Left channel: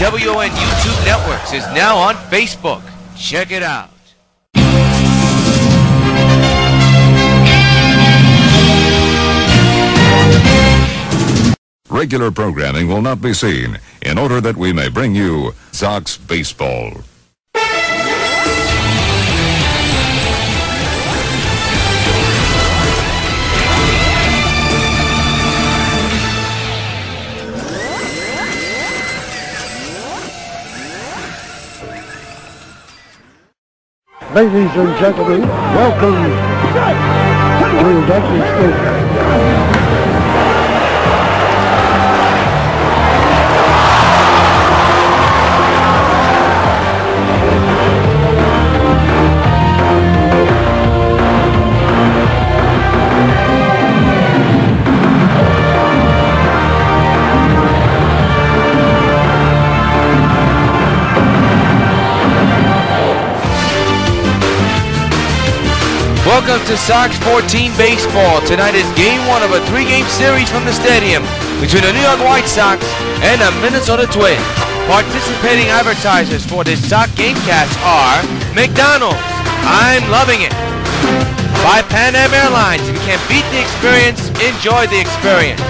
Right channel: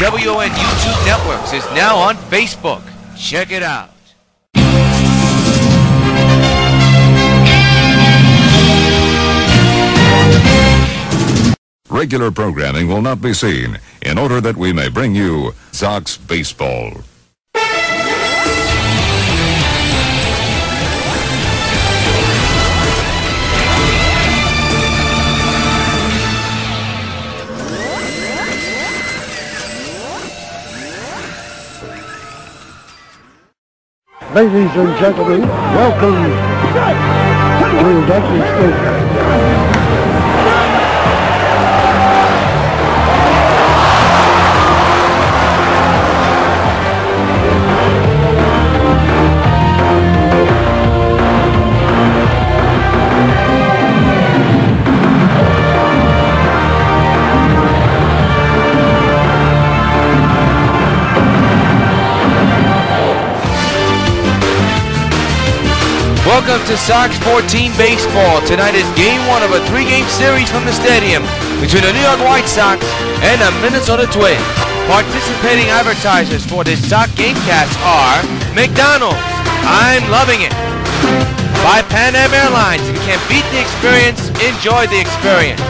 WON YouTube Networks is now on Facebook. Check it out. Regular programming will not be seen in order that we may bring you Sox baseball. Ladies and gentlemen, welcome to Dusty Stadium. Welcome to Sox 14 Baseball. Tonight is Game 1 of a 3-game series from the stadium between the New York White Sox and the Minnesota Twins. Participating advertisers for this Sox Gamecast are McDonald's, I'm loving it. By Pan Am Airlines, if you can't beat the experience, enjoy the experience.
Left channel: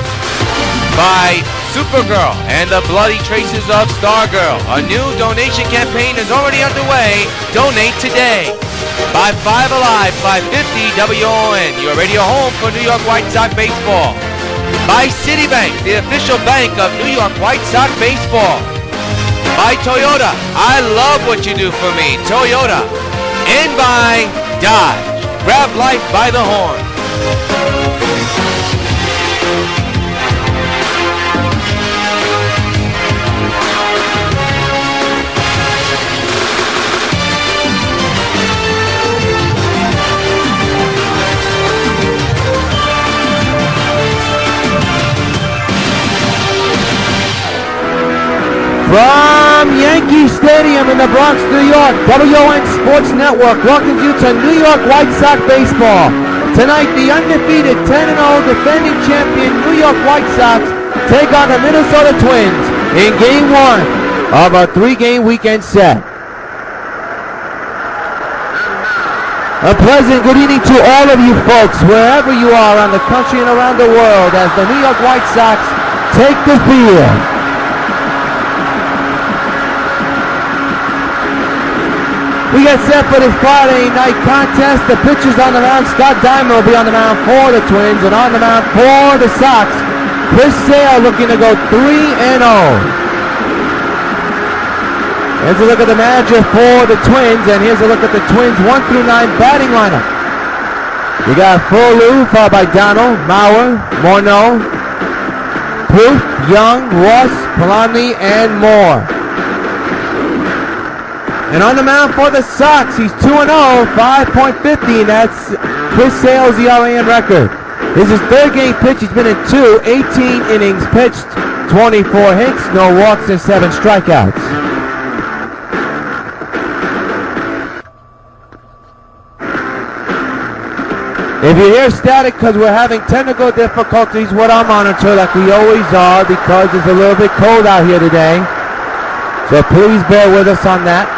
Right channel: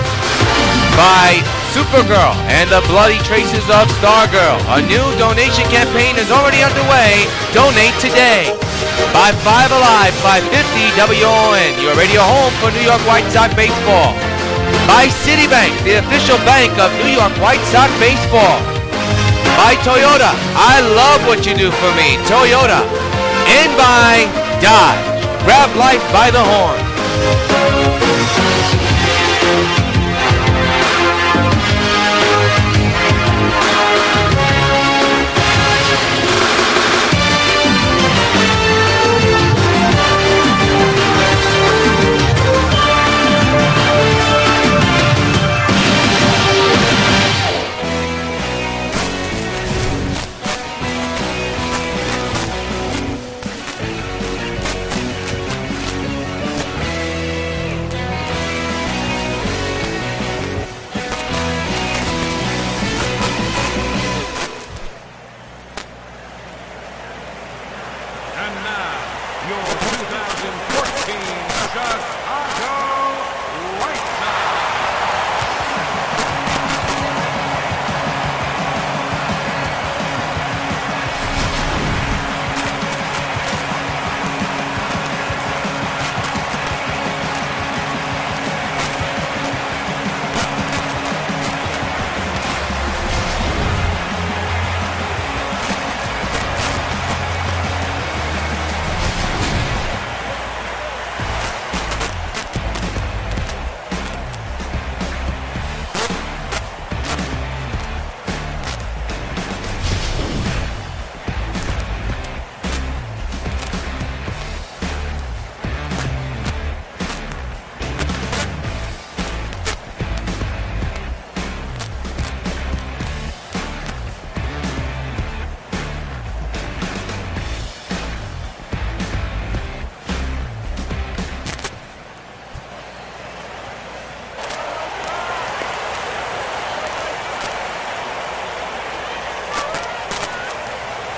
By Supergirl and the Bloody Traces of Stargirl. A new donation campaign is already underway. Donate today. By 5 Alive, 550 WON, your radio home for New York White Sox baseball. By Citibank, the official bank of New York White Sox baseball. By Toyota, I love what you do for me, Toyota. And by Dodge, grab life by the horn. From Yankee Stadium in the Bronx, New York, WON Sports Network welcomes you to New York White Sox baseball. Tonight, the undefeated 10-0 defending champion New York White Sox take on the Minnesota Twins in Game 1 of a 3-game weekend set. A pleasant good evening to all of you folks, wherever you are on the country and around the world, as the New York White Sox take the field. We get set for this Friday night contest. The pitchers on the mound, Scott Diamond will be on the mound for the Twins, and on the mound for the Sox, Chris Sale looking to go 3-0. Here's a look at the manager for the Twins, and here's a look at the Twins 1 through 9 batting lineup. We got Full followed by Donald, Mauer, Morneau, Proof, Young, Ross, Polanyi, and Moore. And on the mound for the Sox, he's 2-0, 5.50, and that's Chris Sale's ERA record. This is his third game pitch. He's been in 18 innings pitched, 24 hits, no walks, and 7 strikeouts. If you hear static because we're having technical difficulties with our monitor like we always are because it's a little bit cold out here today. So please bear with us on that.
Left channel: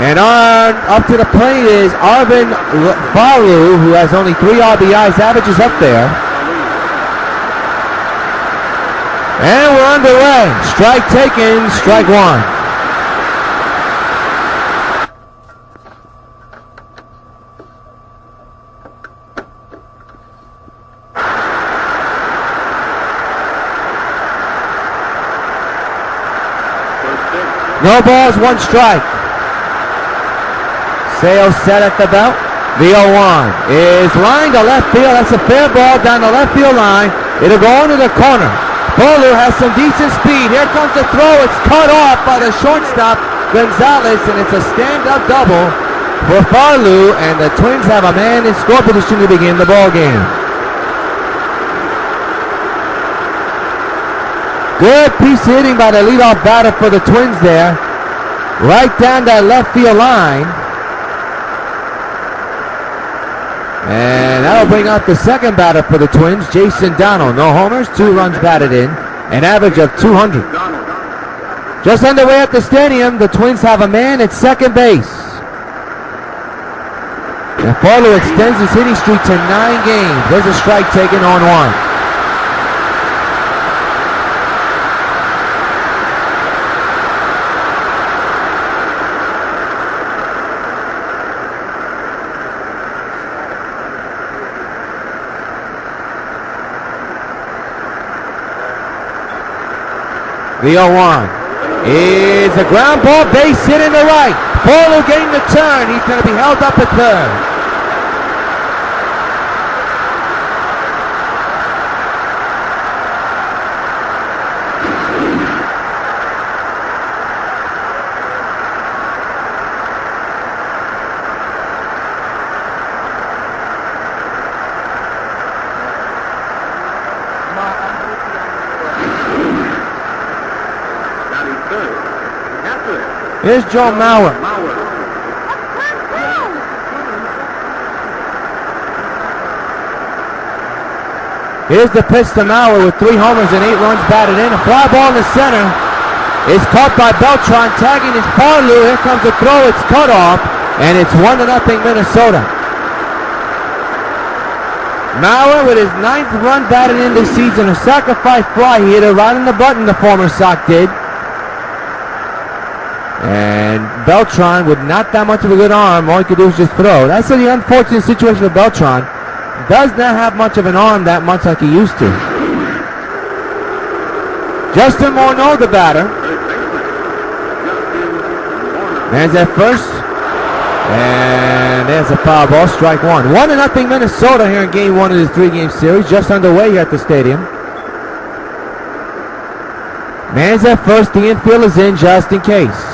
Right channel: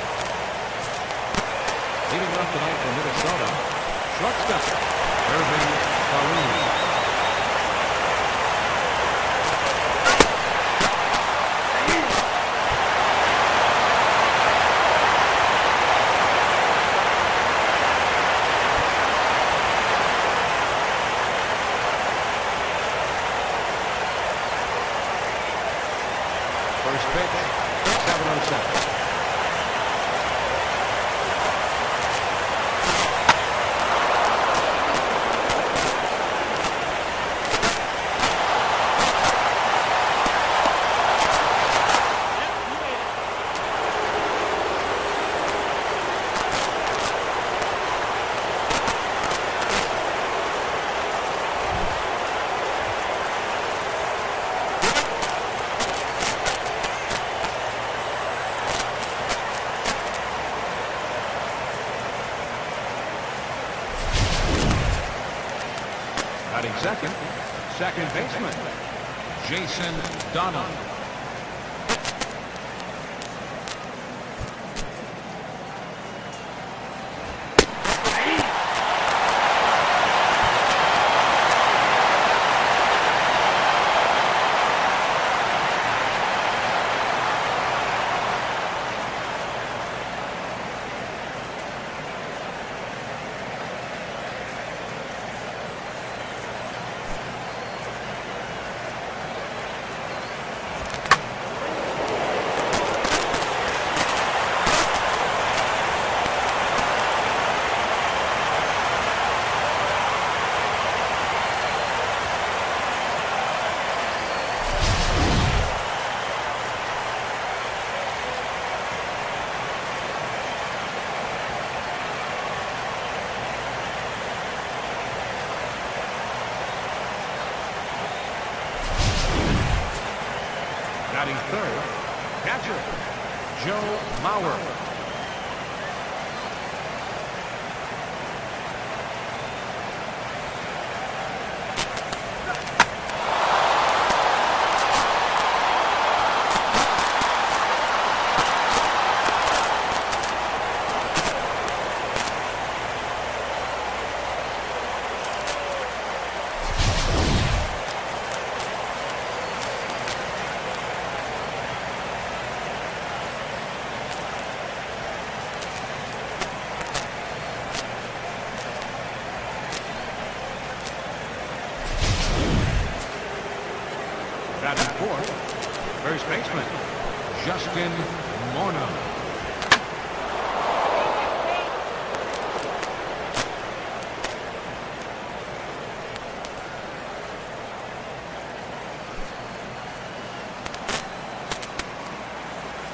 And on up to the plate is Arvin Faru, who has only 3 RBIs, averages up there. And we're underway. Strike taken, strike one. No balls, 1 strike. Sale set at the belt. The 0-1 is lined to left field. That's a fair ball down the left field line. It'll go into the corner. Bolu has some decent speed. Here comes the throw. It's cut off by the shortstop, Gonzalez, and it's a stand-up double for Farley, and the Twins have a man in score position to begin the ball game. Good piece of hitting by the leadoff batter for the Twins there. Right down that left field line. And that'll bring out the second batter for the Twins, Jason Donald. No homers, 2 runs batted in, an average of 200. Just underway at the stadium, the Twins have a man at second base. And Farlow extends his hitting streak to 9 games. There's a strike taken on 1. The 0-1 is a ground ball, base hit in the right. Farlow getting the turn. He's going to be held up at third. Here's Joe Mauer. Here's the pitch to Mauer with 3 homers and 8 runs batted in. A fly ball in the center is caught by Beltran, tagging his Farlow. Here comes the throw. It's cut off, and it's 1-0 Minnesota. Mauer with his 9th run batted in this season. A sacrifice fly. He hit it right in the button, the former Sox did. And Beltran, with not that much of a good arm, all he could do was just throw. That's the unfortunate situation for Beltran. Does not have much of an arm that much like he used to. Justin Morneau, the batter. Man's at first. And there's a foul ball, strike 1. 1-0 Minnesota here in game 1 of this 3-game series. Just underway here at the stadium. Man's at first, the infield is in just in case.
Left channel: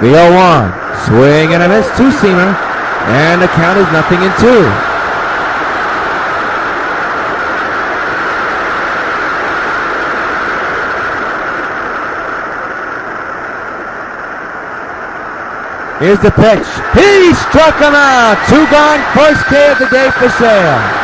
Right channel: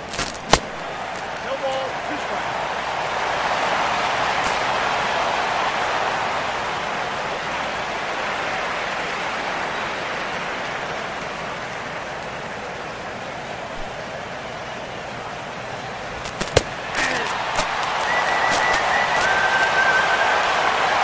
The 0-1, swing and a miss, 2-seamer, and the count is 0-2. Here's the pitch. He struck him out. 2 gone, first K of the day for Sale.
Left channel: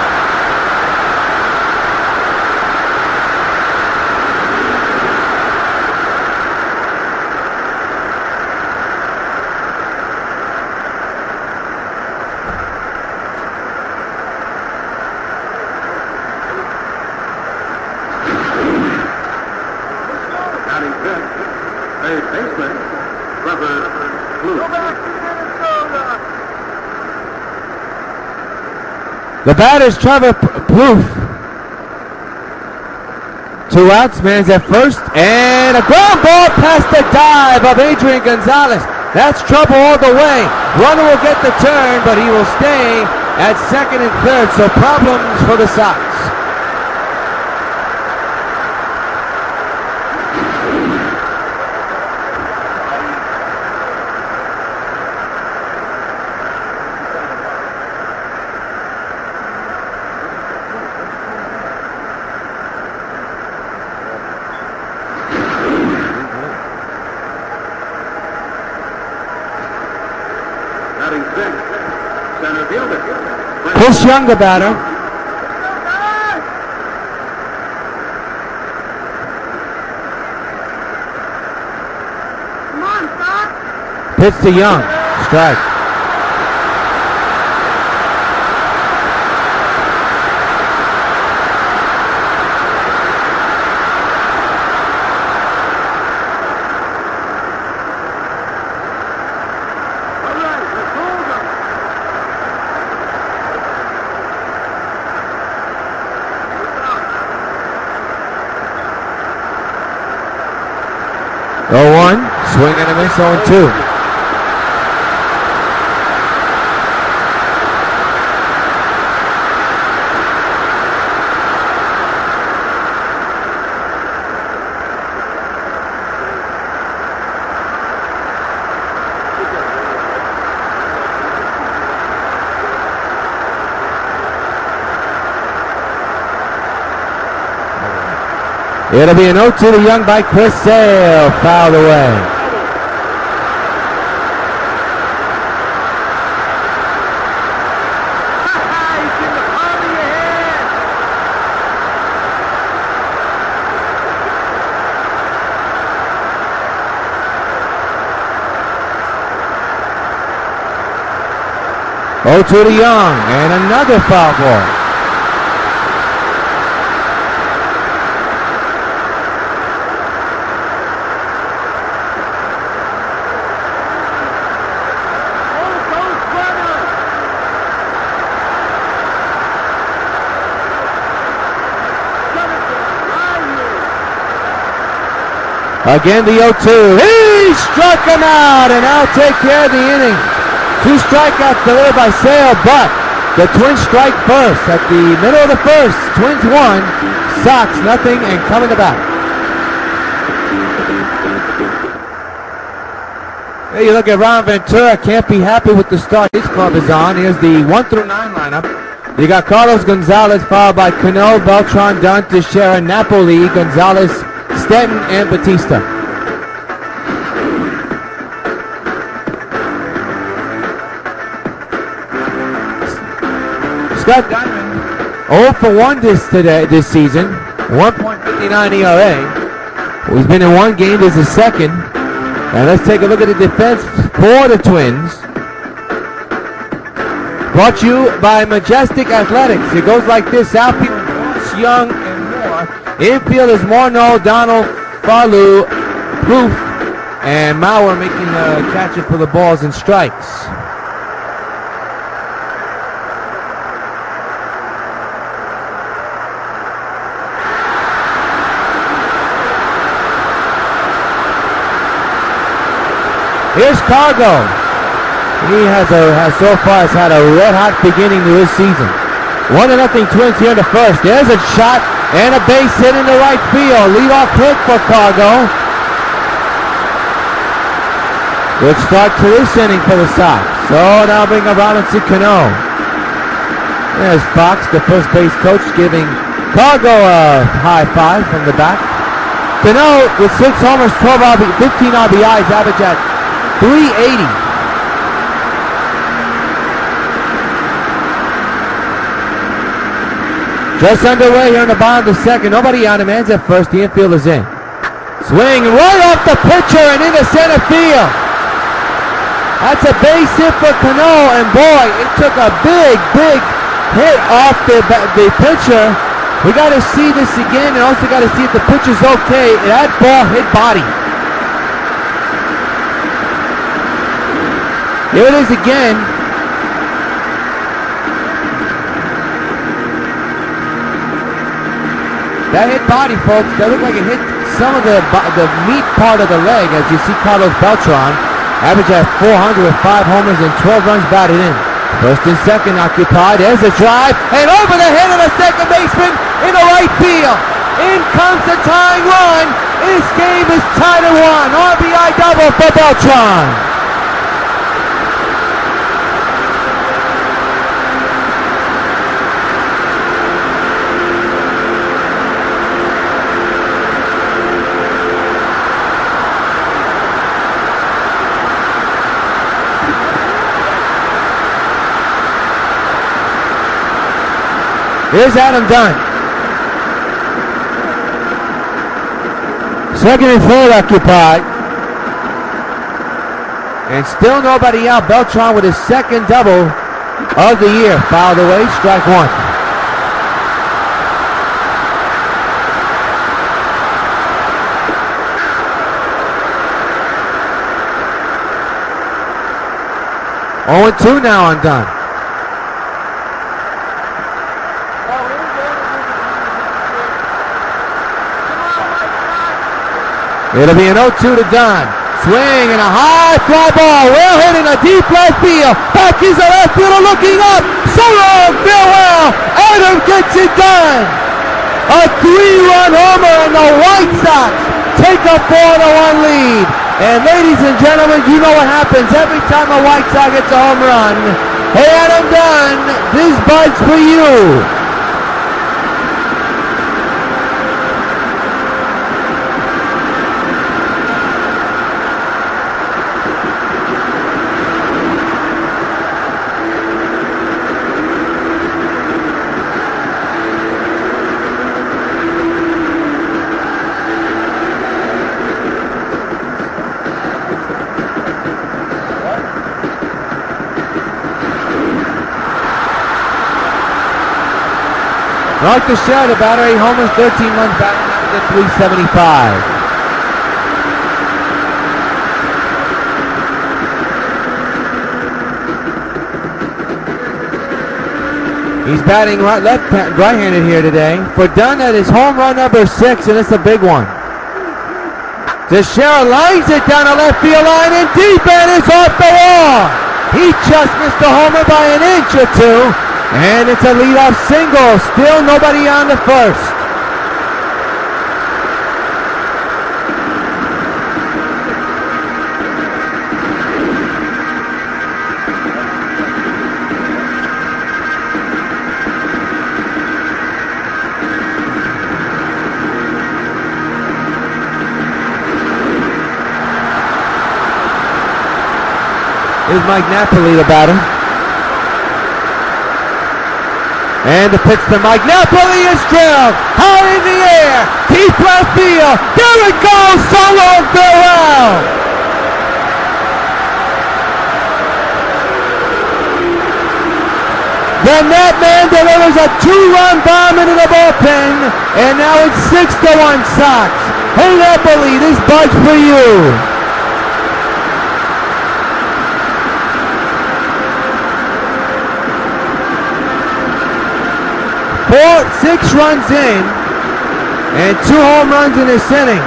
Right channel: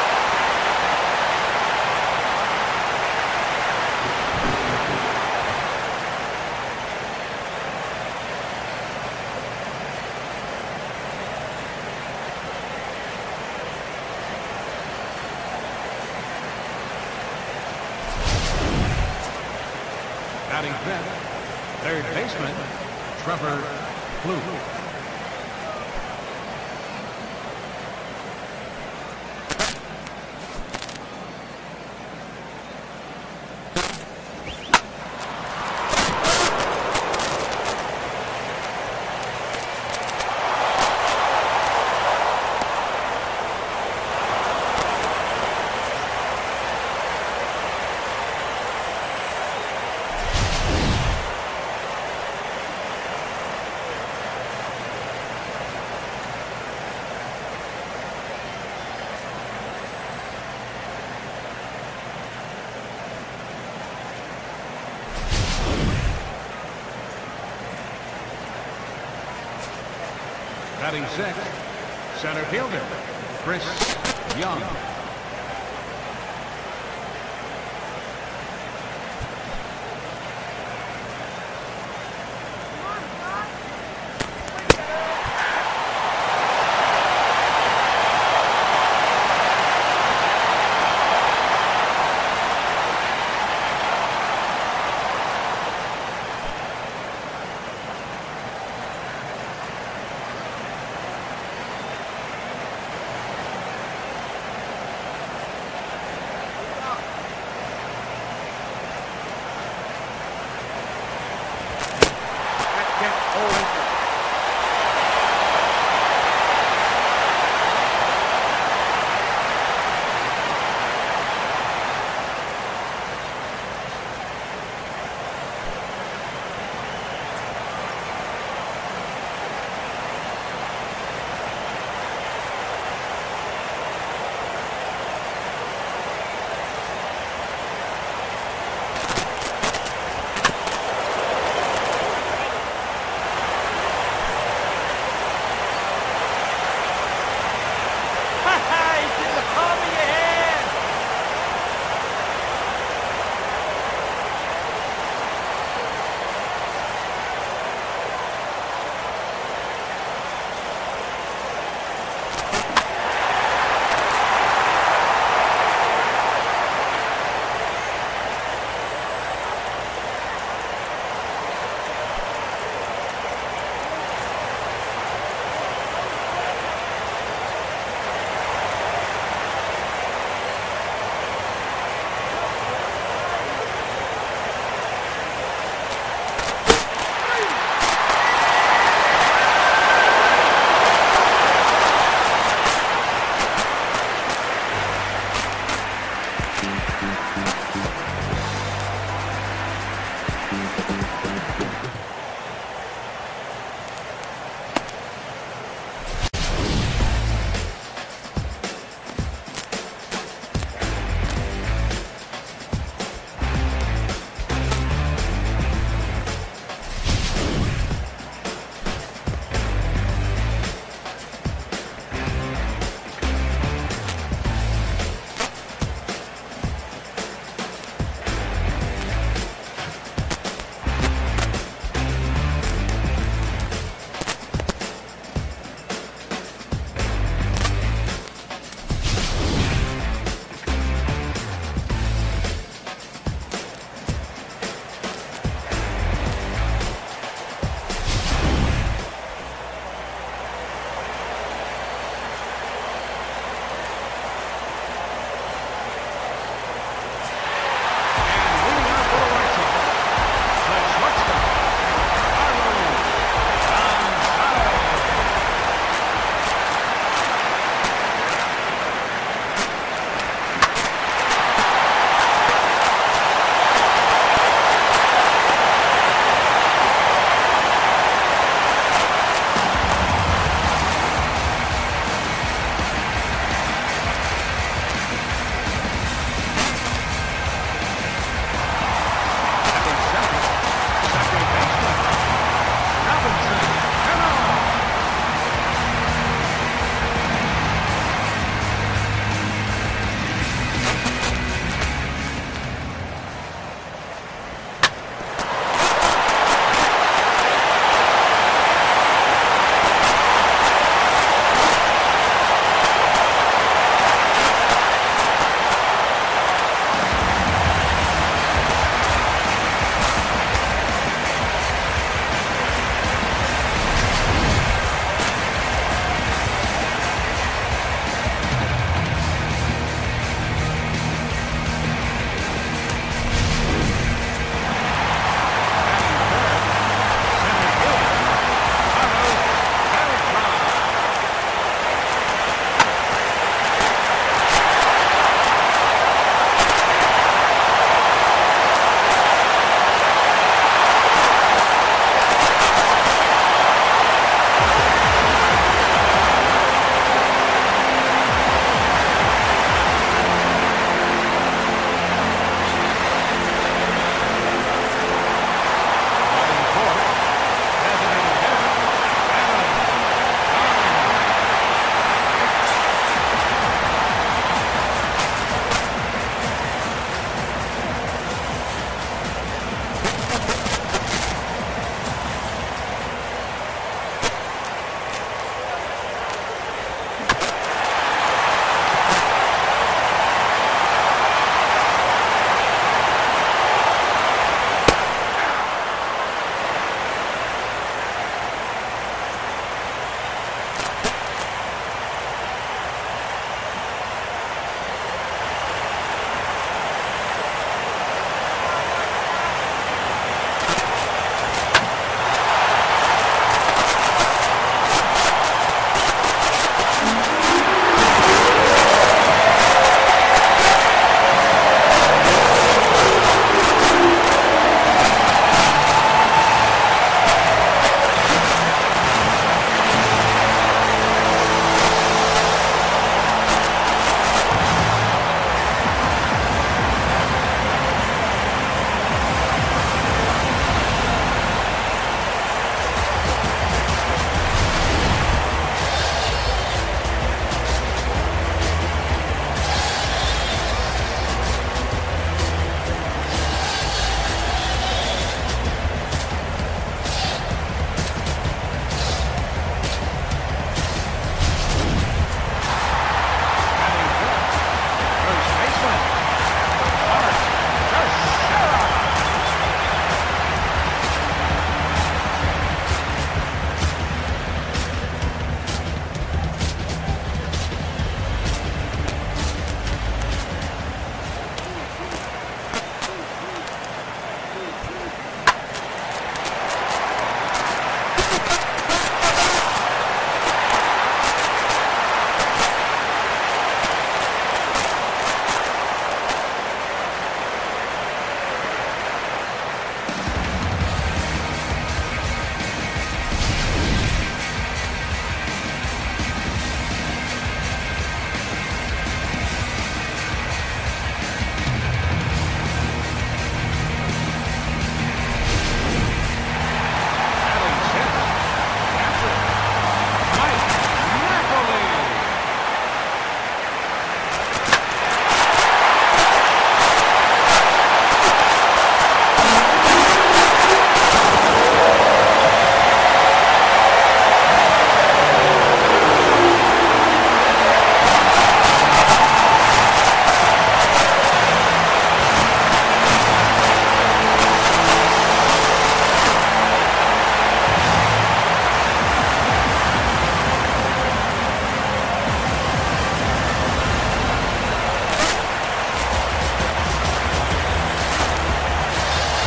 The batter's Trevor Plouffe. 2 outs, man's at first, and a ground ball past the dive of Adrian Gonzalez. That's trouble all the way. Runner will get the turn, but he will stay at second and third, so problems for the Sox. Chris Young, the batter. Come on, Fox. Pitch to Young. Strike. Swing and a miss, 0-2. It'll be an 0-2 to Young by Chris Sale, fouled away. 0-2 to Young, and another foul ball. Again, the 0-2. He struck him out, and now take care of the inning. 2 strikeouts delivered by Sale, but the Twins strike first. At the middle of the first, Twins 1, Sox nothing, and coming to bat. Here you look at Ron Ventura, can't be happy with the start his club is on. Here's the 1 through 9 lineup. You got Carlos Gonzalez, followed by Cano, Beltran, Dunn, Teixeira, Napoli, Gonzalez, Stanton, and Batista. Scott Diamond, 0 for 1 this season, 1.59 ERA. He's been in 1 game, this is second. And let's take a look at the defense for the Twins. Brought to you by Majestic Athletics. It goes like this: outfield, Young, and Moore. Infield is Morneau, Donald, Farlou, Proof, and Mauer making the catches for the balls and strikes. Here's Cargo. He so far has had a red-hot beginning to his season. 1-0 Twins here in the first. There's a shot and a base hit in the right field. Leadoff hit for Cargo. Good start to this inning for the Sox. So now bring up Robinson Cano. There's Fox, the first base coach, giving Cargo a high five from the back. Cano with 6 homers, 15 RBIs, average at 380. Just underway here in the bottom of the second. Nobody on him. Ends at first. The infield is in. Swing right off the pitcher and into center field. That's a base hit for Cano, and boy, it took a big hit off the pitcher. We got to see this again, and also got to see if the pitcher's okay. That ball hit body. Here it is again. That hit body, folks. That looked like it hit some of the meat part of the leg, as you see Carlos Beltran. Average at 400 with 5 homers and 12 runs batted in. First and second occupied. There's a drive, and over the head of the second baseman in the right field. In comes the tying run. This game is tied at 1. RBI double for Beltran. Here's Adam Dunn. Second and third occupied. And still nobody out. Beltran with his second double of the year. Fouled away, strike 1. Oh, 2 now on Dunn. It'll be an 0-2 to Dunn. Swing and a high fly ball. Well hit in a deep left field. Back is the left fielder looking up. So long, farewell. Adam gets it done. A 3-run homer and the White Sox take a 4-1 lead. And ladies and gentlemen, you know what happens every time a White Sox gets a home run. Hey, Adam Dunn, this buzz for you. Mark Teixeira, the batter, 8 homers, 13 runs batted in, 375. He's batting right-handed here today. For Dunn, that is home run number 6, and it's a big one. Teixeira lines it down the left field line and deep, and it's off the wall. He just missed the homer by an inch or two, and it's a leadoff single. Still nobody on the first. Here's Mike Napoli, the batter. And the pitch to Mike Napoli is drilled. High in the air. Deep left field. There it goes. Solo farewell. Then that man delivers a 2-run bomb into the bullpen. And now it's 6-1 Sox. Hey Napoli, this buzz for you. 6 runs in, and 2 home runs in this inning.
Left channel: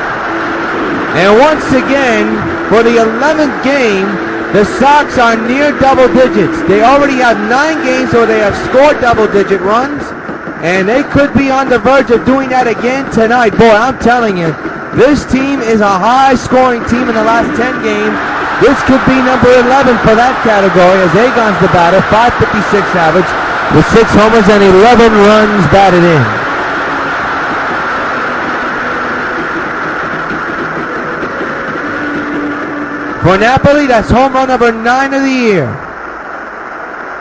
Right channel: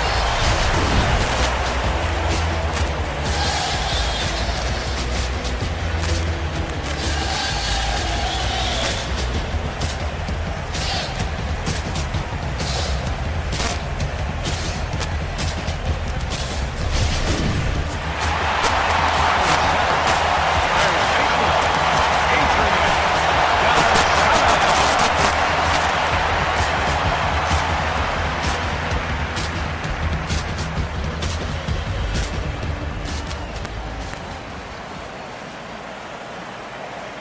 And once again, for the 11th game, the Sox are near double digits. They already have 9 games where they have scored double-digit runs, and they could be on the verge of doing that again tonight. Boy, I'm telling you, this team is a high-scoring team in the last 10 games. This could be number 11 for that category, as Agon's the batter, 556 average. With 6 homers and 11 runs batted in. For Napoli, that's home run number 9 of the year.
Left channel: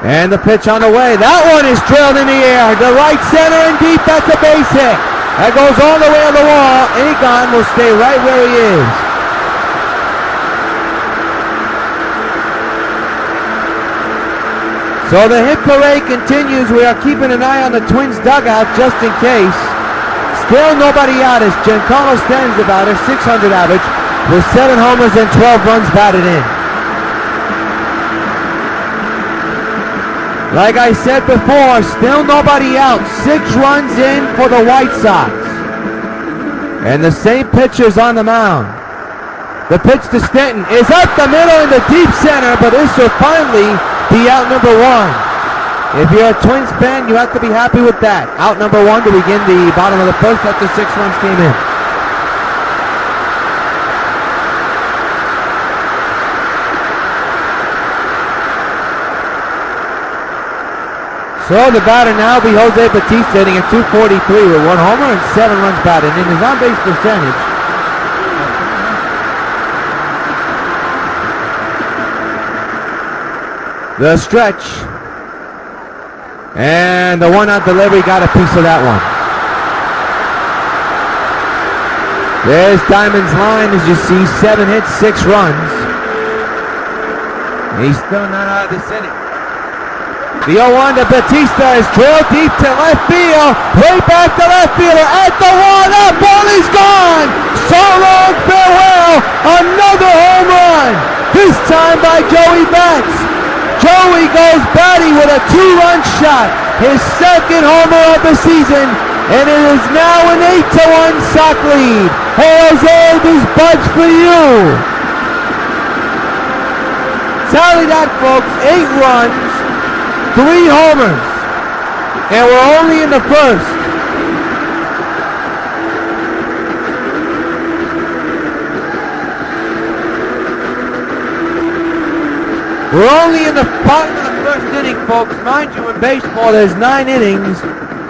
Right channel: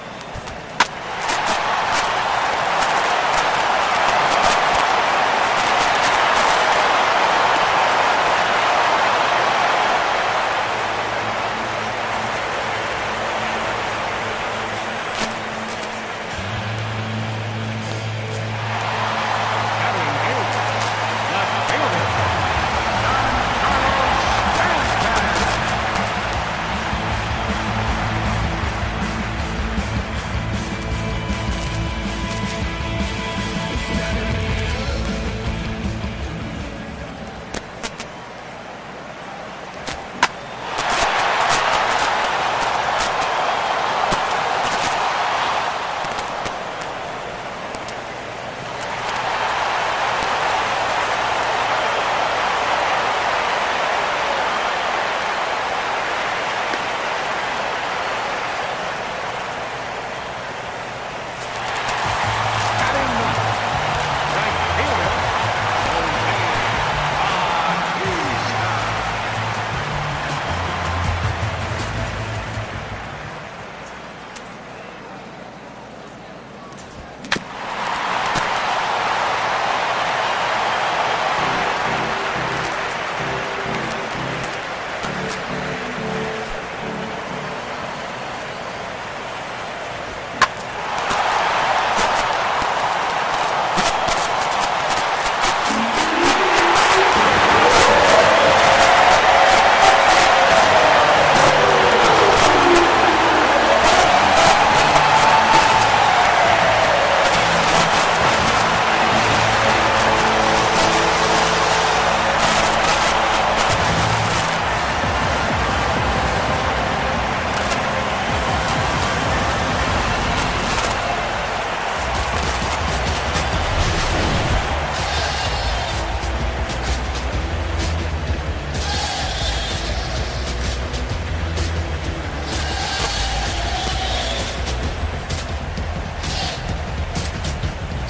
And the pitch on the way. That one is drilled in the air. The right center and deep, that's a base hit. That goes all the way on the wall. Agon will stay right where he is. So the hit parade continues. We are keeping an eye on the Twins dugout just in case. Still nobody out as Giancarlo Stanton's about a 600 average with 7 homers and 12 runs batted in. Like I said before, still nobody out. 6 runs in for the White Sox. And the same pitcher's on the mound. The pitch to Stanton is up the middle in the deep center, but this will finally be out number 1. If you're a Twins fan, you have to be happy with that. Out number 1 to begin the bottom of the first after 6 runs came in. So the batter now will be Jose Bautista, hitting at 243 with 1 homer and 7 runs batted in. His on-base percentage the stretch, and the 1-out delivery got a piece of that one. There's Diamond's line, as you see, 7 hits, 6 runs. He's still not out of this inning. The 0-1 to Bautista is drilled deep to left field, way back to left fielder at the wall. That ball is gone. Solo farewell, another home run. This time by Joey Bats. Joey goes batty with a 2-run shot, his 2nd homer of the season, and it is now an 8-1 Sox lead. Hey Jose, this bud's for you. Tally that, folks, 8 runs, 3 homers, and we're only in the first. We're only in the bottom of the first inning, folks. Mind you, in baseball, there's 9 innings,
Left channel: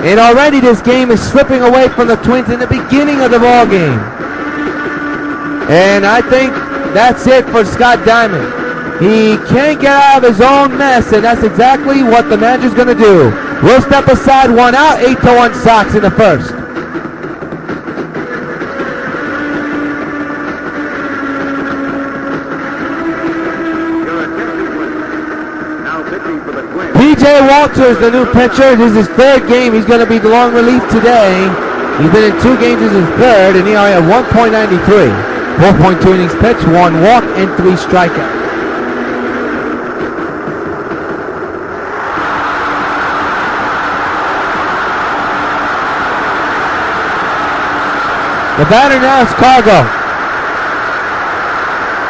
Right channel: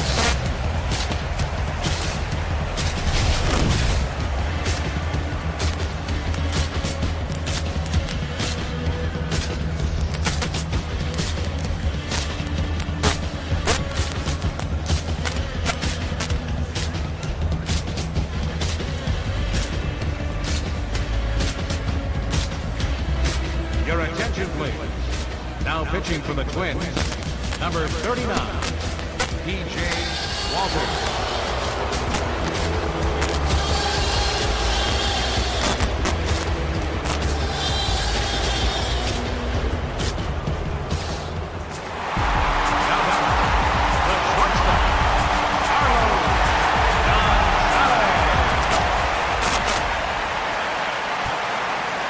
and already this game is slipping away from the Twins in the beginning of the ball game. And I think that's it for Scott Diamond. He can't get out of his own mess, and that's exactly what the manager's going to do. We'll step aside, 1 out, 8-1 Sox in the first. PJ Walker Belcher is the new pitcher. This is his third game. He's going to be the long relief today. He's been in 2 games. This is his third, and ERA at 1.93. 4.2 innings pitched, 1 walk, and 3 strikeouts. The batter now is Cargo.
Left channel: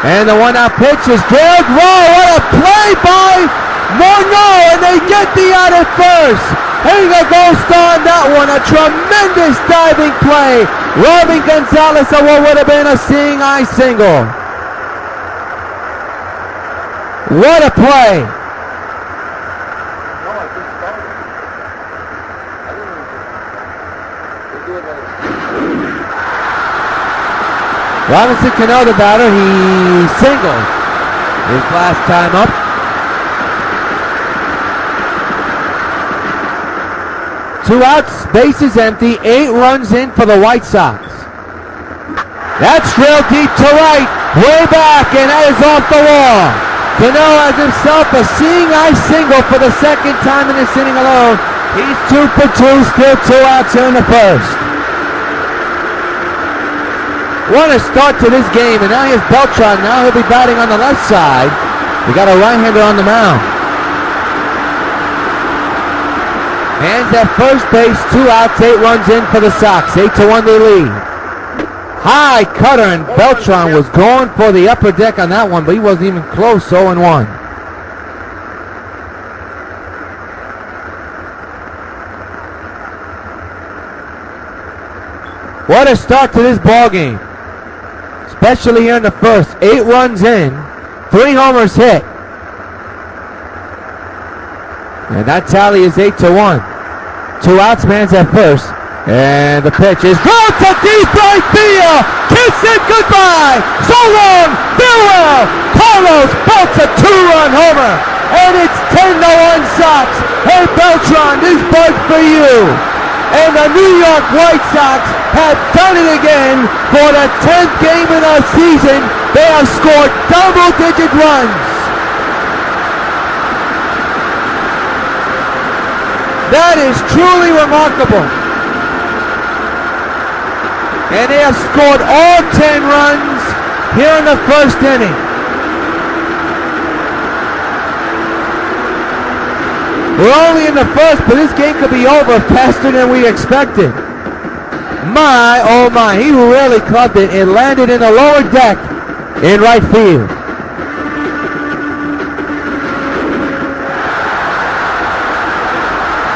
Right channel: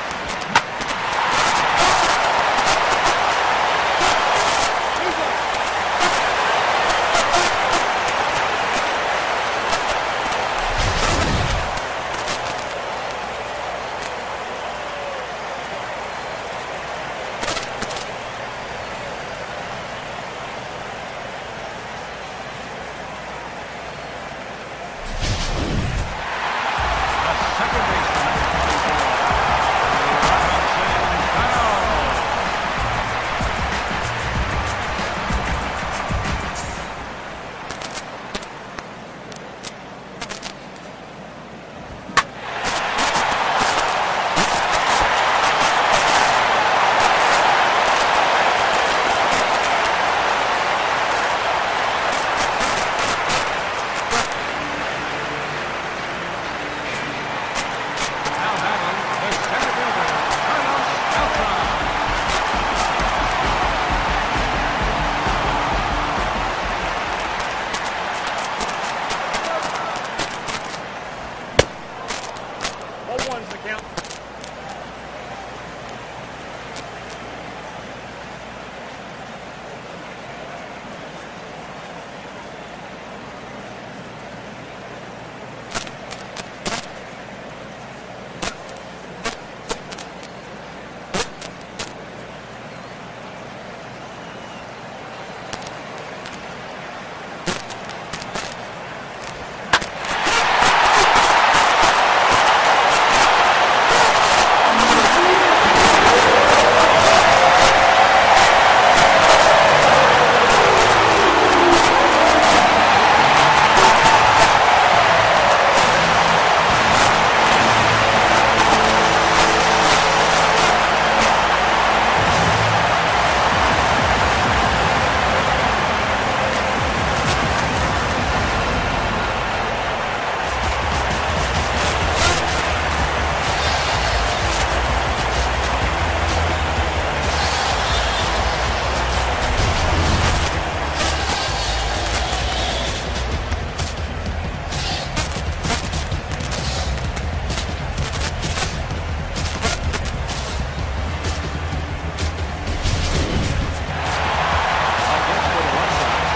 And the 1-out pitch is drilled. Whoa, what a play by Morneau, and they get the out at first. Hager goes on that one. A tremendous diving play. Robin Gonzalez on what would have been a seeing eye single. What a play. Robinson Cano, the batter, he singled his last time up. Two outs, bases empty, 8 runs in for the White Sox. That's drilled deep to right, way back, and that is off the wall. Cano has himself a seeing eye single for the second time in this inning alone. He's 2 for 2, still 2 outs here in the first. What a start to this game, and now here's Beltran. Now he'll be batting on the left side. We got a right-hander on the mound. Hands at first base, 2 outs, 8 runs in for the Sox. 8-1 they lead. High cutter, and Beltran was going for the upper deck on that one, but he wasn't even close. 0-1. What a start to this ball game. Especially here in the first. 8 runs in, 3 homers hit. And that tally is 8-1. 2 outs, man's at first. And the pitch is ground to deep right field. Kiss it goodbye. So long, farewell. Carlos bolts a 2-run homer. And it's 10-1 Sox. Hey Beltran, this bug's for you. And the New York White Sox have done it again for the 10th game in our season. They have scored double-digit runs. That is truly remarkable. And they have scored all 10 runs here in the first inning. We're only in the first, but this game could be over faster than we expected. My, oh my, he really clubbed it. It landed in the lower deck in right field.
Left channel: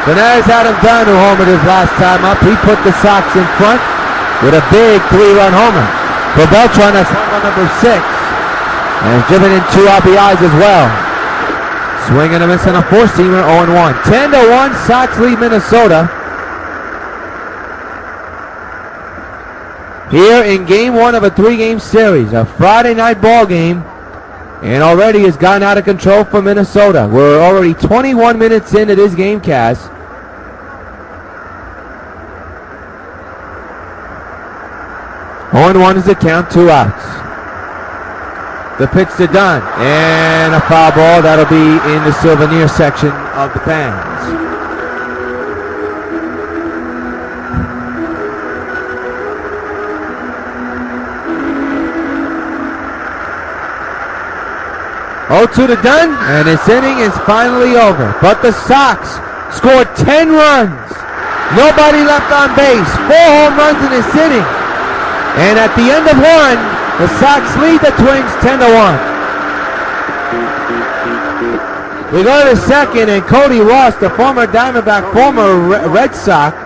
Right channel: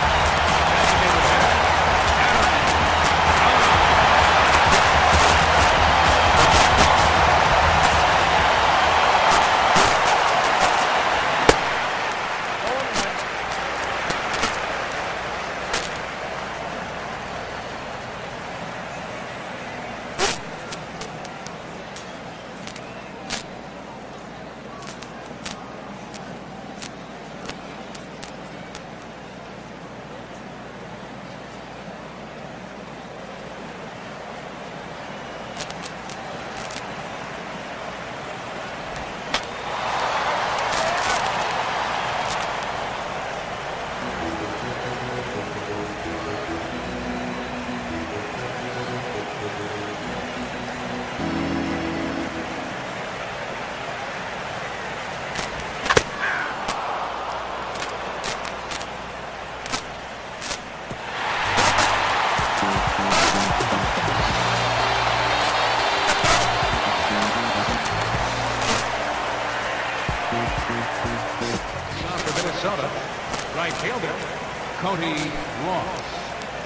But there's Adam Dunn, who homered his last time up. He put the Sox in front with a big 3-run homer. For Beltran, that's homer number 6. And driven in 2 RBIs as well. Swing and a miss on a 4-seamer, 0-1. 10-1, Sox lead Minnesota. Here in game 1 of a 3-game series, a Friday night ball game, and already has gotten out of control for Minnesota. We're already 21 minutes into this game cast. One is the count, 2 outs. The pitch to Dunn, and a foul ball. That'll be in the souvenir section of the fans. Oh, 2 to Dunn, and this inning is finally over. But the Sox scored 10 runs. Nobody left on base. 4 home runs in this inning. And at the end of 1, the Sox lead the Twins 10-1. We go to the second, and Cody Ross, the former Diamondback, former Red Sox,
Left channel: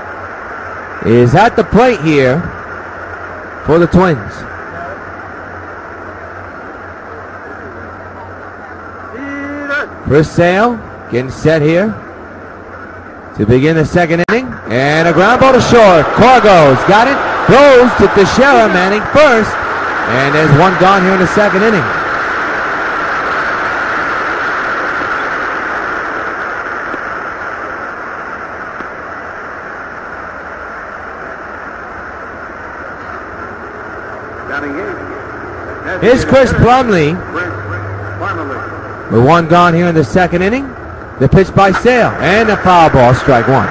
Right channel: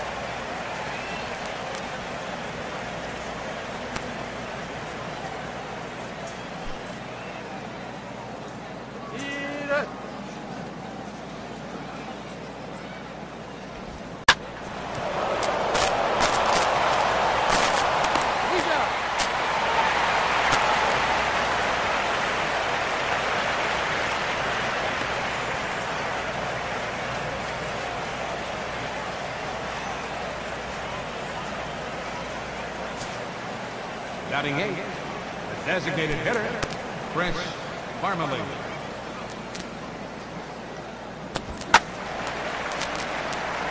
is at the plate here for the Twins. Chris Sale getting set here to begin the second inning. And a ground ball to short. Cargo's got it. Throws to Teixeira, Manning first. And there's 1 gone here in the second inning. Here's Chris Plumlee. With 1 gone here in the second inning. The pitch by Sale, and a foul ball, strike one.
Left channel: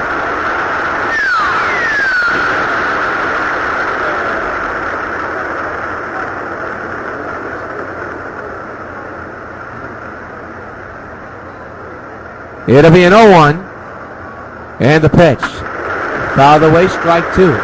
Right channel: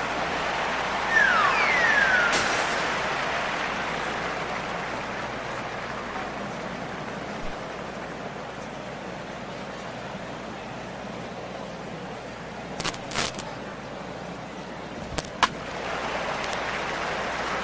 It'll be an 0-1. And the pitch. Fouled away, strike two.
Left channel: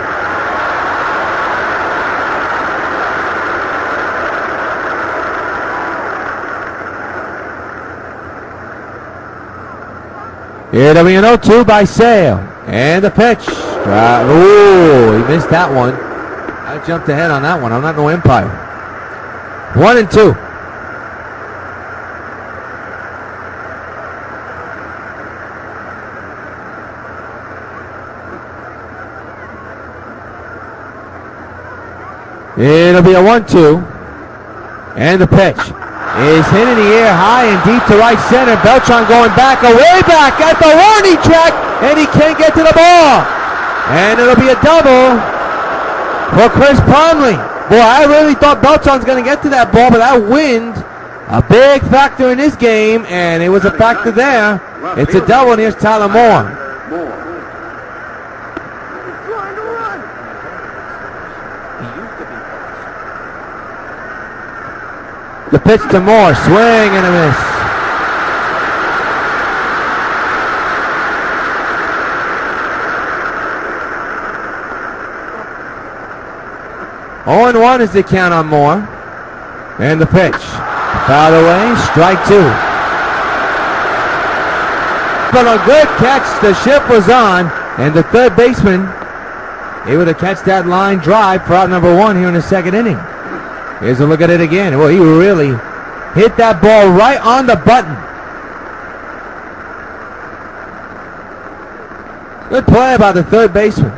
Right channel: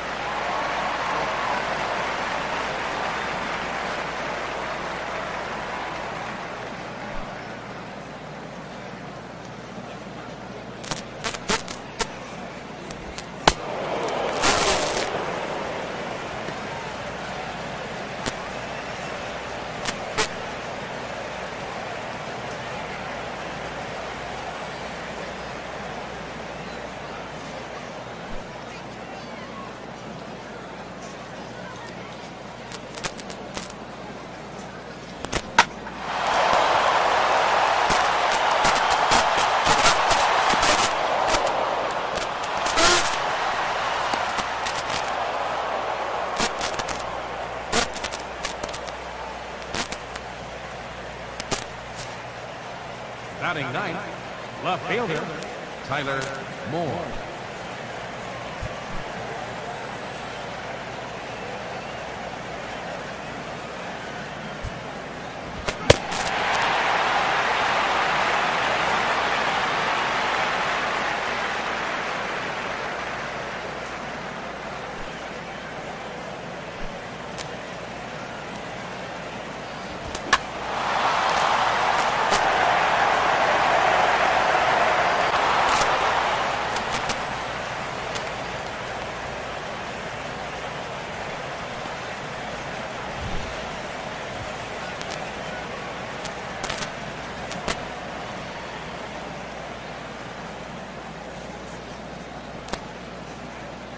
It'll be an 0-2 by Sale. And the pitch. Ooh, he missed that one. I jumped ahead on that one. I'm not no umpire. 1-2. It'll be a 1-2. And the pitch is hit in the air high and deep to right center. Beltran going back, away back at the warning track, and he can't get to the ball. And it'll be a double for Chris Conley. Boy, I really thought Beltran's going to get to that ball, but that wind, a big factor in this game, and it was a factor there. It's a double, and here's Tyler Moore. The pitch to Moore, swing and a miss. Oh, and 1 is the count on Moore. And the pitch. Fouled away, strike two. But a good catch, the shift was on, and the third baseman able to catch that line drive for out number 1 here in the second inning. Here's a look at it again. Well, he really hit that ball right on the button. Good play by the third baseman.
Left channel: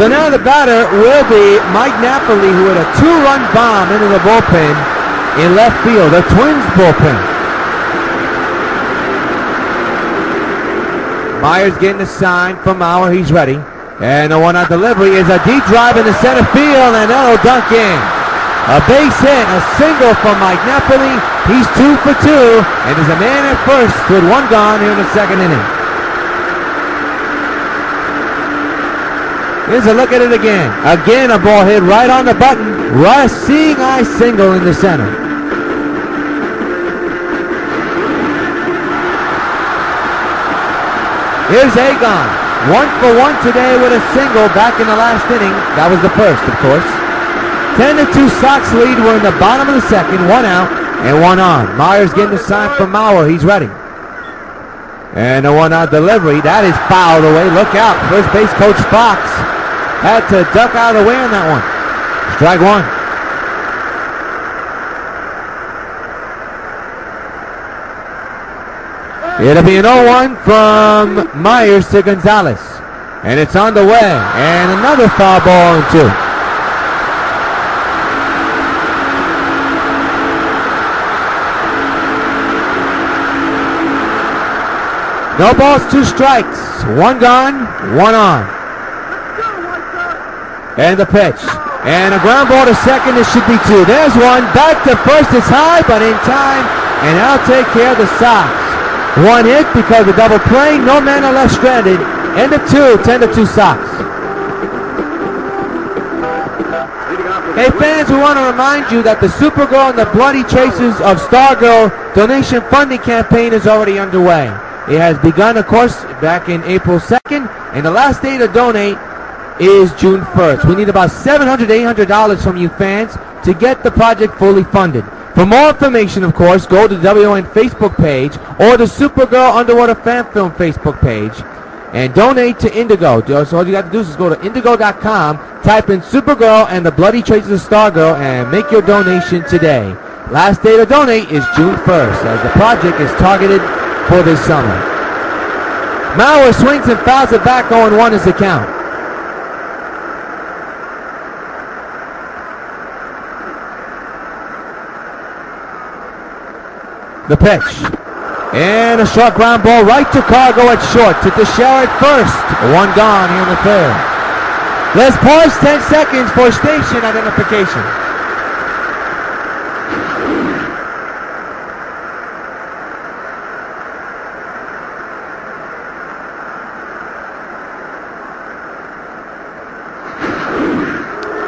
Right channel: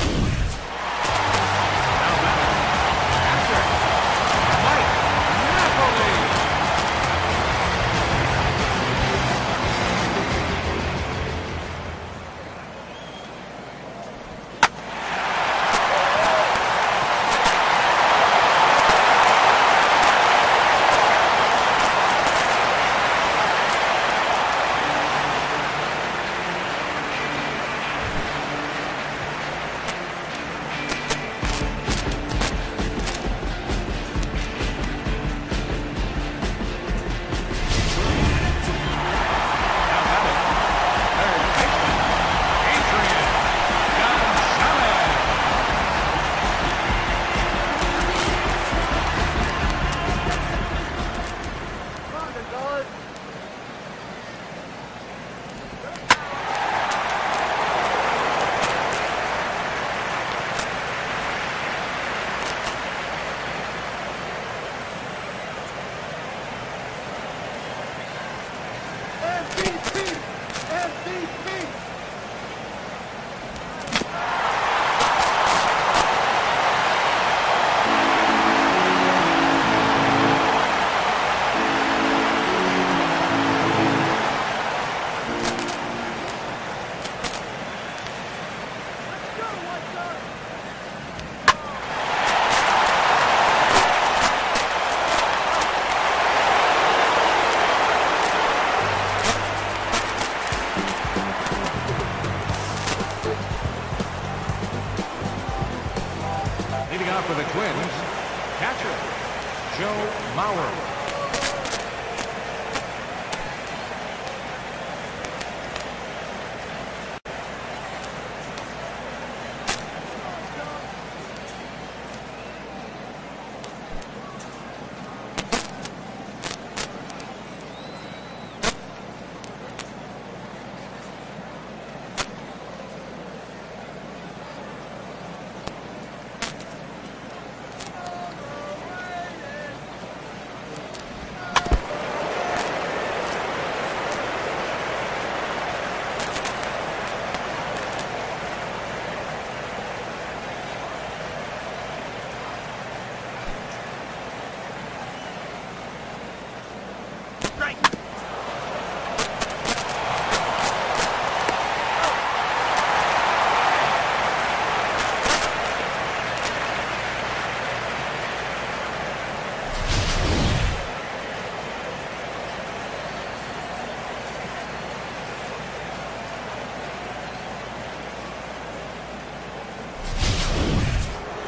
So now the batter will be Mike Napoli, who hit a 2-run bomb into the bullpen in left field, the Twins bullpen. Myers getting a sign from Mauer. He's ready. And the 1-out delivery is a deep drive into center field, and that'll dunk in. A base hit, a single from Mike Napoli. He's 2 for 2, and is a man at first with 1 gone here in the second inning. Here's a look at it again. Again, a ball hit right on the button. Right, seeing eye single in the center. Here's Agon. 1 for 1 today with a single back in the last inning. That was the first, of course. 10-2 Sox lead. We're in the bottom of the second. 1 out and 1 on. Myers getting the sign from Mauer. He's ready. And a 1-out delivery. That is fouled away. Look out. First base coach Fox had to duck out of the way on that one. Strike one. It'll be an 0-1 from Myers to Gonzalez. And it's on the way. And another foul ball and 2. No balls, 2 strikes. 1 gone, 1 on. And the pitch. And a ground ball to second. This should be 2. There's 1. Back to first. It's high, but in time. And that'll take care of the Sox. 1 hit because of double play. No man are left stranded. End of 2. 10-2 Sox. Hey fans, we want to remind you that the Supergirl and the Bloody Traces of Stargirl donation funding campaign is already underway. It has begun, of course, back in April 2nd, and the last day to donate is June 1st. We need about $700 to $800 from you fans to get the project fully funded. For more information, of course, go to the WON Facebook page or the Supergirl Underwater Fan Film Facebook page and donate to Indigo. So all you got to do is go to indigo.com, type in Supergirl and the Bloody Traces of Stargirl, and make your donation today. Last day to donate is June 1st, as the project is targeted for this summer. Mauer swings and fouls it back. 0-1 is the count. The pitch. And a short ground ball right to Cargo at short. To Teixeira at first. 1 gone here in the third. Let's pause 10 seconds for station identification.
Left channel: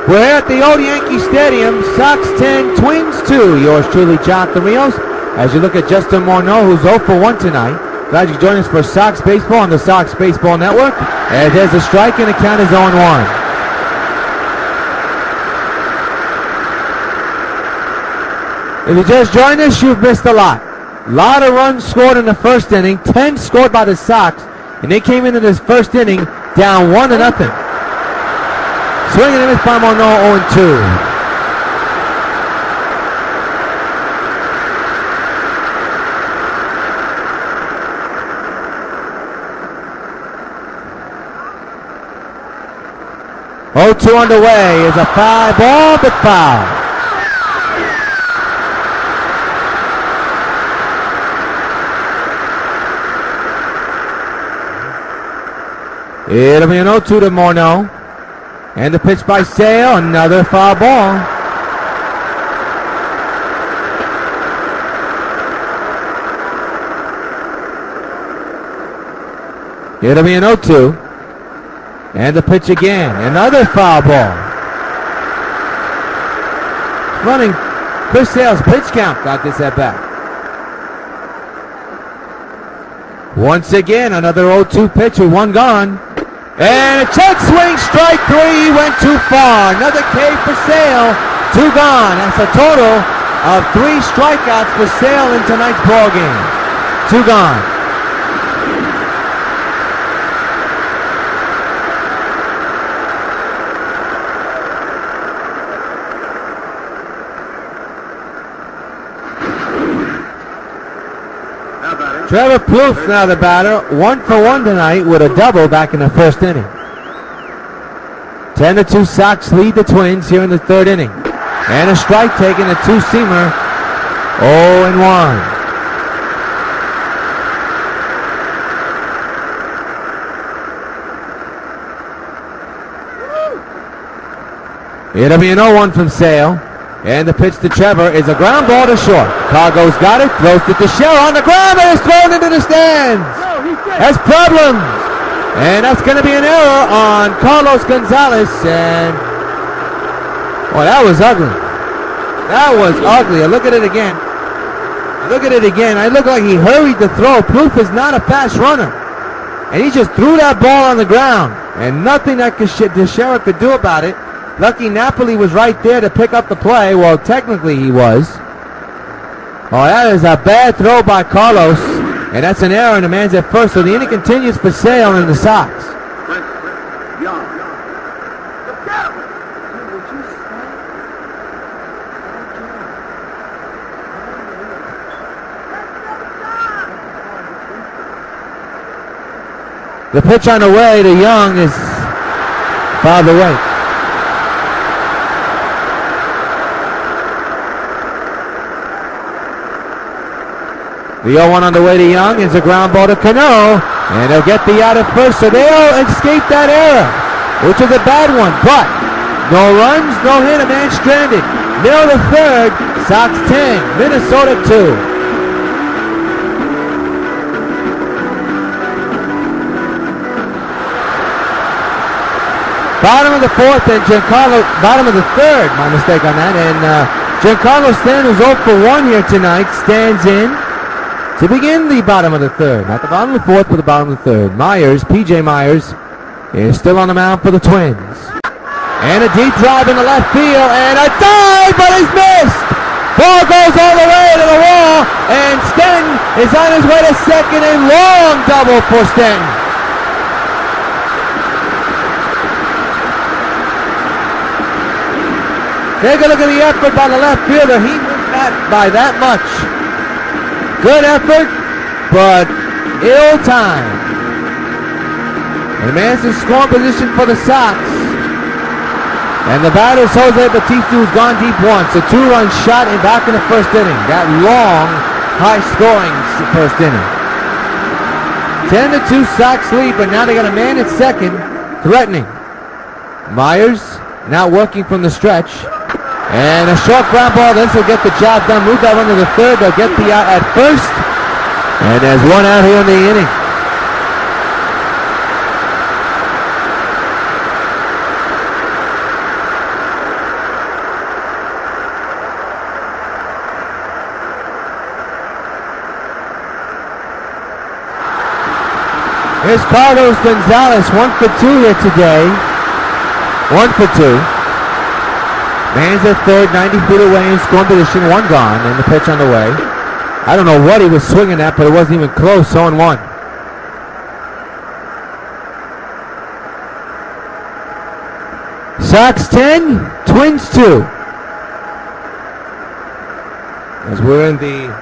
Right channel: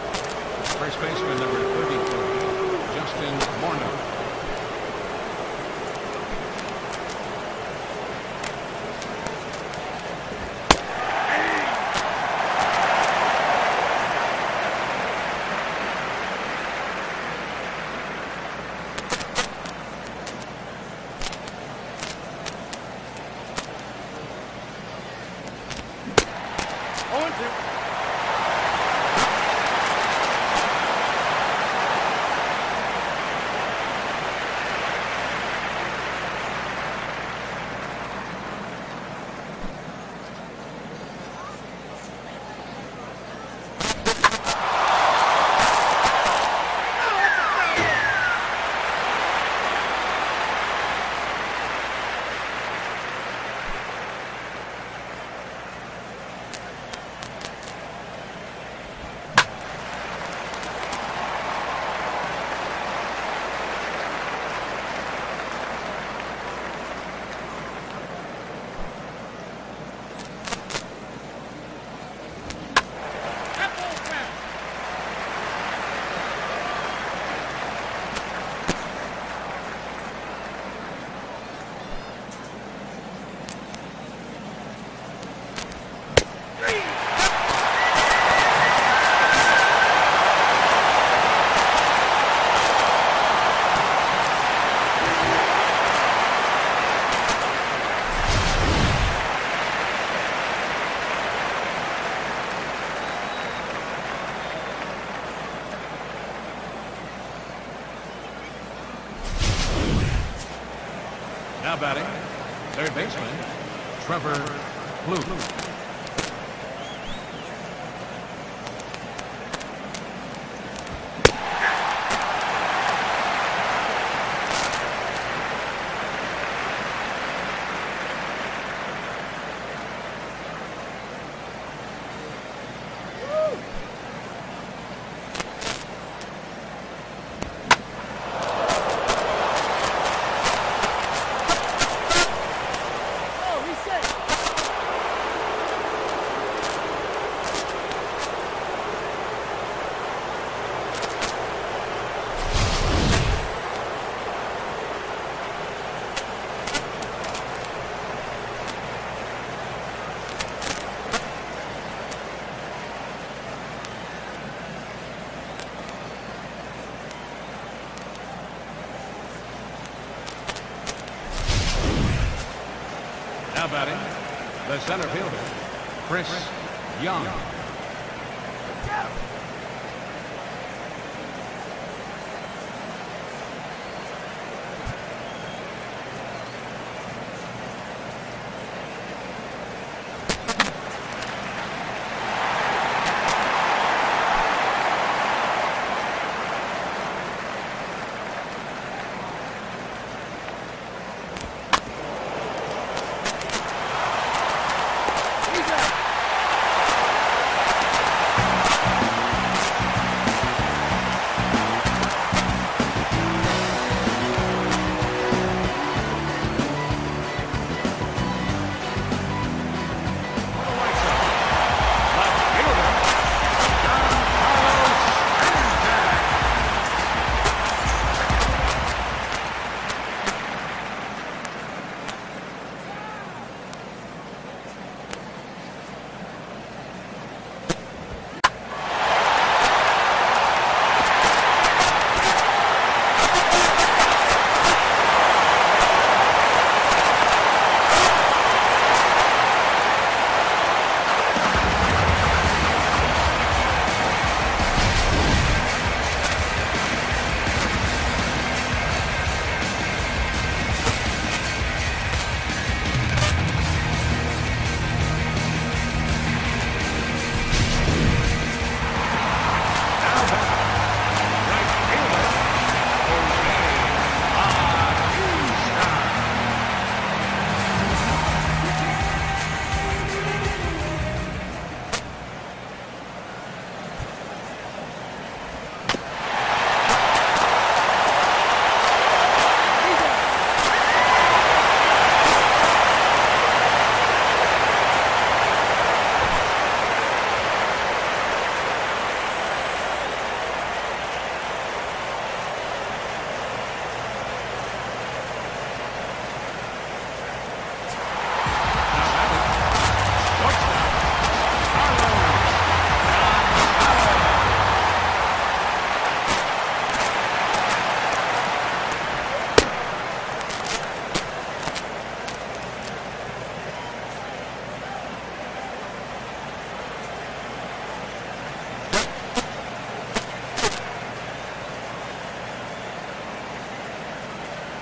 We're here at the old Yankee Stadium. Sox 10, Twins 2. Yours truly, Jonathan Rios. As you look at Justin Morneau, who's 0 for 1 tonight. Glad you joined us for Sox Baseball on the Sox Baseball Network. And there's a strike, and the count is 0-1. If you just joined us, you've missed a lot. A lot of runs scored in the first inning. 10 scored by the Sox. And they came into this first inning down 1-0. Swinging and miss by Morneau, 0-2. Oh, 2 underway is a fly ball, but foul. It'll be an 0-2 to Morneau. And the pitch by Sale, another foul ball. It'll be an 0-2. And the pitch again, another foul ball. Running Chris Sale's pitch count got this at bat. Once again, another 0-2 pitch with 1 gone. And a check swing, strike 3, went too far. Another K for Sale, 2 gone. That's a total of 3 strikeouts for Sale in tonight's ball game. 2 gone. Trevor Plouffe now the batter, 1 for 1 tonight with a double back in the first inning. 10-2 Sox lead the Twins here in the third inning. And a strike taken, a 2-seamer, 0-1. It'll be an 0-1 from Sale. And the pitch to Trevor is a ground ball to short. Cargo's got it, throws it to Shell on the ground, and it's thrown into the stands. Has problems. And that's going to be an error on Carlos Gonzalez. And, well, that was ugly. That was ugly. Look at it again. Look at it again. It looked like he hurried to throw. Plouffe is not a fast runner. And he just threw that ball on the ground. And nothing that Teixeira could do about it. Lucky Napoli was right there to pick up the play. Well, technically he was. Oh, that is a bad throw by Carlos. And that's an error, and the man's at first. So the inning continues for Sale and the Sox. The pitch on the way to Young is fouled away. The 0-1 on the way to Young is a ground ball to Cano, and they'll get the out at first, so they'll escape that error, which is a bad one, but no runs, no hit, a man stranded. Mill to third, Sox 10, Minnesota 2. Bottom of the fourth, and Giancarlo, bottom of the third, my mistake on that, and Giancarlo Stanton, who's 0 for 1 here tonight, stands in to begin the bottom of the third. Not the bottom of the fourth, but the bottom of the third. P.J. Myers, is still on the mound for the Twins. And a deep drive in the left field, and a dive, but it's missed! Ball goes all the way to the wall, and Stanton is on his way to second, and long double for Stanton. Take a look at the effort by the left fielder. He was not by that much. Good effort, but ill time. And the man's in scoring position for the Sox. And the batter is Jose Batista, who's gone deep once. A 2-run shot and back in the first inning. That long, high-scoring first inning. 10-2 Sox lead, but now they got a man at second, threatening. Myers now working from the stretch. And a short ground ball, this will get the job done. Move that one to the third, they'll get the out at first. And there's 1 out here in the inning. Here's Carlos Gonzalez, 1 for 2 here today. 1 for 2. Man's at third, 90 feet away in scoring position, 1 gone, and the pitch on the way. I don't know what he was swinging at, but it wasn't even close, 0-1. Sox 10, Twins 2. As we're in the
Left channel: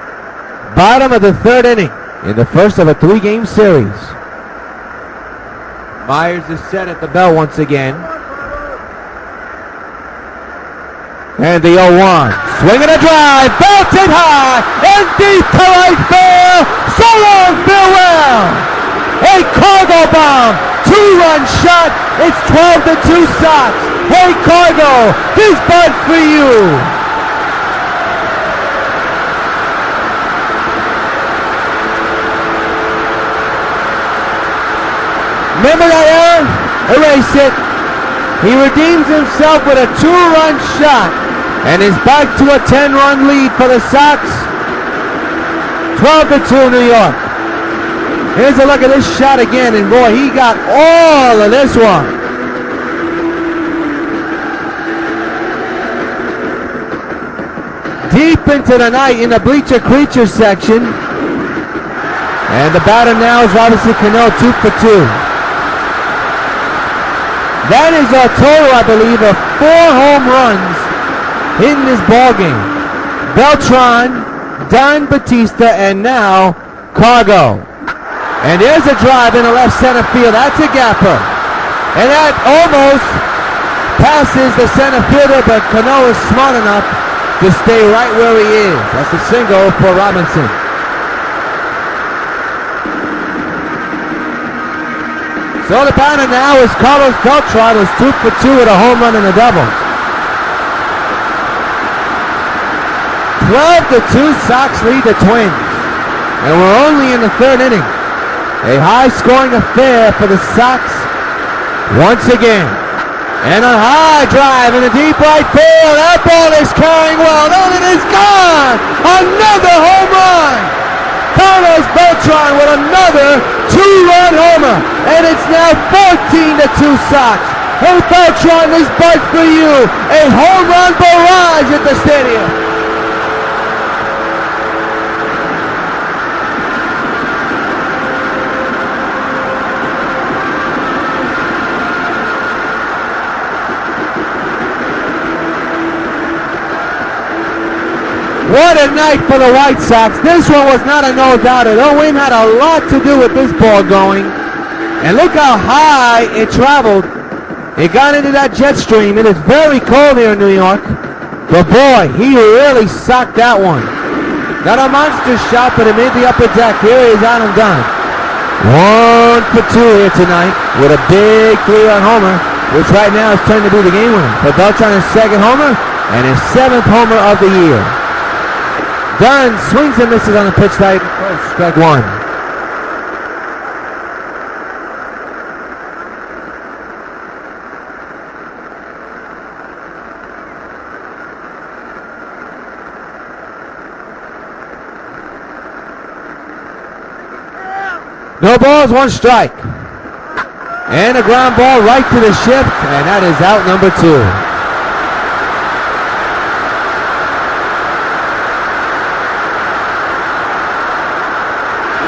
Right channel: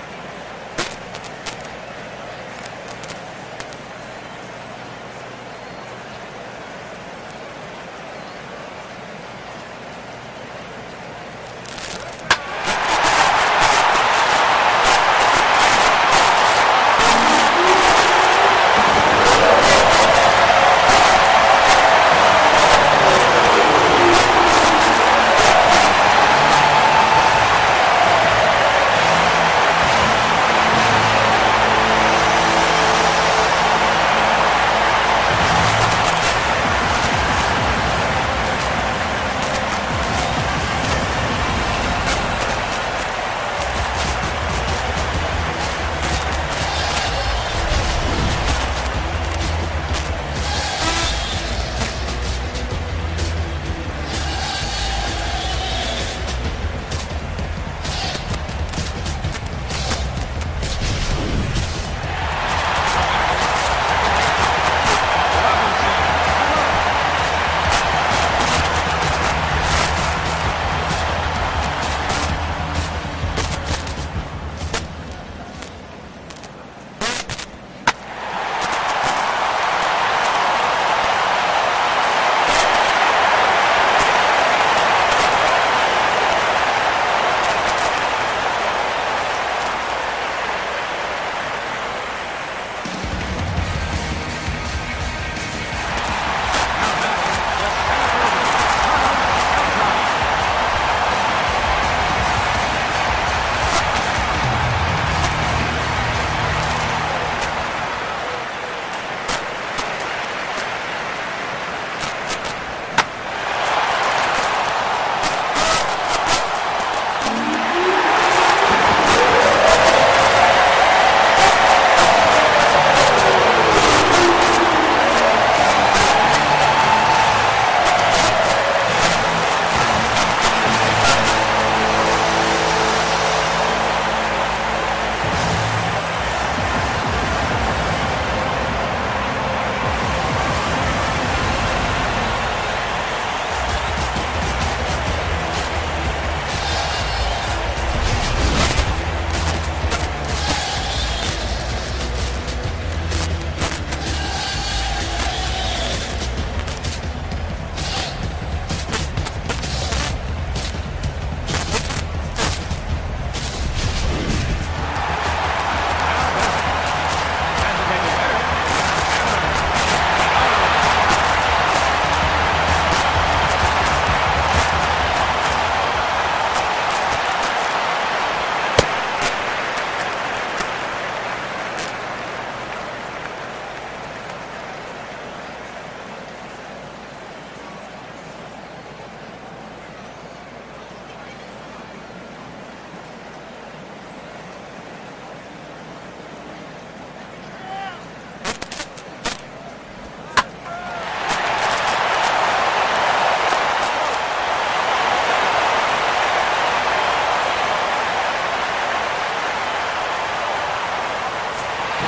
bottom of the third inning in the first of a 3-game series. Myers is set at the bell once again. And the 0-1. Swinging a drive, belted high, and deep to right field. So long, farewell. A Cargo bomb, 2-run shot. It's 12-2 Sox. Hey, Cargo, this buzz for you. Remember that error? Erase it. He redeems himself with a 2-run shot and is back to a 10-run lead for the Sox. 12-2 New York. Here's a look at this shot again, and boy, he got all of this one. Deep into the night in the bleacher creature section. And the batter now is Robinson Cano, 2 for 2. That is a total, I believe, of 4 home runs in this ballgame. Beltran, Don Batista, and now Cargo. And there's a drive in the left center field. That's a gapper. And that almost passes the center fielder, but Cano is smart enough to stay right where he is. That's a single for Robinson. So the batter now is Carlos Beltran, who's 2 for 2 with a home run and a double. 12-2 Sox lead the Twins. And we're only in the third inning. A high-scoring affair for the Sox once again. And a high drive in the deep right field. That ball is carrying well. And it is gone. Another home run. Carlos Beltran with another 2-run homer. And it's now 14-2 Sox. Hey Beltran, this buzz for you. A home run barrage at the stadium. What a night for the White Sox. This one was not a nose-outer. WON had a lot to do with this ball going. And look how high it traveled. It got into that jet stream. It is very cold here in New York. But boy, he really socked that one. Not a monster shot, but it made the upper deck. Here he is, Adam Dunn. 1 for 2 here tonight with a big 3-run homer, which right now is turned to be the game winner. For Beltran, his second homer and his 7th homer of the year. Dunn swings and misses on the pitch side. Strike 1. No balls, 1 strike. And a ground ball right to the shift, and that is out number 2.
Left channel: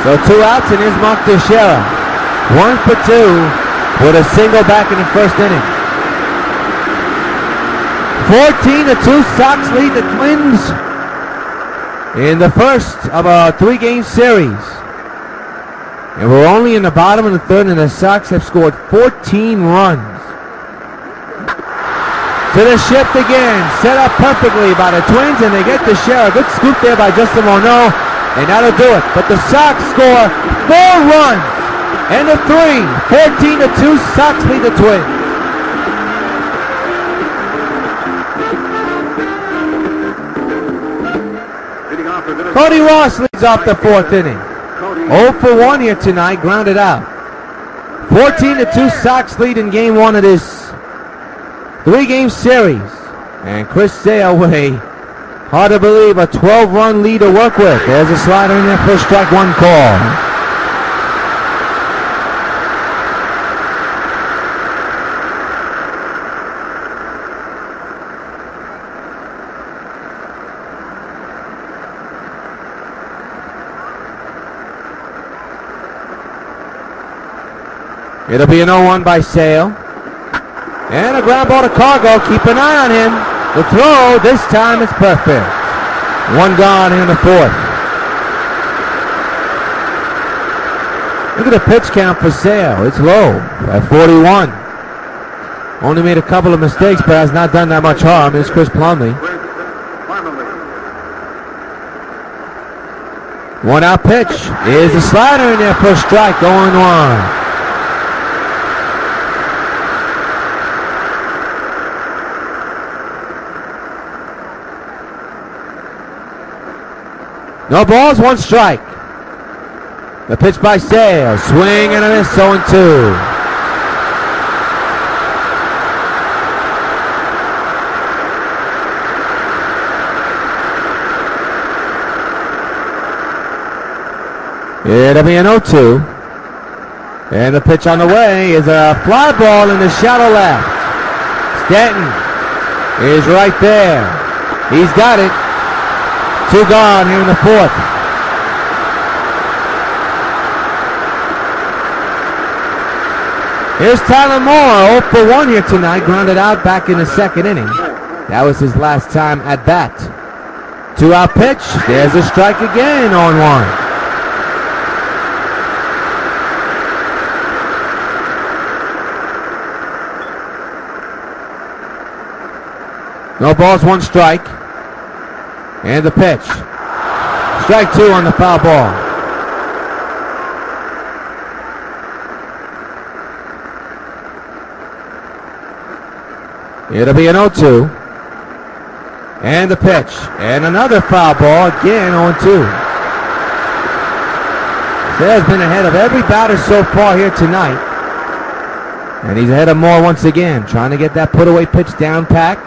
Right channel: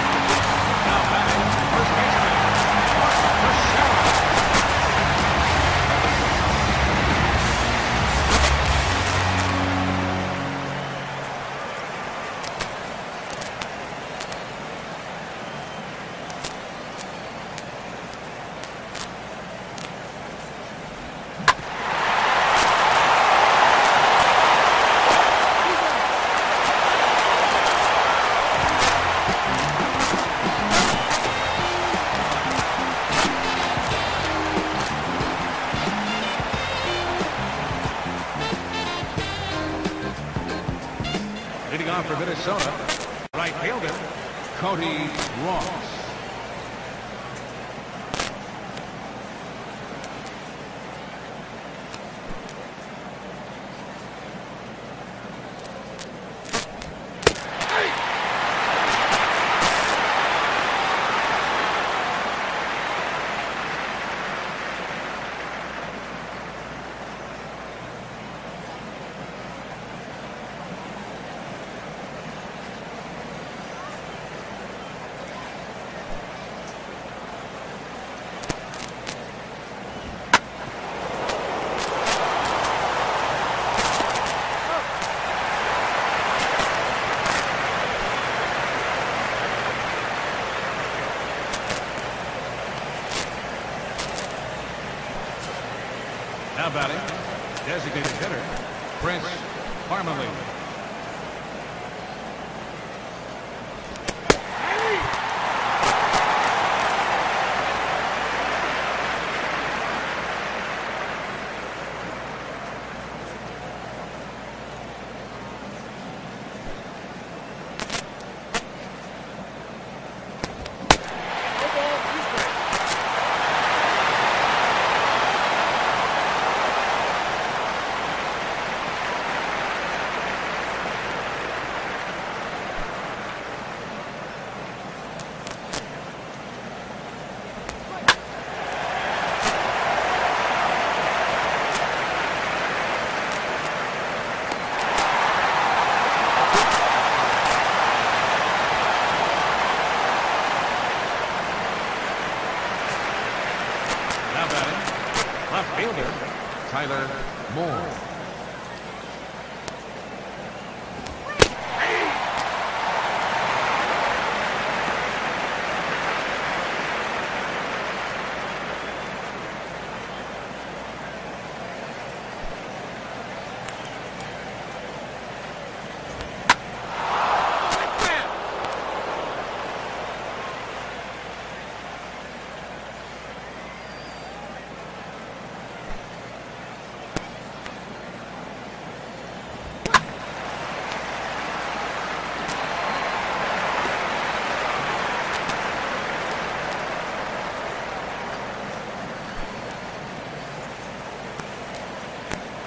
So 2 outs, and here's Mark Teixeira. 1 for 2 with a single back in the first inning. 14-2 Sox lead the Twins in the first of a 3-game series. And we're only in the bottom of the third, and the Sox have scored 14 runs. To the shift again, set up perfectly by the Twins, and they get Teixeira. Good scoop there by Justin Morneau. And that'll do it. But the Sox score 4 runs. And a 3. 14-2. Sox lead the Twins. Cody Ross leads off the 4th inning. 0 for 1 here tonight. Grounded out. 14-2 Sox lead in game 1 of this 3-game series. And Chris Sale with a, hard to believe, a 12-run lead to work with. There's a slider in there for strike 1 call. It'll be an 0-1 by Sale. And a ground ball to Cargo. Keep an eye on him. The throw, this time is perfect. One gone in the fourth. Look at the pitch count for Sale. It's low at 41. Only made a couple of mistakes, but has not done that much harm. It's Chris Plumlee. One out pitch is a slider in there for a strike, 0-1. No balls, one strike. The pitch by Sale, swing and a miss, 0-2. It'll be an 0-2. And the pitch on the way is a fly ball in the shallow left. Stanton is right there. He's got it. 2 gone here in the fourth. Here's Tyler Moore, 0 for 1 here tonight, grounded out back in the second inning. That was his last time at bat. 2 out pitch, there's a strike again, 0-1. No balls, 1 strike. And the pitch. Strike 2 on the foul ball. It'll be an 0-2. And the pitch. And another foul ball. Again, 0-2. Sale's been ahead of every batter so far here tonight. And he's ahead of Moore once again. Trying to get that put-away pitch down pack.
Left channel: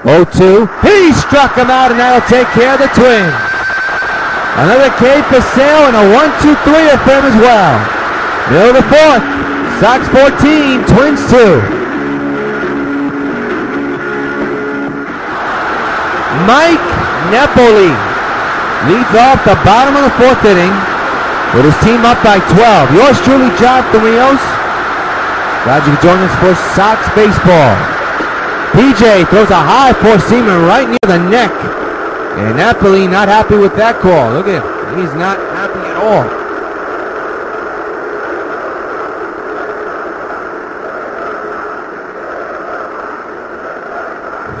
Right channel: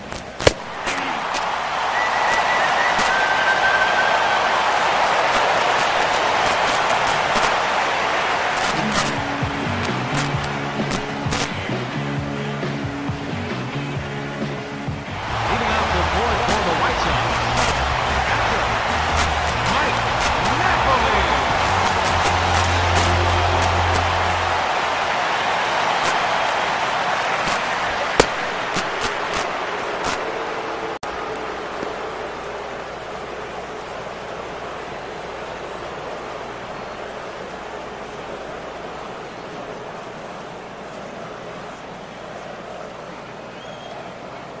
0-2. He struck him out, and that'll take care of the Twins. Another K for Sale, and a 1-2-3 for him as well. Middle of the fourth. Sox 14, Twins 2. Mike Napoli leads off the bottom of the fourth inning with his team up by 12. Yours truly, Jonathan Rios. Glad you could join us for Sox baseball. PJ throws a high four-seamer right near the neck. And Napoli not happy with that call. Look at him. He's not happy at all.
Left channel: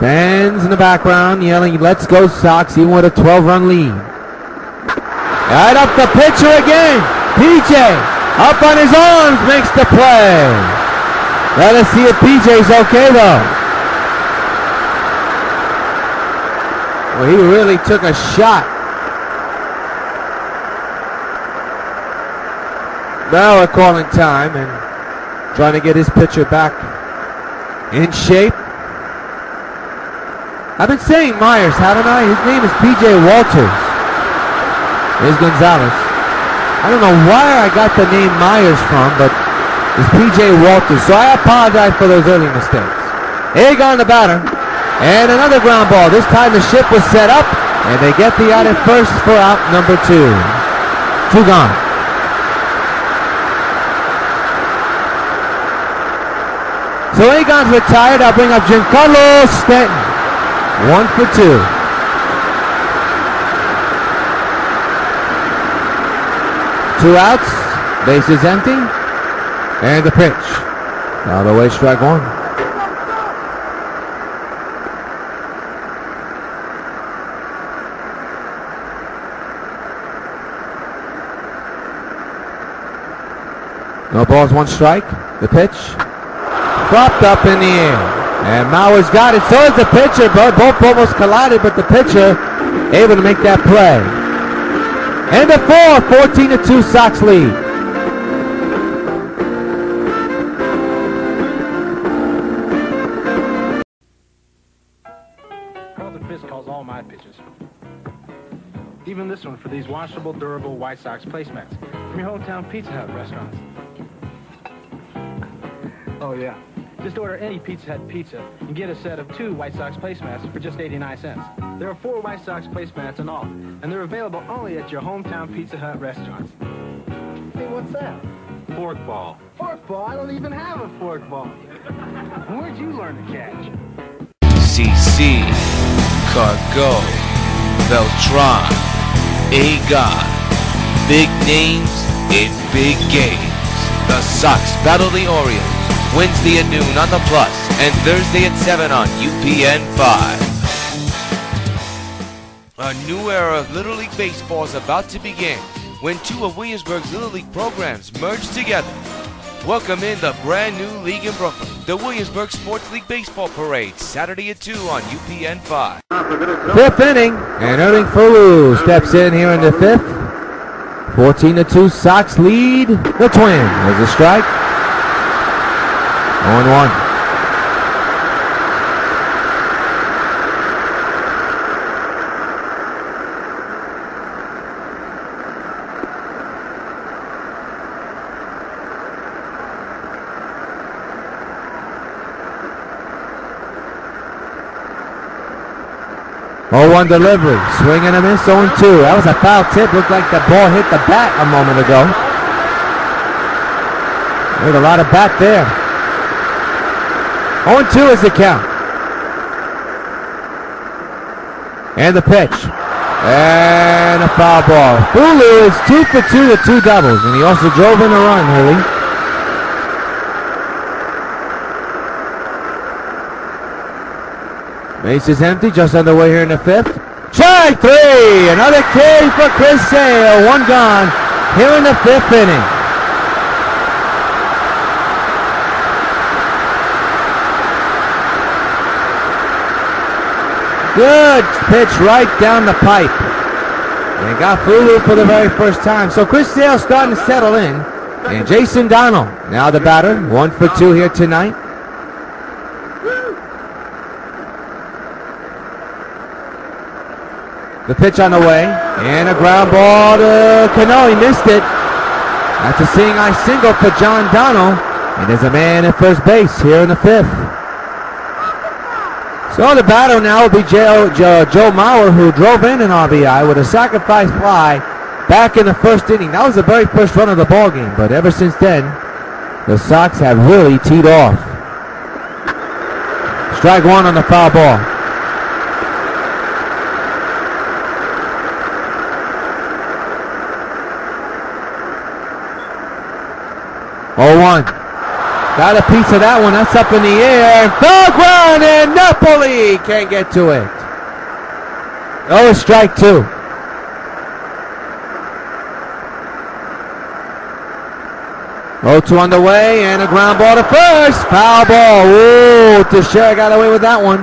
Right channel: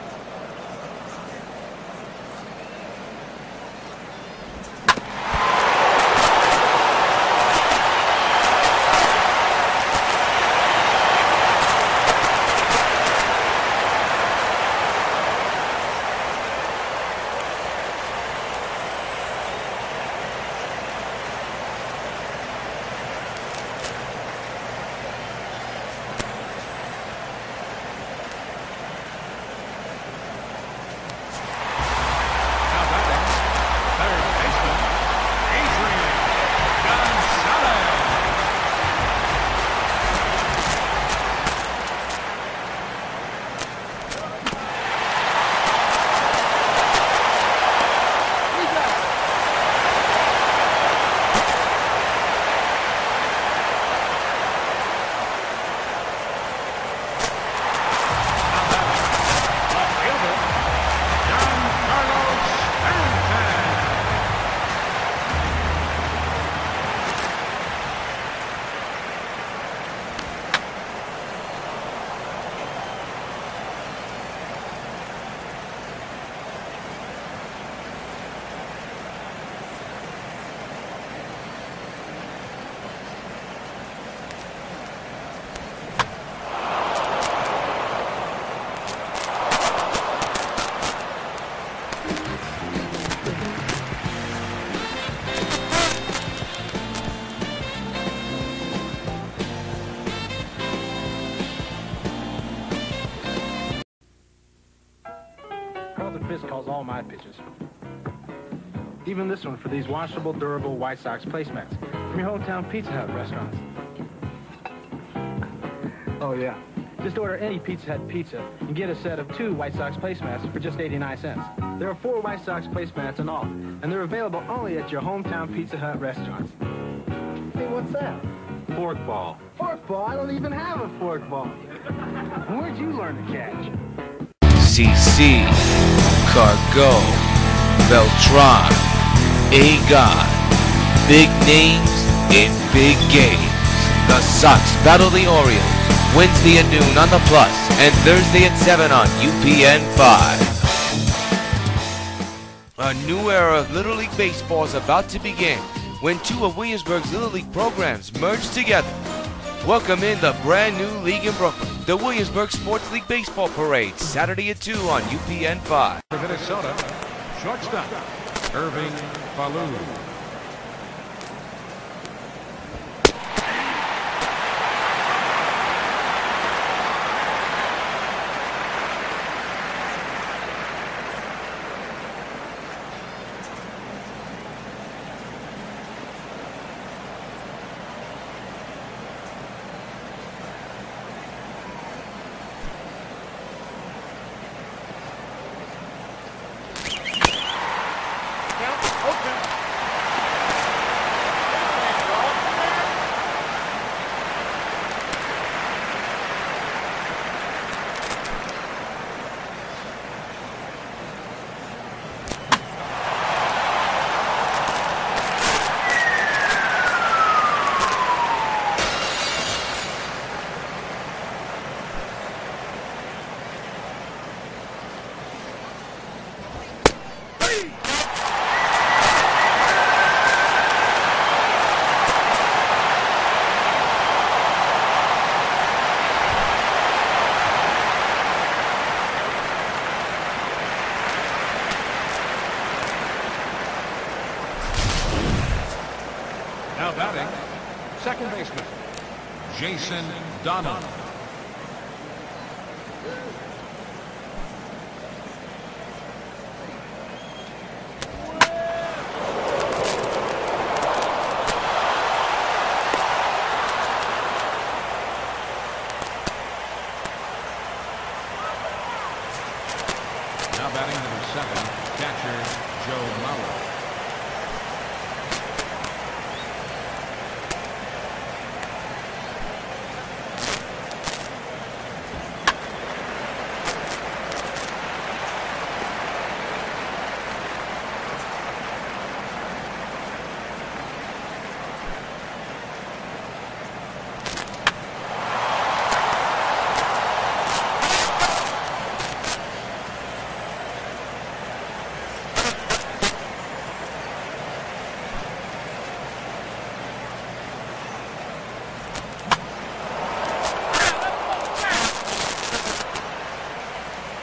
Fans in the background yelling, "Let's go Sox," even with a 12-run lead. Right up the pitcher again. PJ up on his arms, makes the play. Let us see if PJ's okay though. Well, he really took a shot. Now we're calling time and trying to get his pitcher back in shape. I've been saying Myers, haven't I? His name is P.J. Walters. There's Gonzalez. I don't know where I got the name Myers from, but it's P.J. Walters. So I apologize for those early mistakes. Here on the batter. And another ground ball. This time the ship was set up, and they get the out at first for out number 2. 2 gone. So Agon's retired. I'll bring up Giancarlo Stanton. 1 for 2. Two outs. Bases empty. And the pitch. Out of the way, strike 1. No balls, 1 strike. The pitch. Dropped up in the air. And Mauer's got it. So is the pitcher. Both almost collided, but the pitcher able to make that play. And the 4, 14-2 Sox lead. Carlton Fisk calls all my pitches. Even this one for these washable, durable White Sox placemats from your hometown Pizza Hut restaurants. Oh, yeah. Just order any Pizza Hut pizza and get a set of 2 White Sox placemats for just 89 cents. There are 4 White Sox placemats in all, and they're available only at your hometown Pizza Hut restaurants. Hey, what's that? Forkball. Forkball? I don't even have a forkball. Where'd you learn to catch? CC, Cargo, Beltran, Agon. Big names in big games. The Sox battle the Orioles Wednesday at noon on the Plus and Thursday at 7 on UPN 5. A new era of Little League Baseball is about to begin when two of Williamsburg's Little League programs merge together. Welcome in the brand new league in Brooklyn, the Williamsburg Sports League Baseball Parade, Saturday at 2 on UPN 5. Fifth inning, and Erling Fulu steps in here in the fifth. 14-2 Sox lead the Twins. There's a strike. 0-1. 0-1 delivery. Swing and a miss. 0-2. That was a foul tip. Looked like the ball hit the bat a moment ago. There's a lot of bat there. 0-2 is the count. And the pitch. And a foul ball. Fulu is 2 for 2 with 2 doubles. And he also drove in a run, Hooley. Base is empty, just underway here in the fifth. Strike 3! Another K for Chris Sale. 1 gone here in the fifth inning. Good pitch right down the pipe. And got Fulu for the very first time. So Chris Sale starting to settle in. And Jason Donald, now the batter. 1 for 2 here tonight. The pitch on the way, and a ground ball to Cano. He missed it. That's a seeing eye single for John Donald, and there's a man at first base here in the fifth. So the batter now will be Joe Mauer, who drove in an RBI with a sacrifice fly back in the first inning. That was the very first run of the ball game, but ever since then, the Sox have really teed off. Strike 1 on the foul ball. Oh, 1. Got a piece of that one. That's up in the air. And foul ground, and Napoli can't get to it. Oh, strike 2. Oh, 2 on the way, and a ground ball to first. Foul ball. Ooh, Teixeira got away with that one.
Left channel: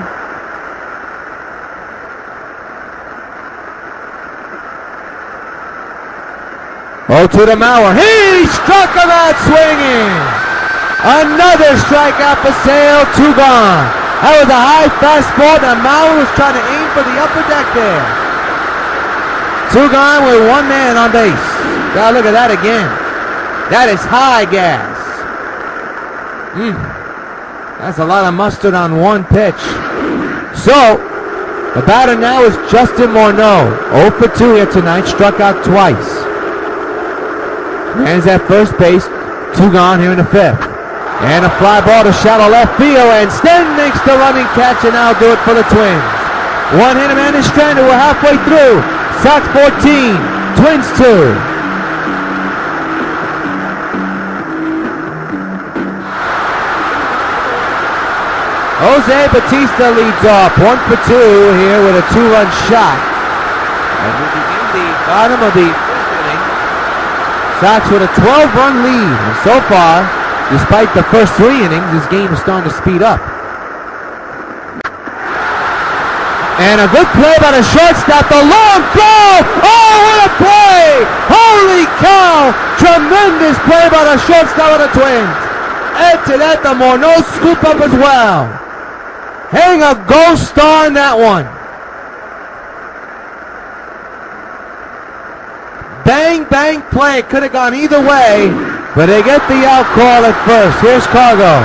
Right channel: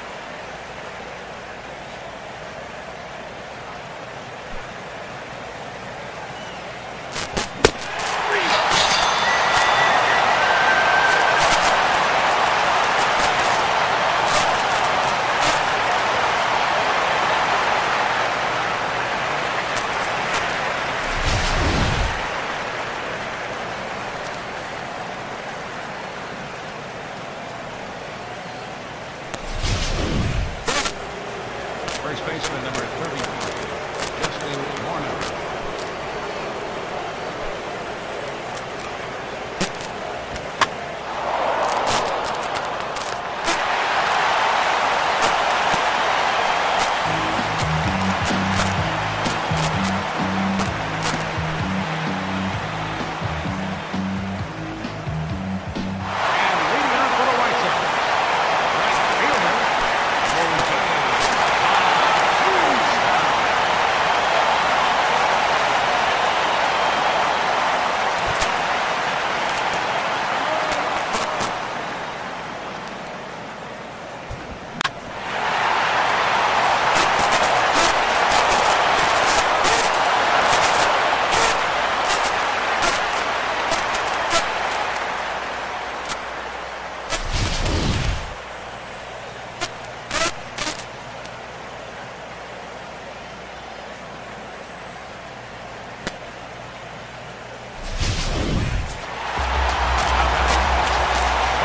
Oh, to the Mauer. He struck him out swinging. Another strikeout for Sale. 2 gone. That was a high fastball. Now Mauer was trying to aim for the upper deck there. 2 gone with 1 man on base. Now look at that again. That is high gas. That's a lot of mustard on 1 pitch. So, the batter now is Justin Morneau. 0 for 2 here tonight. Struck out twice. Man's at first base, 2 gone here in the fifth. And a fly ball to shallow left field, and Sten makes the running catch, and now do it for the Twins. 1 hit, a man is stranded. We're halfway through. Sox 14, Twins 2. Jose Bautista leads off, 1 for 2 here with a 2-run shot. And we begin the bottom of the Sox with a 12-run lead, and so far, despite the first 3 innings, this game is starting to speed up. And a good play by the shortstop, the long throw! Oh, what a play! Holy cow! Tremendous play by the shortstop of the Twins. Add to that, the Morneau scoop up as well. Hang a gold star on that one. Bang, bang play. Could have gone either way, but they get the out call at first. Here's Cargo.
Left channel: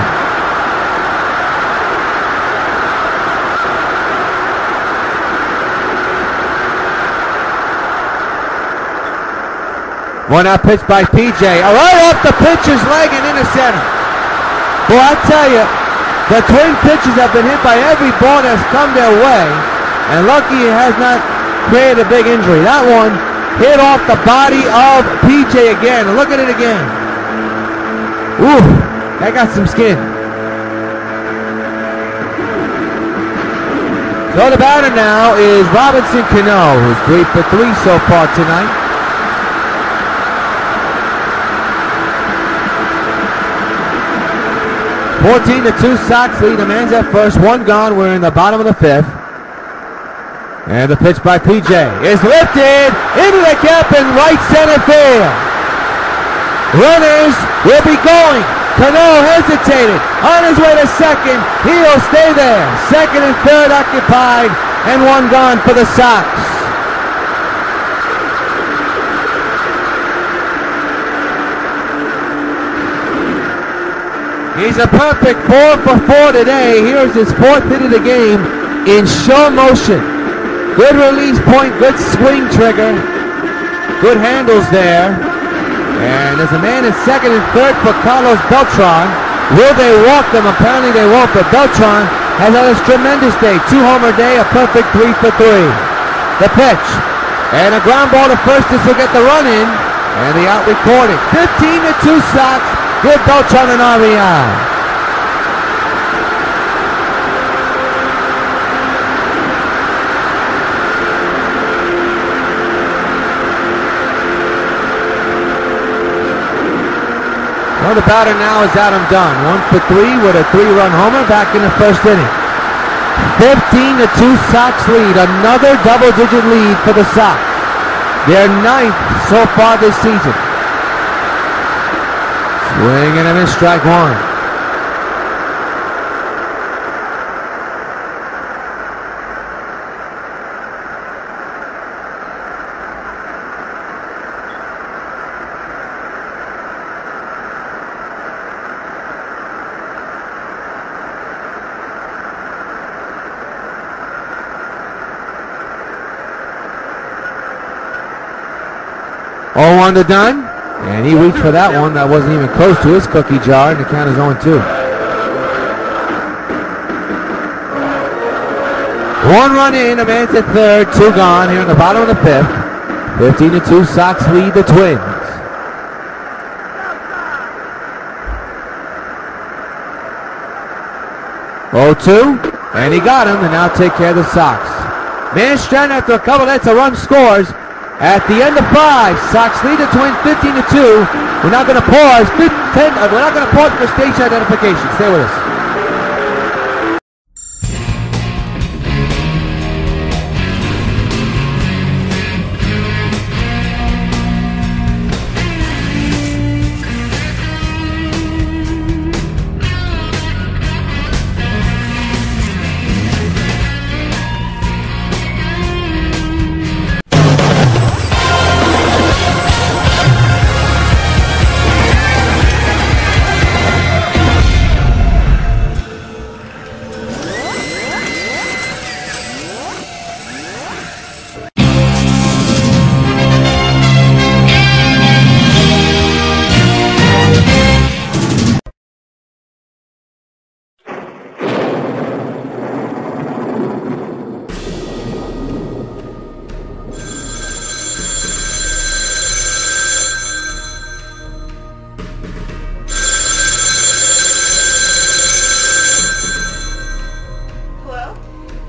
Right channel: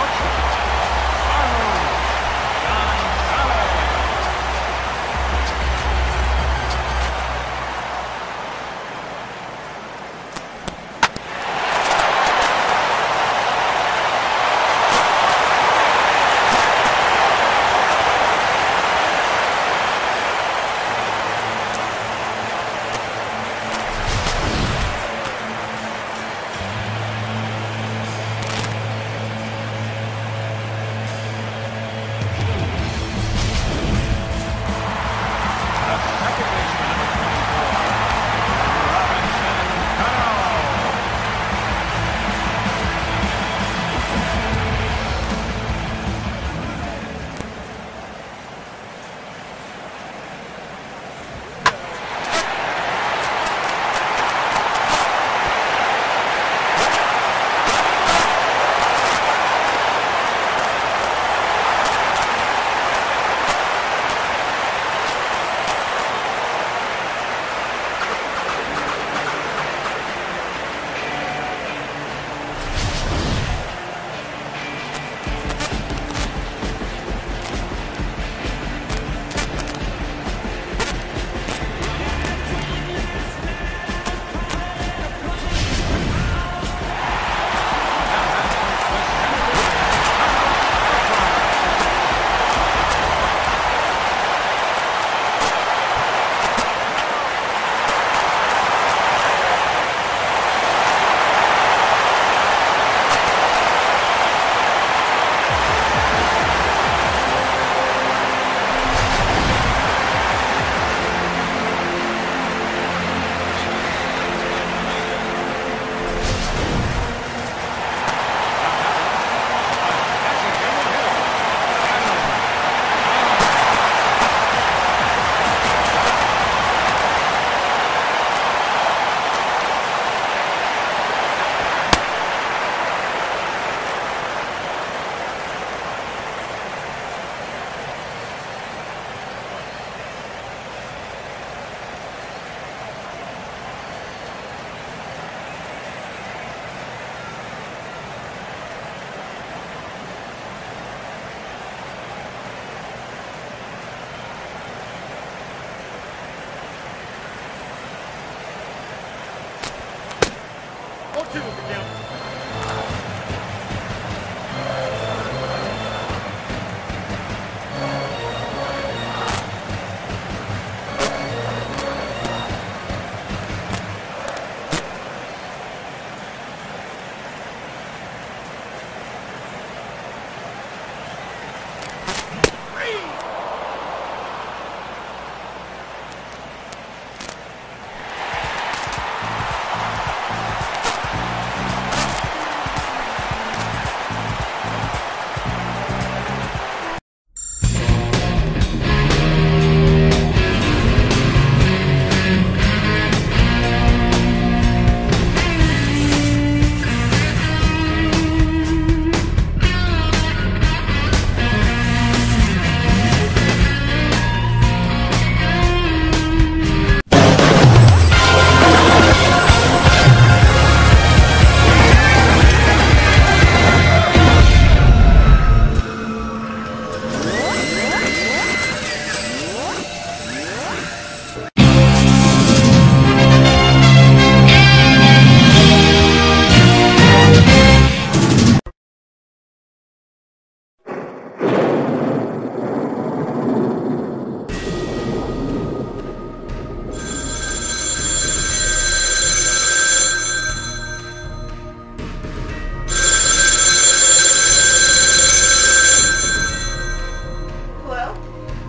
One out pitch by PJ. Right off the pitcher's leg and into center. Well, I tell you, the Twin pitchers have been hit by every ball that's come their way, and lucky it has not created a big injury. That one hit off the body of PJ again. Look at it again. Ooh, that got some skin. So the batter now is Robinson Cano, who's 3 for 3 so far tonight. $14-2 Sox lead. The man's at first. One gone. We're in the bottom of the 5th. And the pitch by PJ is lifted into the gap in right center field. Runners will be going. Cano hesitated. On his way to second. He'll stay there. Second and third occupied. And one gone for the Sox. He's a perfect 4 for 4 today. Here's his 4th hit of the game in show motion. Good release point, good swing trigger. Good handles there. And there's a man in second and third for Carlos Beltran. Will they walk them? Apparently they won't, but Beltran has had a tremendous day. 2-homer day, a perfect 3 for 3. The pitch. And a ground ball to first. This will get the run in. And the out recorded. 15-2 Sox. With Beltran and RBI. Well, the batter now is Adam Dunn. 1 for 3 with a 3-run homer back in the first inning. 15-2 Sox lead. Another double-digit lead for the Sox. Their 9th so far this season. Swing and a miss, strike one. Oh, 1 to Dunn. And he reached for that one. That wasn't even close to his cookie jar, and the count is 0-2. One run in, a man's at third, 2 gone here in the bottom of the 5th. 15-2 Sox lead the Twins. And he got him, and now take care of the Sox. Man stranded after a couple hits, a run scores. At the end of 5, Sox lead the Twins 15-2. We're not going to pause. We're not going to pause for station identification. Stay with us.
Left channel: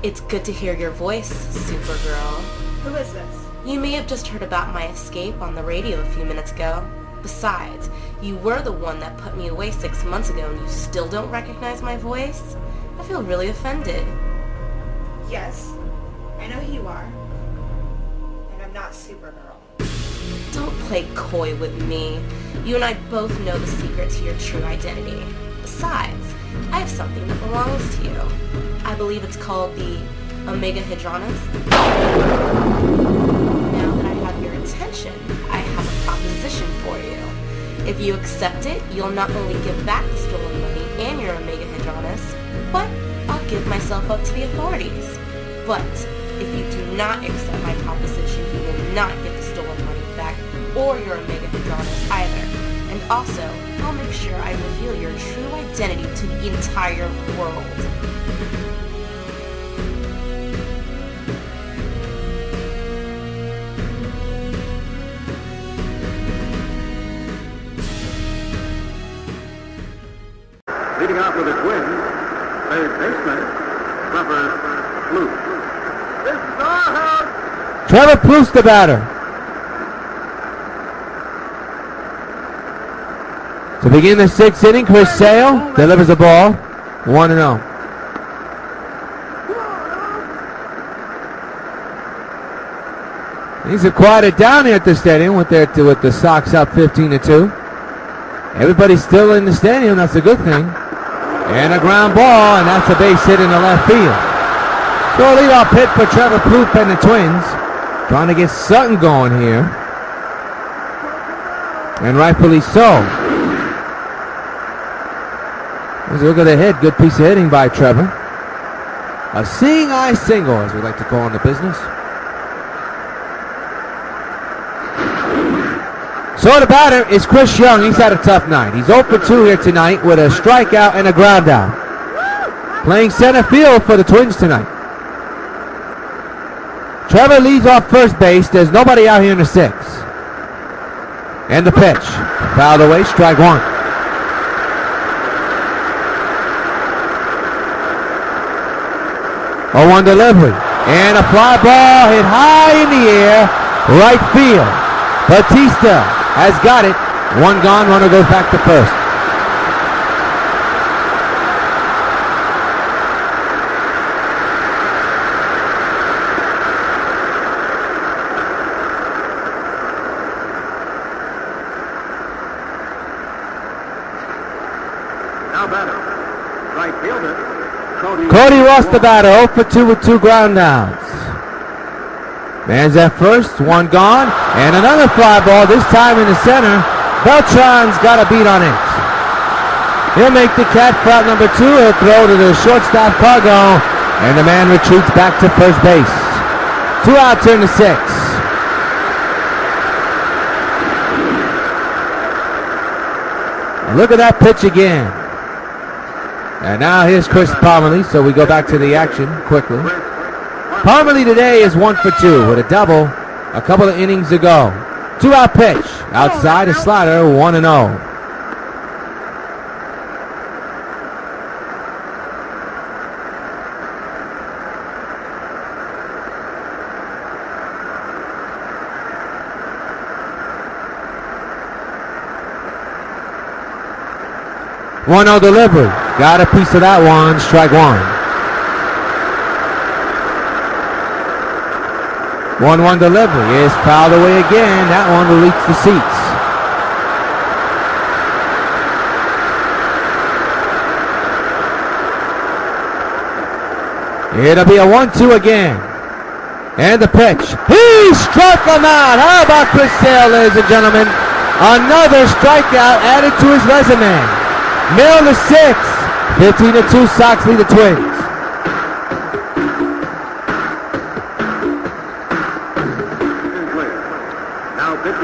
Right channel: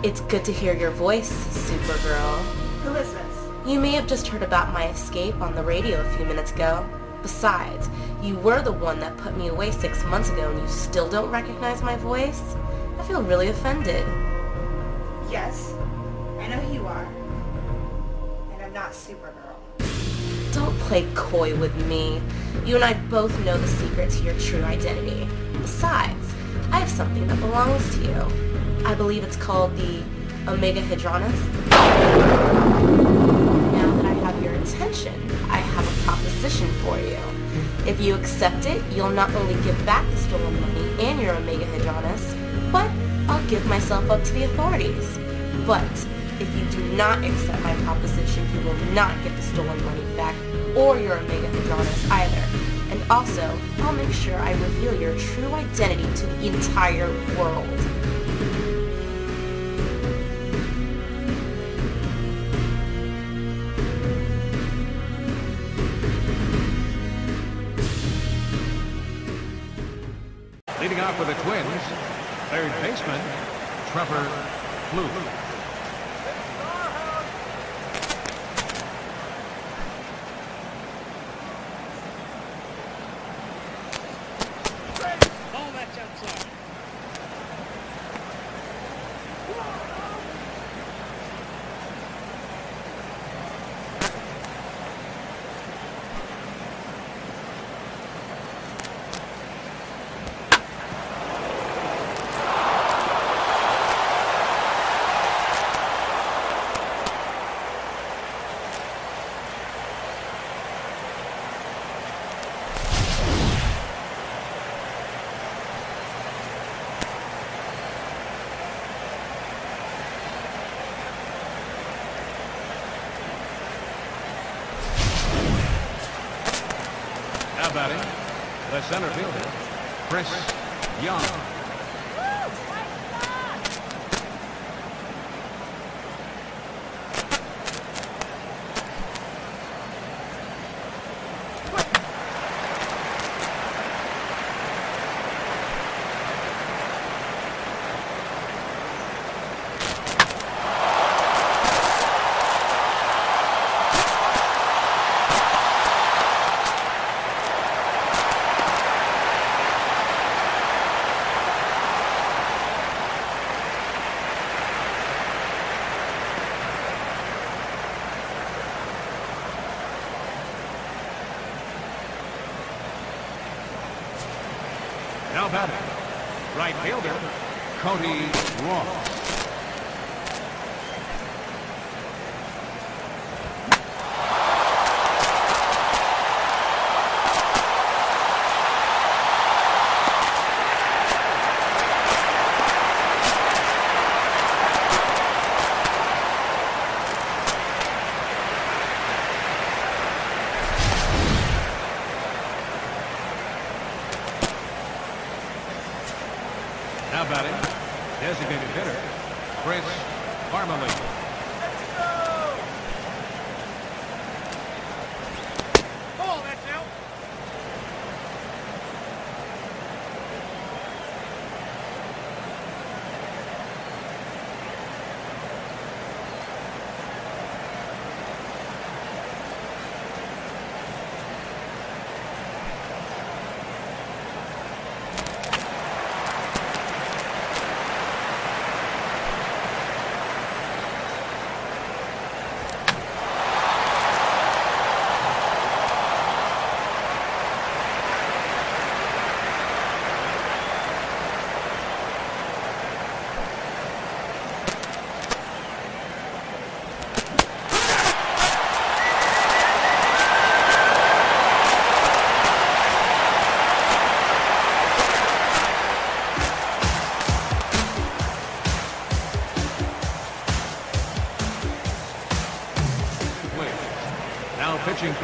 It's good to hear your voice, Supergirl. Who is this? You may have just heard about my escape on the radio a few minutes ago. Besides, you were the one that put me away 6 months ago and you still don't recognize my voice? I feel really offended. Yes, I know who you are. And I'm not Supergirl. Don't play coy with me. You and I both know the secret to your true identity. Besides, I have something that belongs to you. I believe it's called the Omega Hadronus. Now that I have your attention, I have a proposition for you. If you accept it, you'll not only give back the stolen money and your Omega Hadronus, but I'll give myself up to the authorities. But If you do not accept my proposition, you will not get the stolen money back or your Omega Hadronis either. And also, I'll make sure I reveal your true identity to the entire world. Getting out with a twist. Third baseman, Trevor Plouffe. Trevor Plouffe, the batter. To begin the sixth inning, Chris Sale delivers the ball, 1-0. Things have quieted down here at the stadium with the Sox up 15-2. Everybody's still in the stadium. That's a good thing. And a ground ball, and that's a base hit in the left field. So a leadoff hit for Trevor Plouffe and the Twins. Trying to get something going here. And rightfully so. Let's look at the hit. Good piece of hitting by Trevor. A seeing eye single, as we like to call in the business. So the batter is Chris Young. He's had a tough night. He's 0 for 2 here tonight with a strikeout and a ground out. Playing center field for the Twins tonight. Trevor leads off first base. There's nobody out here in the sixth. And the pitch. Fouled away, strike one. A 1 delivery. And a fly ball hit high in the air. Right field. Batista has got it. One gone, runner goes back to first. Cody Ross, the batter, 0 for 2 with 2 ground downs. Man's at first, one gone, and another fly ball, this time in the center. Beltran's got a beat on it. He'll make the catch for out number 2. He'll throw to the shortstop Cargo, and the man retreats back to first base. 2 outs in the 6th. Look at that pitch again. And now here's Chris Parmalee, so we go back to the action quickly. Parmalee today is 1 for 2 with a double a couple of innings ago. 2-out pitch. Outside a slider, 1-0. One-0 delivery. Got a piece of that one. Strike one. 1-1 delivery is fouled away again. That one will reach the seats. It'll be a 1-2 again. And the pitch. He struck him out. How about Chris Sale, ladies and gentlemen? Another strikeout added to his resume. Middle the 6th. 15-2, Sox lead the Twins.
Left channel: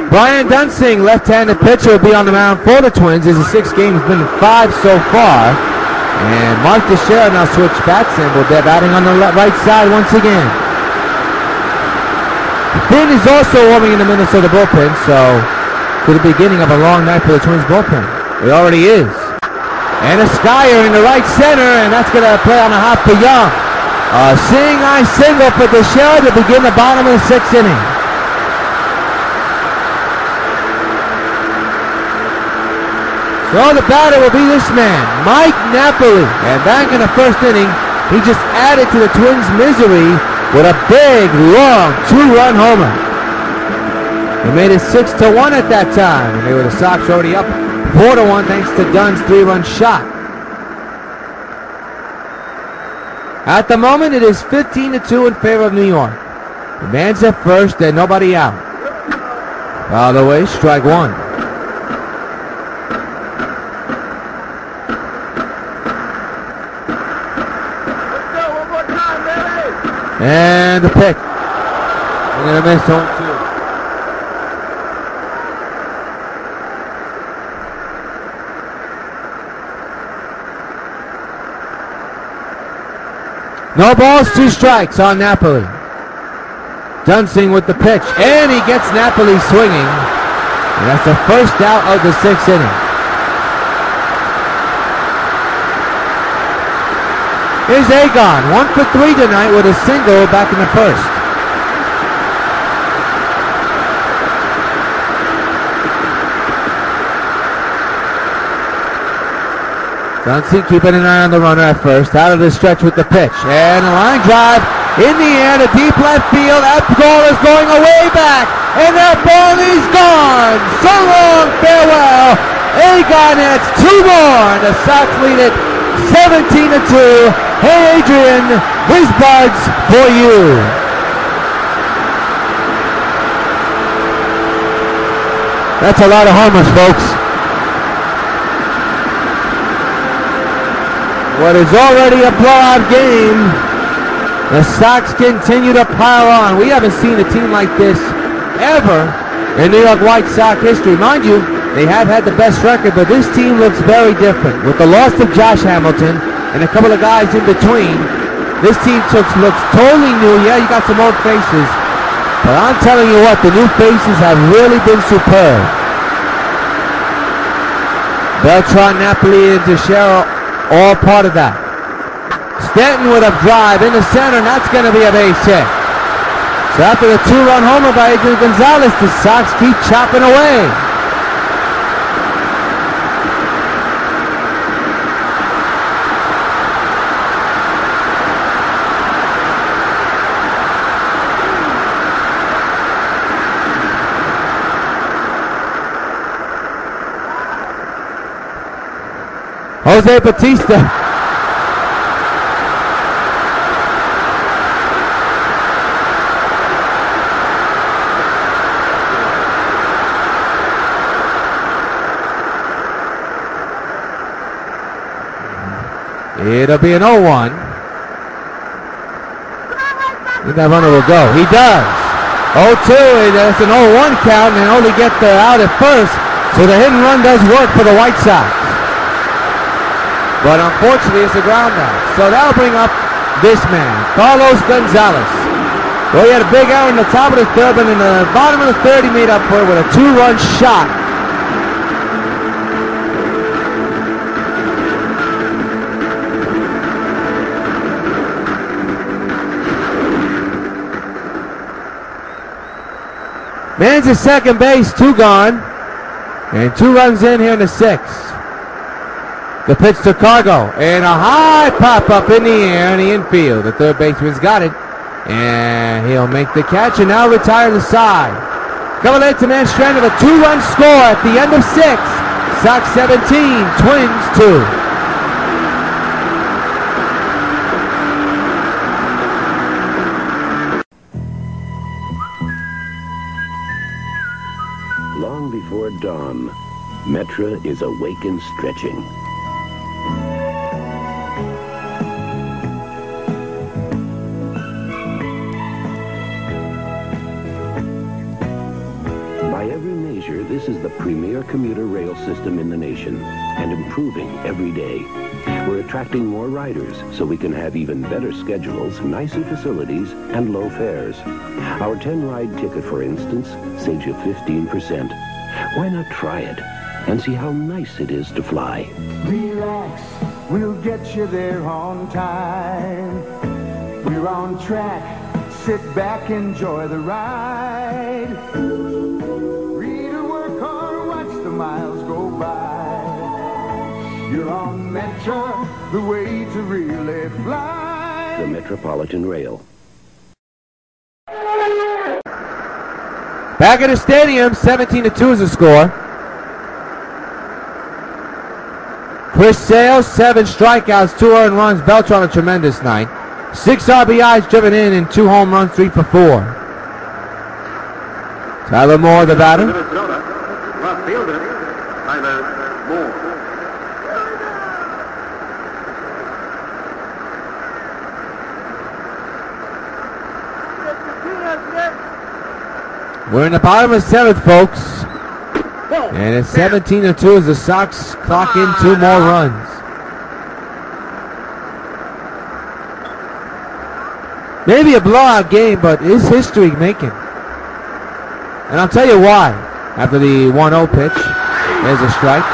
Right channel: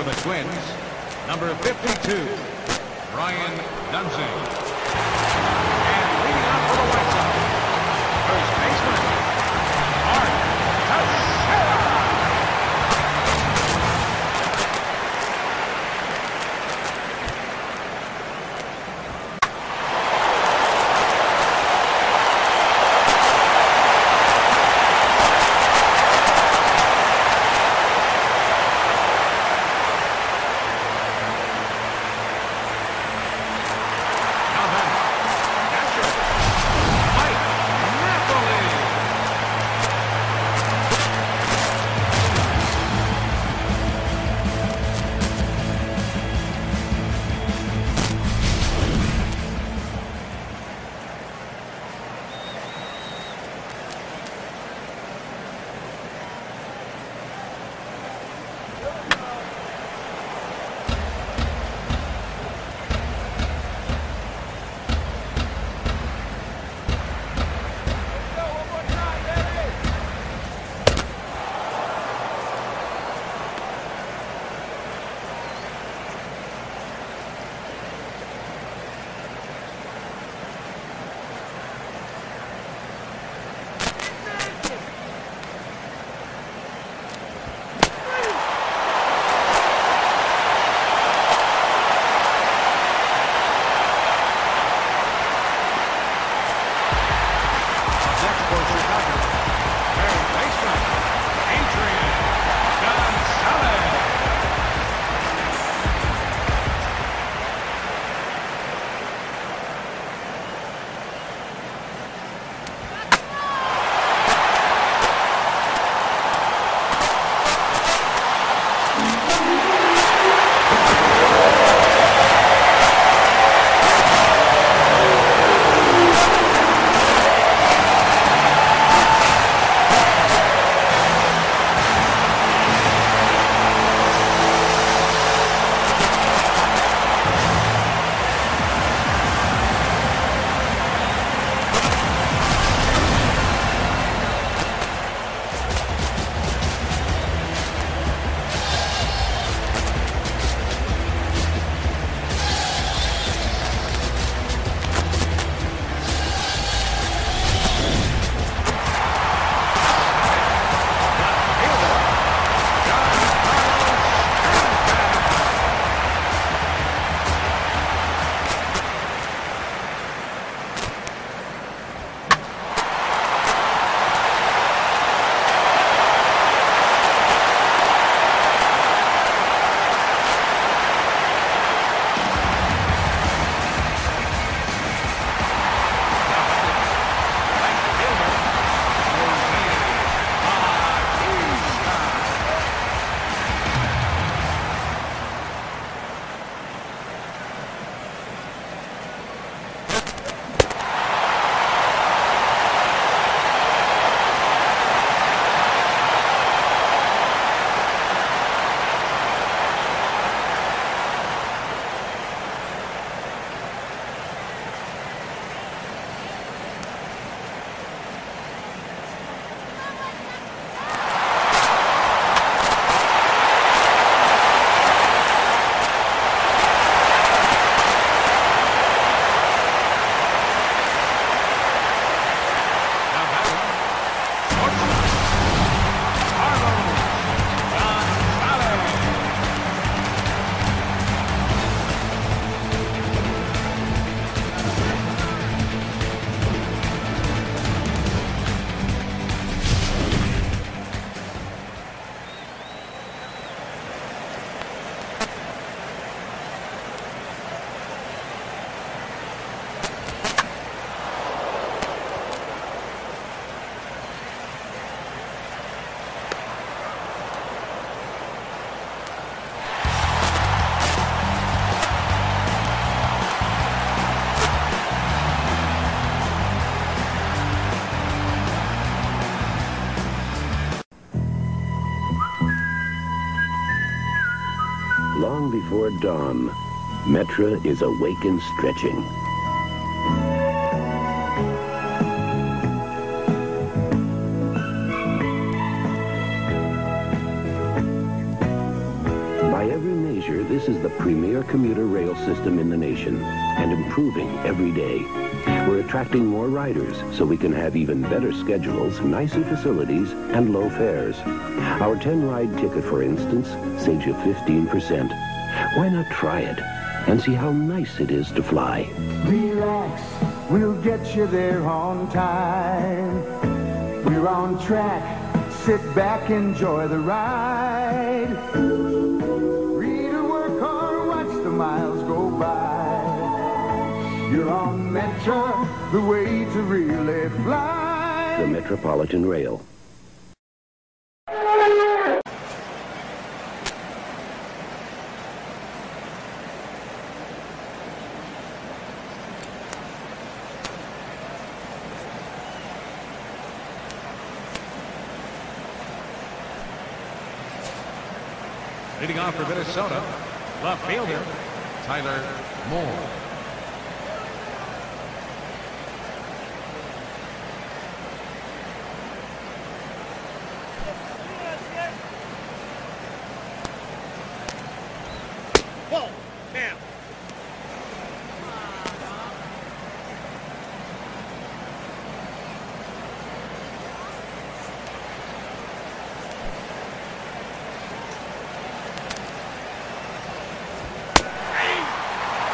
Brian Dunsing, left-handed pitcher, will be on the mound for the Twins. His 6 games has been 5 so far. And Mark Teixeira now switched bats, and they're batting on the right side once again. Finn is also warming in the Minnesota bullpen, so to the beginning of a long night for the Twins bullpen. It already is. And a skyer in the right center, and that's going to play on the hop for Young. A seeing eye single for Teixeira to begin the bottom of the 6th inning. So the batter will be this man, Mike Napoli. And back in the 1st inning, he just added to the Twins' misery with a big, long 2-run homer. He made it 6-1 at that time, and they were the Sox already up 4-1 thanks to Dunn's 3-run shot. At the moment, it is 15-2 in favor of New York. The man's at first, and nobody out. Fouled away, strike one. And the pick. We're going to miss 0-2. No balls, 2 strikes on Napoli. Dunsing with the pitch, and he gets Napoli swinging. And that's the first out of the 6th inning. Here's Agon, 1 for 3 tonight with a single back in the first. Dunsing keeping an eye on the runner at first, out of the stretch with the pitch, and a line drive in the air to deep left field. That ball is going away back, and that ball is gone. So long, farewell. Agon adds 2 more. The Sox lead it 17-2. Hey, Adrian, this bud's for you. That's a lot of homers, folks. What is already a blowout game, the Sox continue to pile on. We haven't seen a team like this ever in New York White Sox history. Mind you, they have had the best record, but this team looks very different. With the loss of Josh Hamilton and a couple of guys in between, this team looks totally new. Yeah, you got some old faces, but I'm telling you what, the new faces have really been superb. Beltran, Napoli, and Teixeira, all part of that. Stanton with a drive in the center, and that's going to be a base hit. So after the 2-run homer by Adrian Gonzalez, the Sox keep chopping away. Jose Bautista. It'll be an 0-1. And that runner will go. He does. 0-2. That's an 0-1 count, and they only get the out at first. So the hit and run does work for the White Sox. But unfortunately, it's a ground out. So that'll bring up this man, Carlos Gonzalez. Well, he had a big error in the top of the 3rd, but in the bottom of the 3rd, he made up for it with a 2-run shot. Man's at second base, 2 gone. And 2 runs in here in the 6th. The pitch to Cargo, and a high pop-up in the air in the infield. The 3rd baseman's got it, and he'll make the catch and now retire the side. Coming in to man stranded, a 2-run score at the end of 6. Sox 17, Twins 2. Long before dawn, Metra is awake and stretching. By every measure, this is the premier commuter rail system in the nation, and improving every day. We're attracting more riders so we can have even better schedules, nicer facilities, and low fares. Our 10-ride ticket, for instance, saves you 15%. Why not try it and see how nice it is to fly? Relax, we'll get you there on time. We're on track, sit back, enjoy the ride. Read or work or watch the miles go by. You're on Metra, the way to really fly. The Metropolitan Rail. Back at the stadium, 17-2 is the score. Chris Sale, 7 strikeouts, 2 earned runs. Beltran a tremendous night. 6 RBIs driven in and 2 home runs, 3 for 4. Tyler Moore, the batter. We're in the bottom of the 7th, folks. And it's 17-2 as the Sox clock in 2 more runs. Maybe a blowout game, but is history making? And I'll tell you why. After the 1-0 pitch, there's a strike.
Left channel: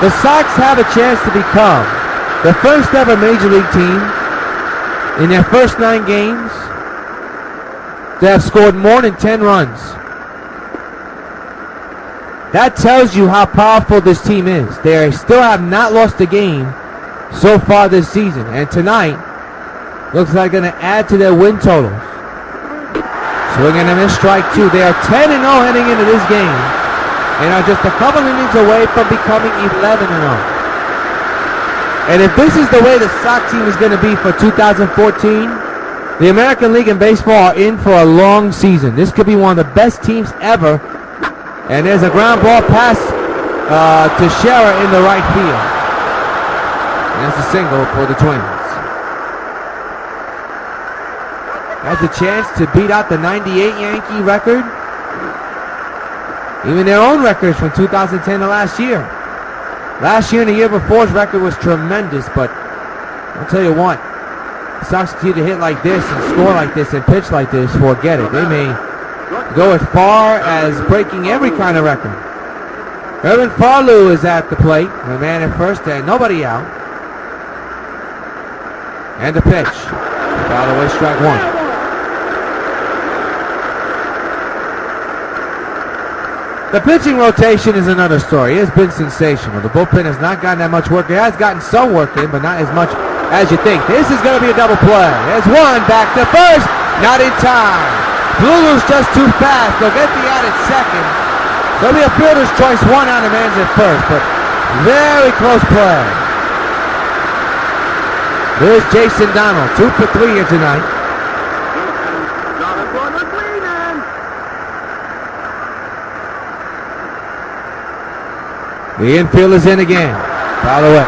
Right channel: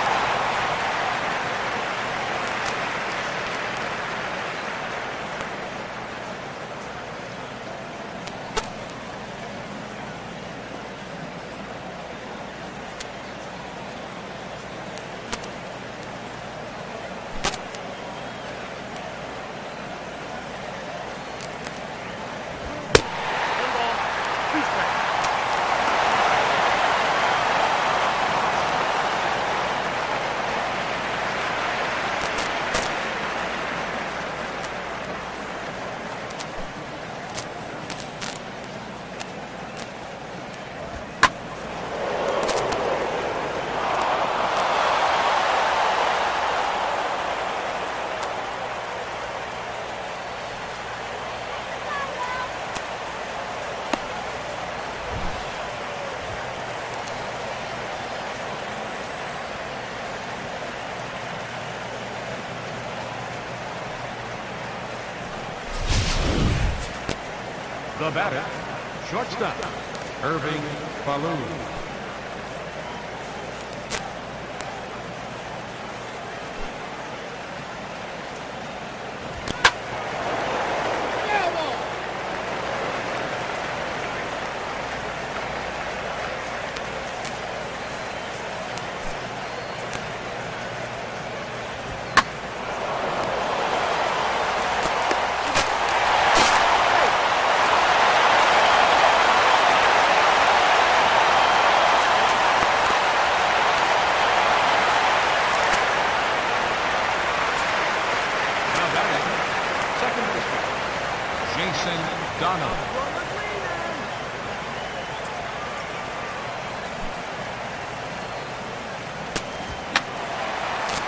The Sox have a chance to become the first ever Major League team in their first 9 games to have scored more than 10 runs. That tells you how powerful this team is. They still have not lost a game so far this season. And tonight, looks like they're going to add to their win total. Swinging and a miss, strike 2. They are 10-0 heading into this game and are just a couple innings away from becoming 11-0. And if this is the way the Sox team is going to be for 2014, the American League and baseball are in for a long season. This could be one of the best teams ever. And there's a ground ball pass to Scherer in the right field. And that's a single for the Twins. Has a chance to beat out the 98 Yankee record. Even their own records from 2010 to last year. Last year and the year before's record was tremendous, but I'll tell you what, the Sox continue to hit like this and score like this and pitch like this, forget it. They may go as far as breaking every kind of record. Irvin Farlew is at the plate, the man at first and nobody out. And the pitch. Foul away, strike 1. The pitching rotation is another story. It has been sensational. The bullpen has not gotten that much work. It has gotten some work in, but not as much as you think. This is going to be a double play. There's one back to first. Not in time. Lulu's just too fast. They'll get the out at second. There'll be a fielder's choice, 1 out of man's at first, but very close play. There's Jason Donald, 2 for 3 here tonight. The infield is in again. Foul away.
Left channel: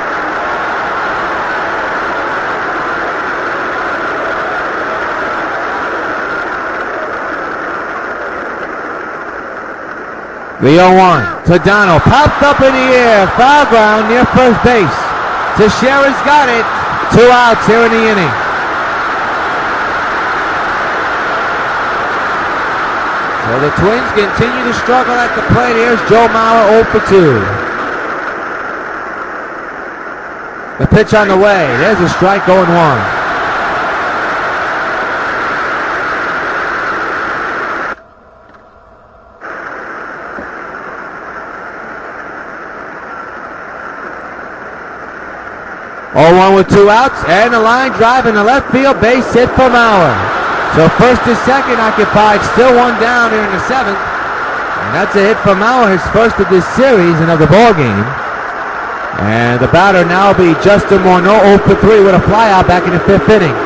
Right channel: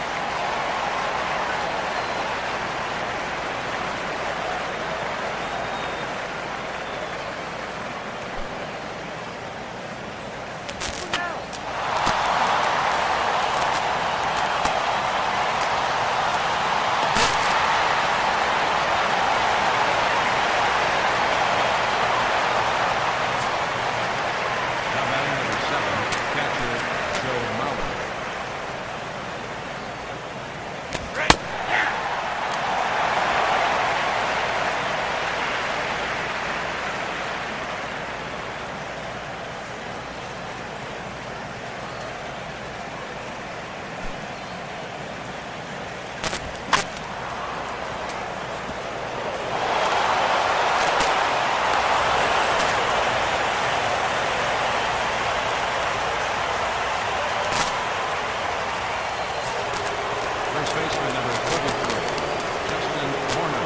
The 0-1 to Donald. Popped up in the air. Foul ground near first base. Teixeira's got it. 2 outs here in the inning. So the Twins continue to struggle at the plate. Here's Joe Mauer 0 for 2. The pitch on the way. There's a strike, 0-1. With 2 outs, and the line drive in the left field, base hit for Mauer. So first and second occupied, still 1 down here in the 7th. And that's a hit for Mauer, his first of this series and of the ball game. And the batter now will be Justin Morneau, 0 for 3 with a flyout back in the 5th inning.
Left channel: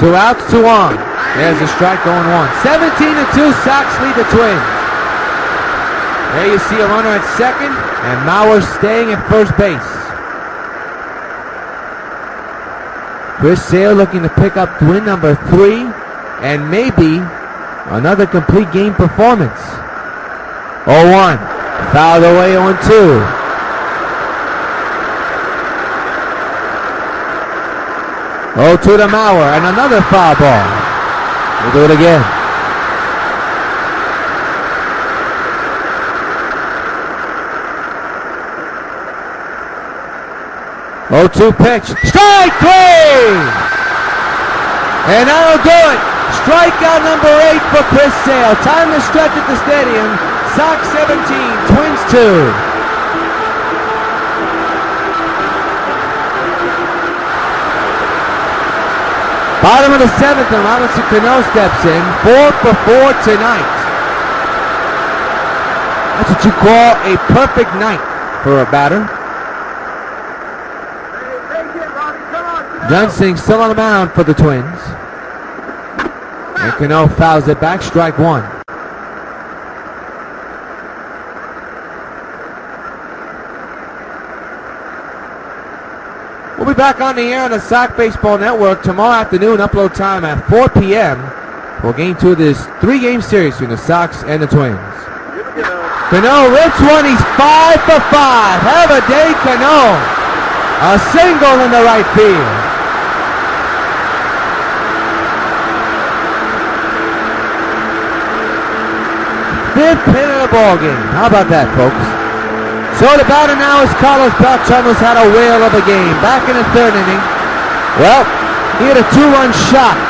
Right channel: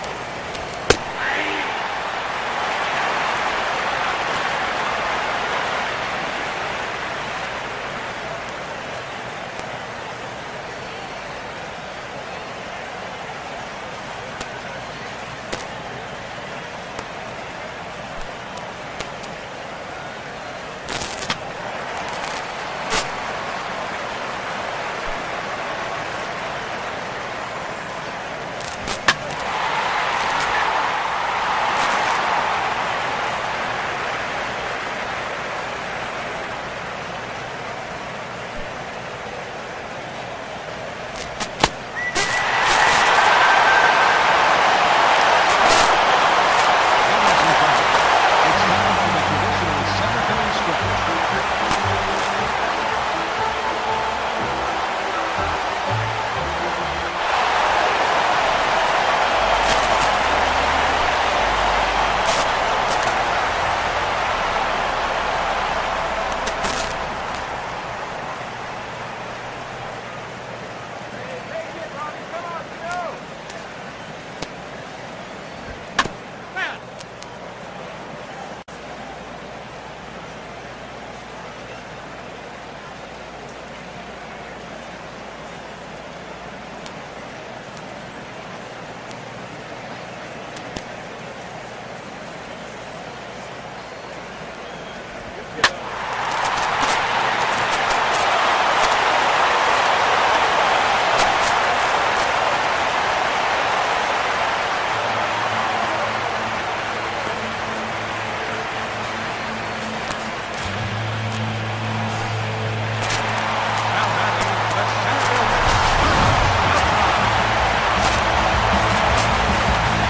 Two outs, 2 on. There's a strike, 0-1. 17-2, Sox lead the Twins. There you see a runner at second, and Mauer staying at first base. Chris Sale looking to pick up win number 3, and maybe another complete game performance. 0-1, fouled away 0-2. Oh, to the Mauer, and another foul ball. We'll do it again. 0-2 pitch. Strike 3! And that'll do it. Strikeout number 8 for Chris Sale. Time to stretch at the stadium. Sox 17, Twins 2. Bottom of the 7th, and Robinson Cano steps in. 4 for 4 tonight. That's what you call a perfect night for a batter. Dunsing still on the mound for the Twins. And Cano fouls it back, strike 1. We'll be back on the air on the Sox Baseball Network tomorrow afternoon, upload time at 4 p.m. for Game 2 of this 3-game series between the Sox and the Twins. Cano rips one. He's 5 for 5. Have a day, Cano. A single in the right field. Fifth hit of the ball game. How about that, folks? So the batter now is Carlos Beltran, who's had a whale of a game. Back in the third inning. Well, he had a 2-run shot.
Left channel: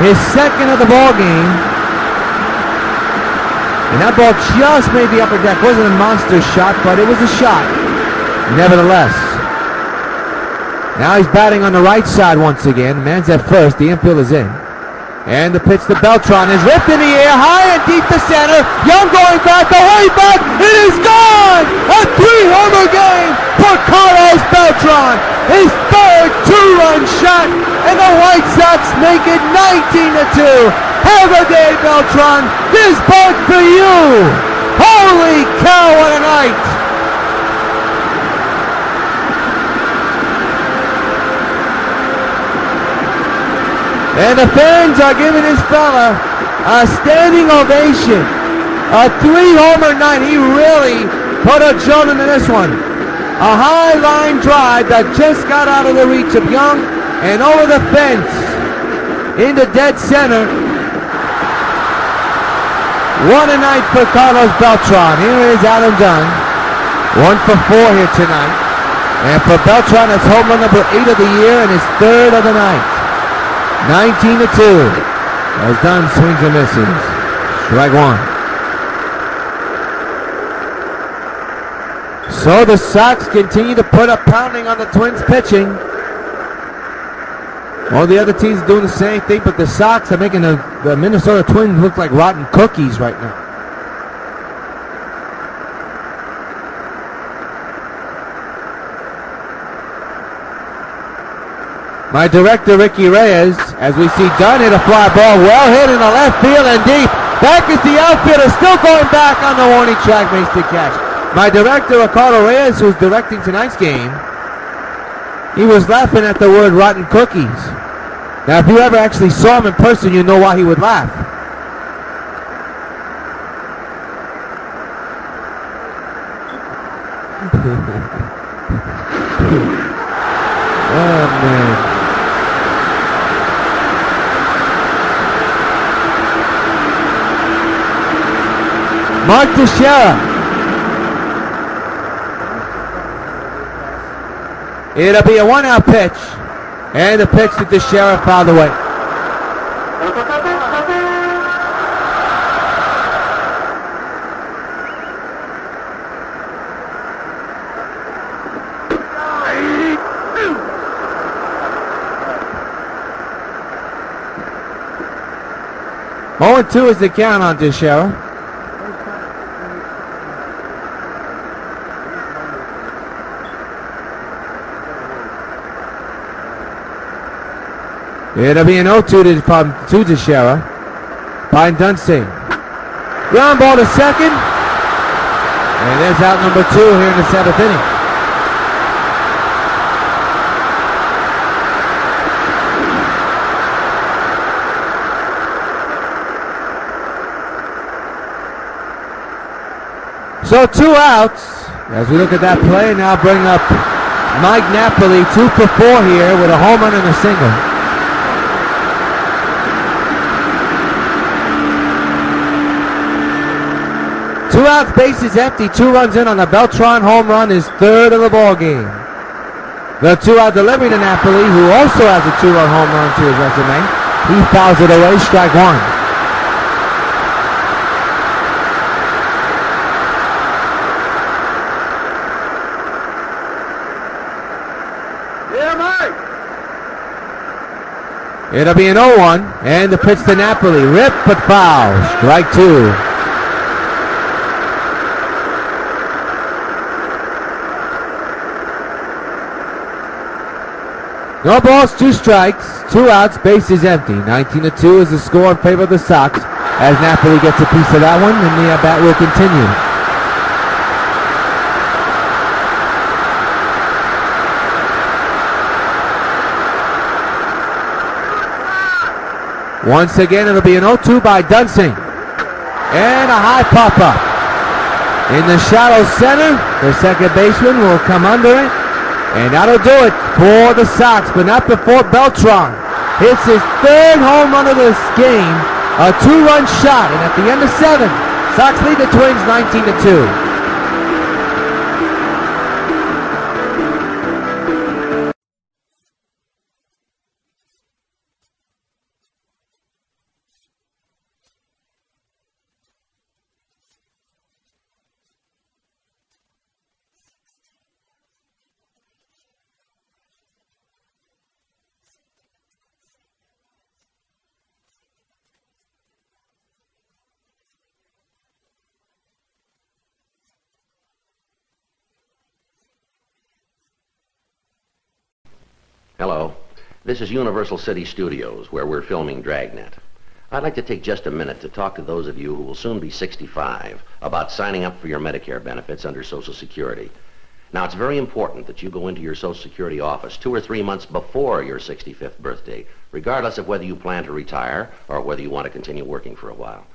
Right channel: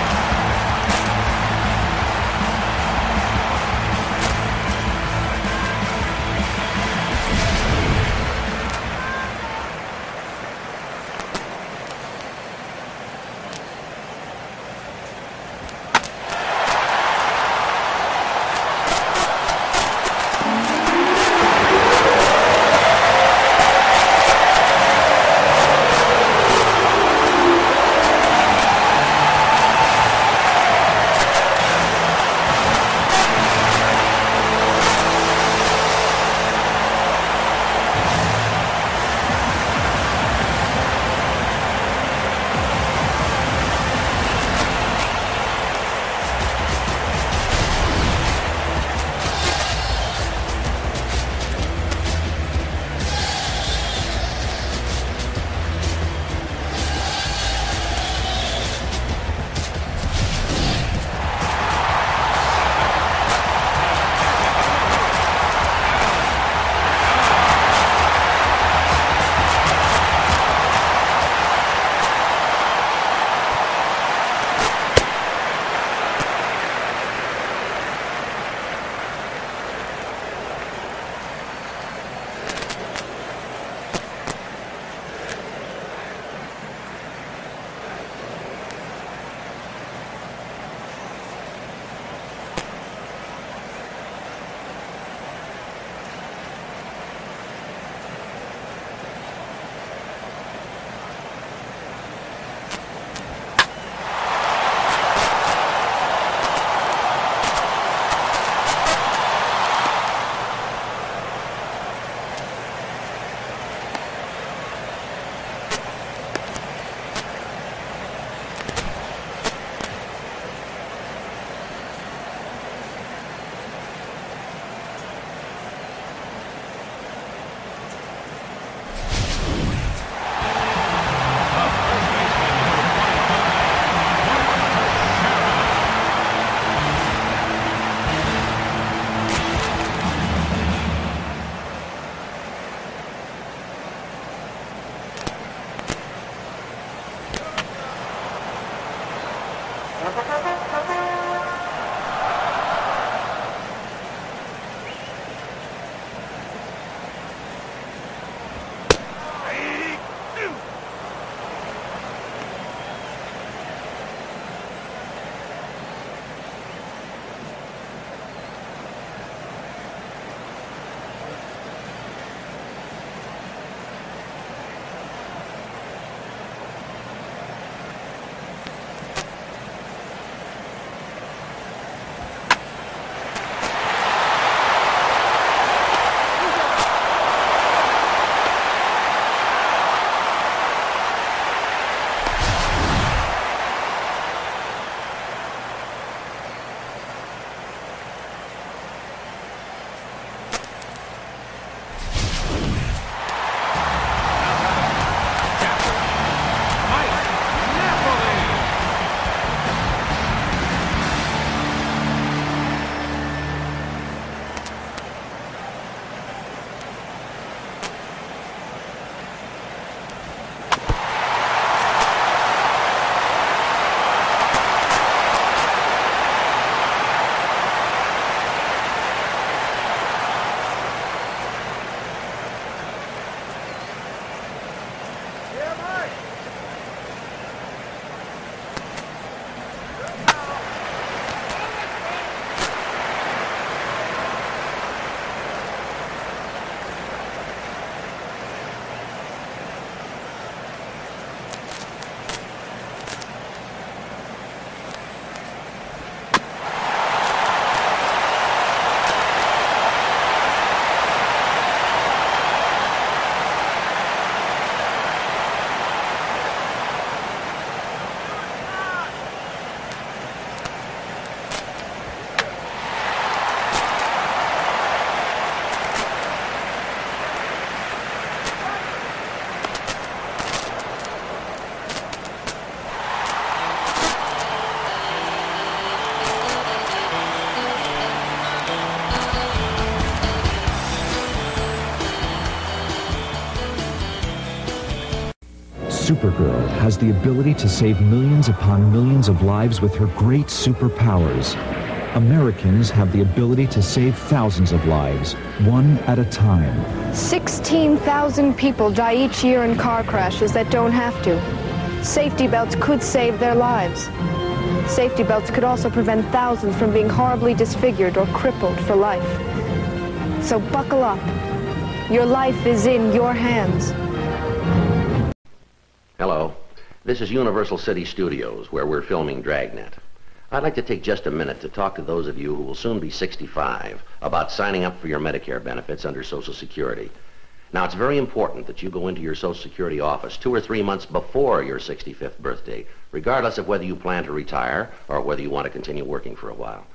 His second of the ball game. And that ball just made the upper deck. Wasn't a monster shot, but it was a shot. Nevertheless. Now he's batting on the right side once again. Man's at first. The infield is in. And the pitch to Beltran is ripped in the air, high and deep to center. Young going back, away back. It is gone! A 3-homer game for Carlos Beltran. His third 2-run shot, and the White Sox make it 19-2. Have a day, Beltran. This part's for you. Holy cow, what a night. And the fans are giving this fella a standing ovation. A 3-homer night. He really put a jolt into this one. A high line drive that just got out of the reach of Young and over the fence into dead center. What a night for Carlos Beltran. Here is Adam Dunn. 1 for 4 here tonight. And for Beltran, that's home run number 8 of the year and his third of the night. 19-2. As Dunn swings and misses. Strike one. So the Sox continue to put a pounding on the Twins pitching. All the other teams are doing the same thing, but the Sox are making the Minnesota Twins look like rotten cookies right now. My director, Ricky Rios, as we see Dunn hit a fly ball, well hit in the left field and deep. Back is the outfielder, still going back on the warning track, makes the catch. My director, Ricardo Reyes, who's directing tonight's game, he was laughing at the word rotten cookies. Now, if you ever actually saw him in person, you know why he would laugh. Oh, man. Mark Teixeira. It'll be a 1-out pitch. And the pitch to Teixeira fouled away. Oh, 2 is the count on Teixeira. It'll be an 0-2 to Teixeira by Dunsing. Ground ball to second. And there's out number 2 here in the 7th inning. So 2 outs. As we look at that play, now bring up Mike Napoli, 2 for 4 here with a home run and a single. 2 outs, bases empty, 2 runs in on the Beltran home run, his third of the ball game. The 2-out delivery to Napoli, who also has a 2-run home run to his resume. He fouls it away, strike one. It'll be an 0-1, and the pitch to Napoli, rip but foul, strike 2. No balls, 2 strikes, 2 outs, bases empty. 19-2 is the score in favor of the Sox as Napoli gets a piece of that one, and the at-bat will continue. Once again, it'll be an 0-2 by Dunsing. And a high pop-up. In the shallow center, the second baseman will come under it. And that'll do it for the Sox, but not before Beltran hits his third home run of this game. A 2-run shot, and at the end of 7, Sox lead the Twins 19-2. Supergirl has the ability to save millions upon millions of lives with her great superpowers. Americans have the ability to save thousands of lives, one at a time. 16,000 people die each year in car crashes that don't have to. Safety belts could save their lives. Safety belts could also prevent thousands from being horribly disfigured or crippled for life. So buckle up. Your life is in your hands. Hello, this is Universal City Studios, where we're filming Dragnet. I'd like to take just a minute to talk to those of you who will soon be 65 about signing up for your Medicare benefits under Social Security. Now, it's very important that you go into your Social Security office 2 or 3 months before your 65th birthday, regardless of whether you plan to retire or whether you want to continue working for a while.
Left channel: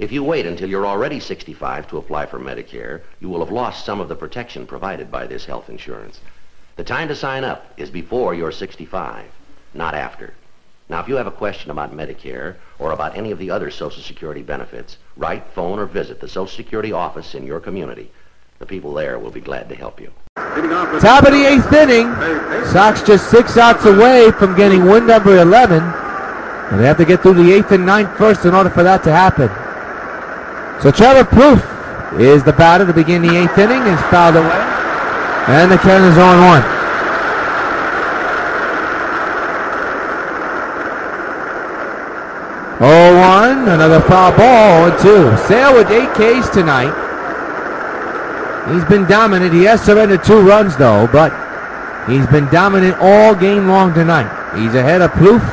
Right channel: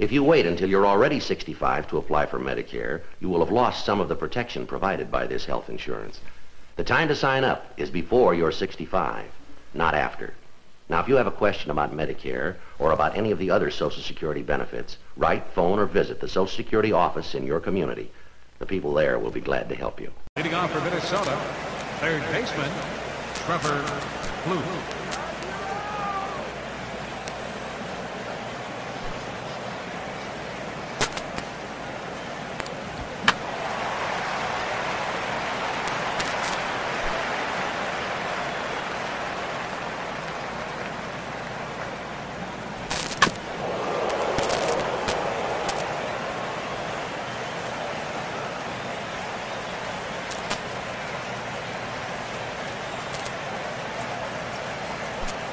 If you wait until you're already 65 to apply for Medicare, you will have lost some of the protection provided by this health insurance. The time to sign up is before you're 65, not after. Now, if you have a question about Medicare or about any of the other Social Security benefits, write, phone, or visit the Social Security office in your community. The people there will be glad to help you. Top of the 8th inning. Sox just 6 outs away from getting win number 11. And they have to get through the 8th and 9th first in order for that to happen. So Trevor Plouffe is the batter to begin the 8th inning. Is fouled away. And the count is 0-1. Another foul ball, 0-2. Sale with 8 Ks tonight. He's been dominant. He has surrendered 2 runs, though, but he's been dominant all game long tonight. He's ahead of Plouffe.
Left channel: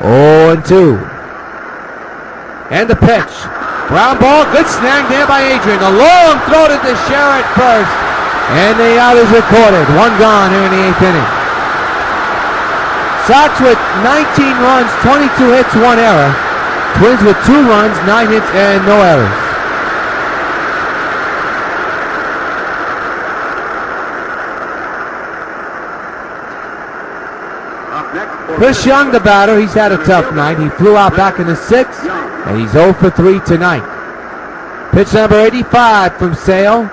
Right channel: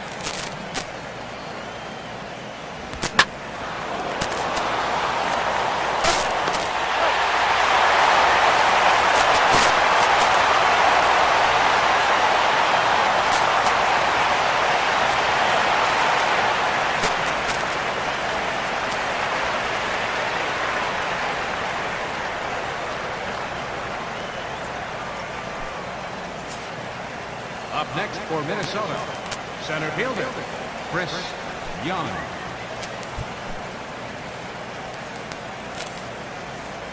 0-2. And the pitch. Ground ball, good snag there by Adrian. A long throw to Teixeira at first. And the out is recorded. 1 gone here in the 8th inning. Sox with 19 runs, 22 hits, 1 error. Twins with 2 runs, 9 hits, and no errors. Chris Young, the batter, he's had a tough night. He flew out back in the 6th, and he's 0 for 3 tonight. Pitch number 85 from Sale.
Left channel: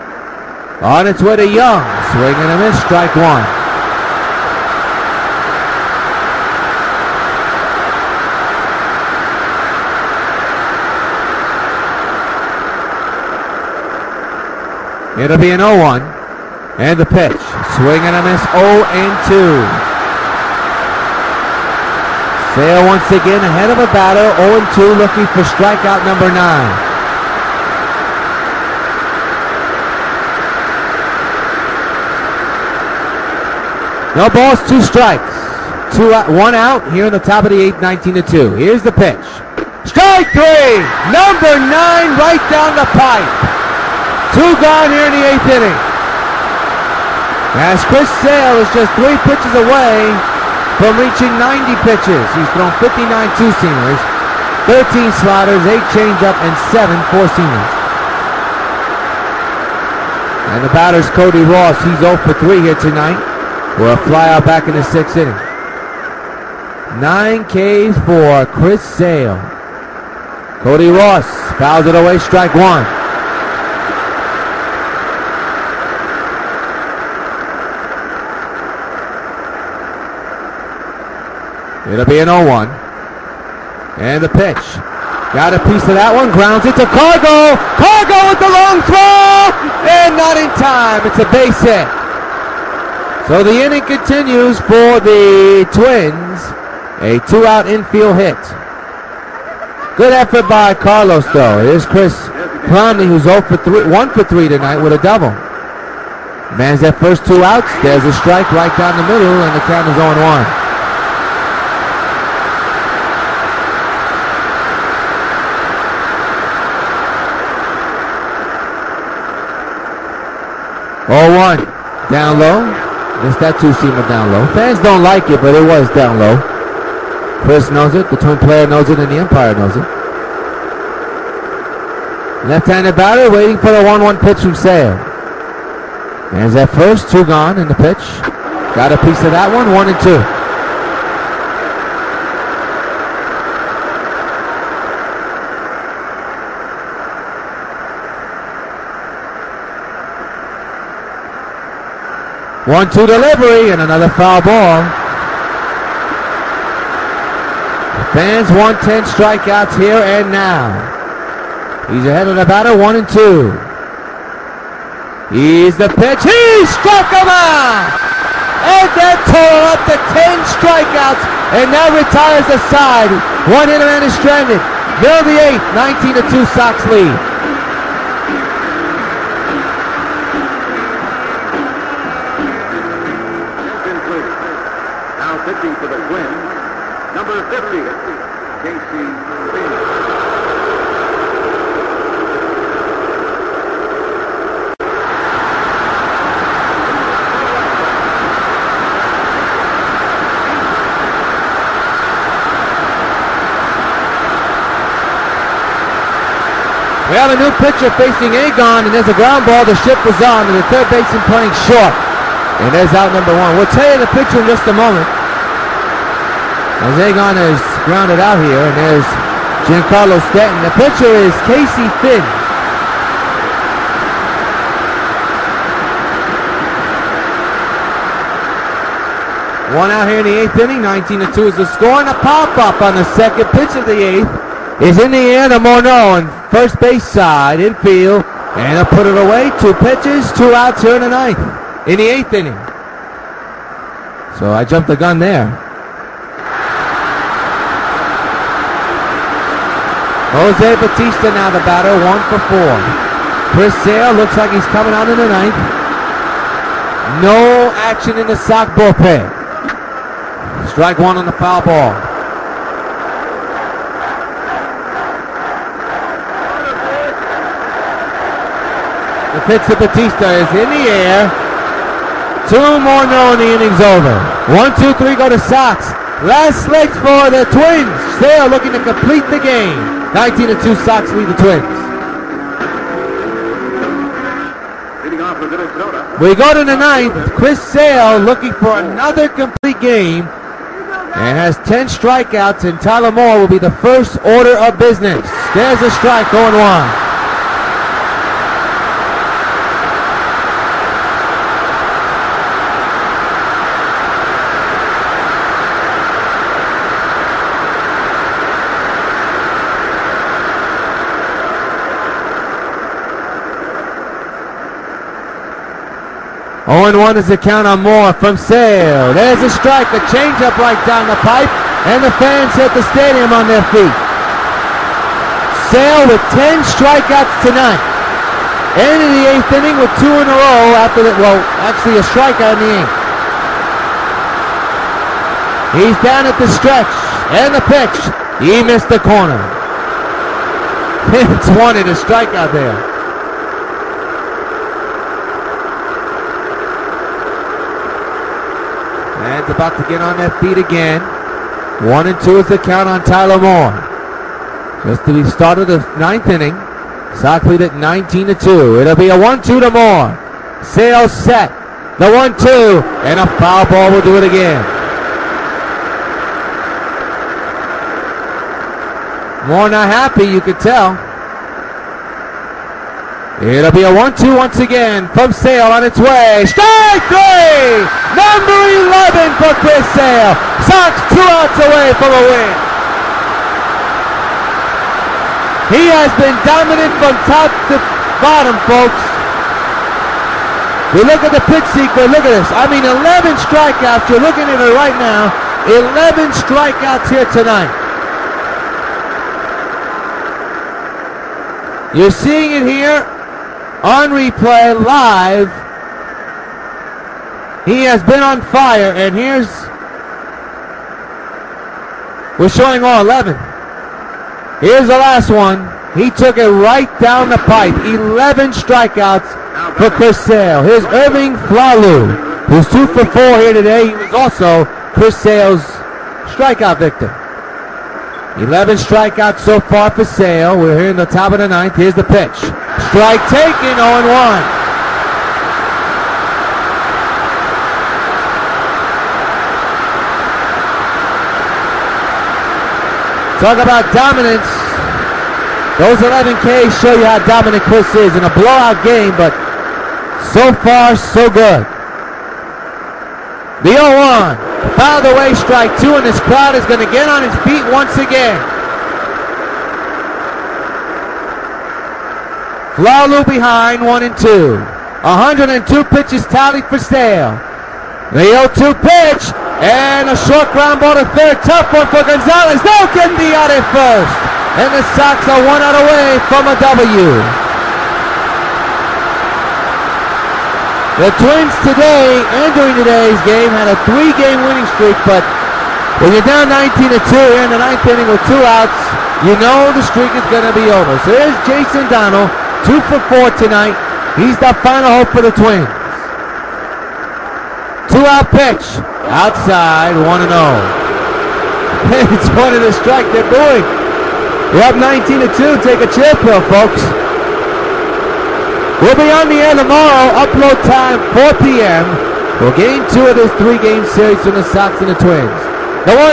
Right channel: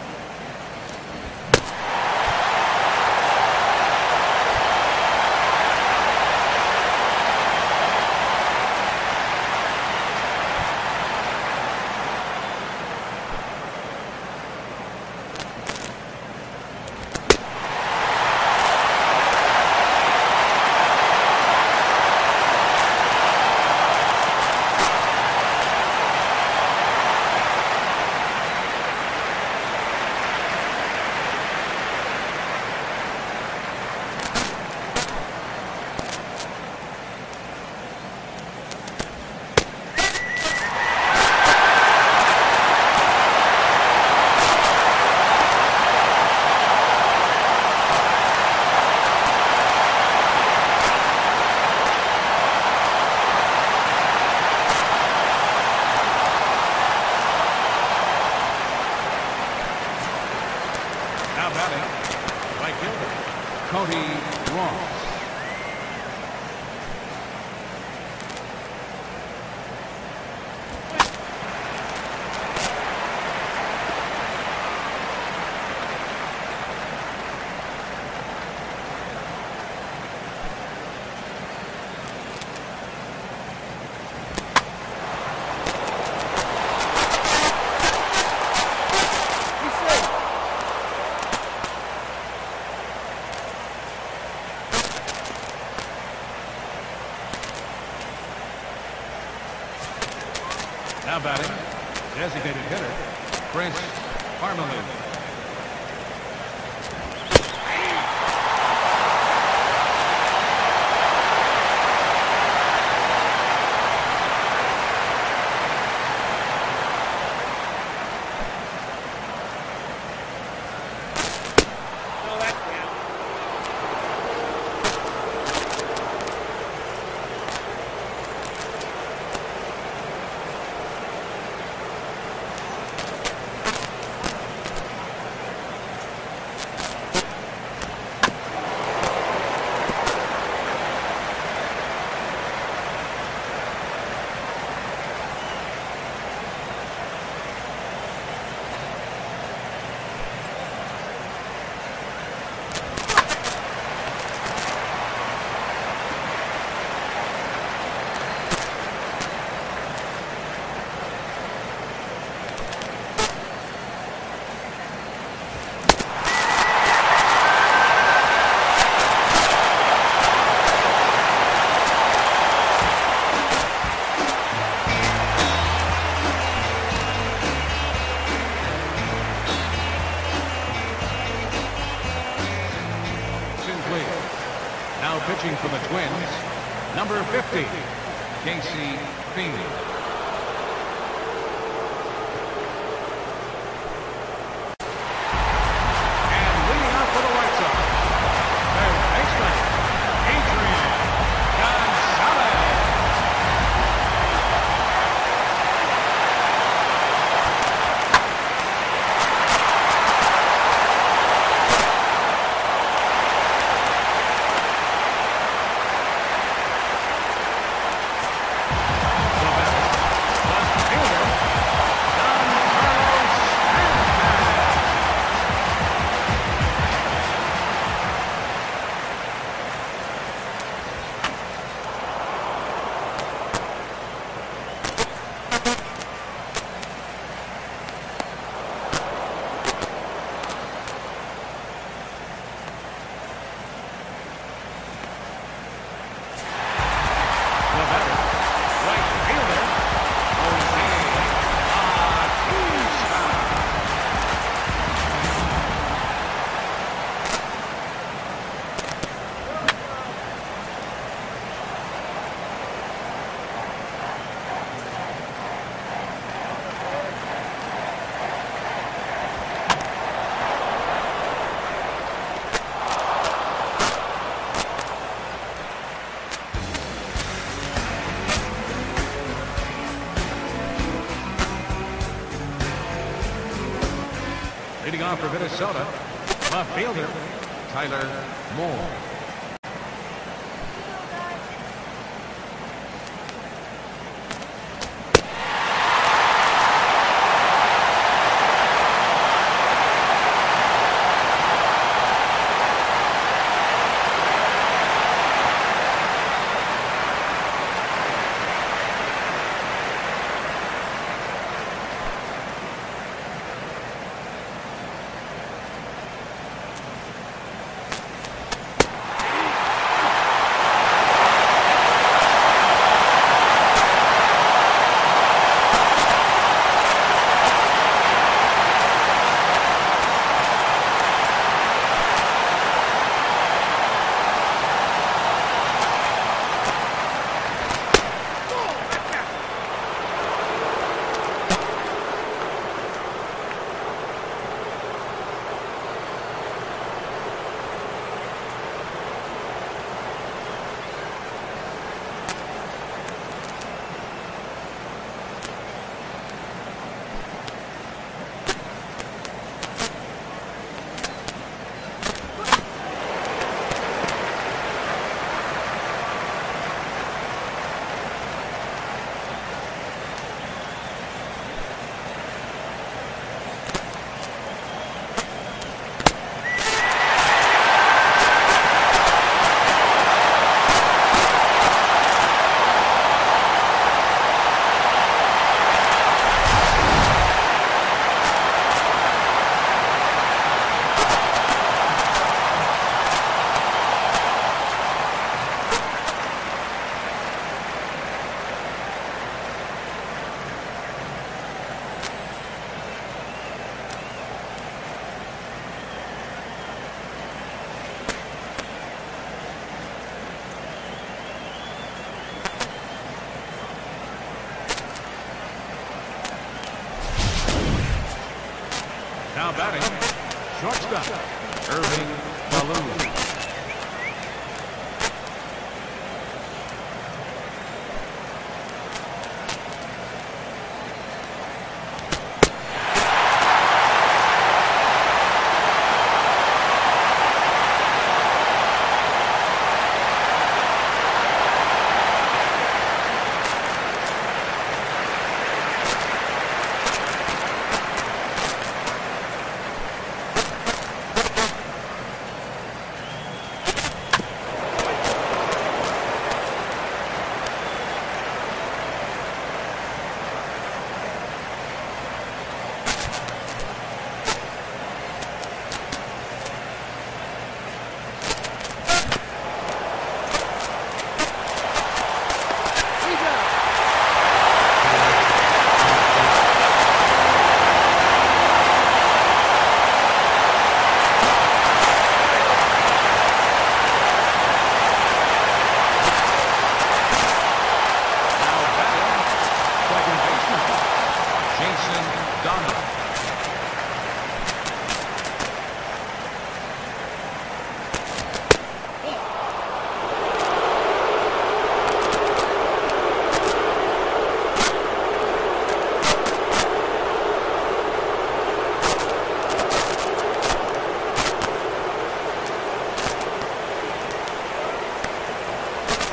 On its way to Young. Swing and a miss, strike 1. It'll be an 0-1. And the pitch. Swing and a miss, 0-2. Sale once again ahead of a batter, 0-2, looking for strikeout number 9. No balls, 2 strikes. 1 out here in the top of the 8th, 19-2. Here's the pitch. Strike 3! Number 9 right down the pipe. 2 gone here in the 8th inning. As Chris Sale is just 3 pitches away from reaching 90 pitches. He's thrown 59 two-seamers, 13 sliders, 8 changeup, and 7 four-seamers. And the batter's Cody Ross. He's 0 for 3 here tonight. For a flyout back in the 6th inning. 9 Ks for Chris Sale. Cody Ross fouls it away, strike 1. It'll be an 0-1. And the pitch. Got a piece of that one, grounds it to Cargo. Cargo with the long throw! And not in time, it's a base hit. So the inning continues for the Twins. A 2-out infield hit. Good effort by Carlos, though. Here's Chris Conley, who's 1 for 3 tonight with a double. Man's that first 2 outs. There's a strike right down the middle, and the count is 0-1. Down low. Just that 2-seamer down low. Fans don't like it, but it was down low. Chris knows it, the Twin player knows it, and the umpire knows it. Left-handed batter waiting for the 1-1 pitch from Sale. There's that first, 2 gone in the pitch. Got a piece of that one, 1-2. One-two delivery and another foul ball. The fans want 10 strikeouts here and now. He's ahead of the batter, 1-2. He's the pitch. He struck him out! And that total up to 10 strikeouts, and that retires the side. One hitter and is stranded. They're the 8th, 19-2 Sox lead. Now pitching for the Twins, number 50, We have a new pitcher facing Agon, and there's a ground ball. The shift is on, and the third baseman playing short. And there's out number 1. We'll tell you the pitcher in just a moment. As Agon is grounded out here, and there's Giancarlo Stanton. The pitcher is Casey Finn. One out here in the 8th inning, 19-2 is the score, and a pop-up on the second pitch of the 8th is in the air to Morneau on first base side, infield, and they'll put it away. 2 pitches, 2 outs here in the 9th, in the 8th inning. So I jumped the gun there. Jose Bautista now the batter, 1 for 4. Chris Sale looks like he's coming out in the 9th. No action in the Sox bullpen. Strike 1 on the foul ball. The pitch to Bautista is in the air. 2 more, no, and the inning's over. 1, 2, 3 go to Sox. Last legs for the Twins. Sale looking to complete the game. 19-2 Sox lead the Twins. We go to the 9th. Chris Sale looking for another complete game and has 10 strikeouts, and Tyler Moore will be the first order of business. There's a strike, 0-1. One is the count on Moore from Sale. There's a strike, a changeup right down the pipe, and the fans hit the stadium on their feet. Sale with 10 strikeouts tonight. Ended the 8th inning with 2 in a row after actually a strikeout in the 8th. He's down at the stretch, and the pitch. He missed the corner. It's wanted a strikeout there. And about to get on their feet again. 1-2 is the count on Tyler Moore. Just to be started the 9th inning. Sox lead at 19-2. It'll be a 1-2 to Moore. Sale set. The 1-2. And a foul ball will do it again. Moore not happy, you can tell. It'll be a 1-2 once again from Sale on its way. Strike 3! Number 11 for Chris Sale. Sox 2 outs away from a win. He has been dominant from top to bottom, folks. We look at the pitch sequence. Look at this. I mean, 11 strikeouts. You're looking at it right now. 11 strikeouts here tonight. You're seeing it here on replay, live. He has been on fire, and we're showing all 11. Here's the last one. He took it right down the pipe. 11 strikeouts for Chris Sale. Here's Irving Flalu, who's 2 for 4 here today. He was also Chris Sale's strikeout victim. 11 strikeouts so far for Sale. We're here in the top of the ninth. Here's the pitch. Strike taken, 0-1. Talk about dominance. Those 11 Ks show you how dominant Chris is in a blowout game, but so far, so good. The 0-1. Fouled away, strike two, and this crowd is going to get on its feet once again. Flalu behind, 1-2. 102 pitches tallied for Sale. The 0-2 pitch, and a short ground ball to third. Tough one for Gonzalez. No, getting the out at first. And the Sox are 1 out away from a W. The Twins today, and during today's game, had a 3-game winning streak, but when you're down 19-2 in the ninth inning with 2 outs, you know the streak is going to be over. So here's Jason Donnell, 2 for 4 tonight. He's the final hope for the Twins. 2-out pitch, outside, 1-0. It's one of the strike they're doing. We're up 19-2, take a chill pill, folks. We'll be on the air tomorrow, upload time 4 p.m. for game 2 of this 3-game series from the Sox and the Twins. The 1-0,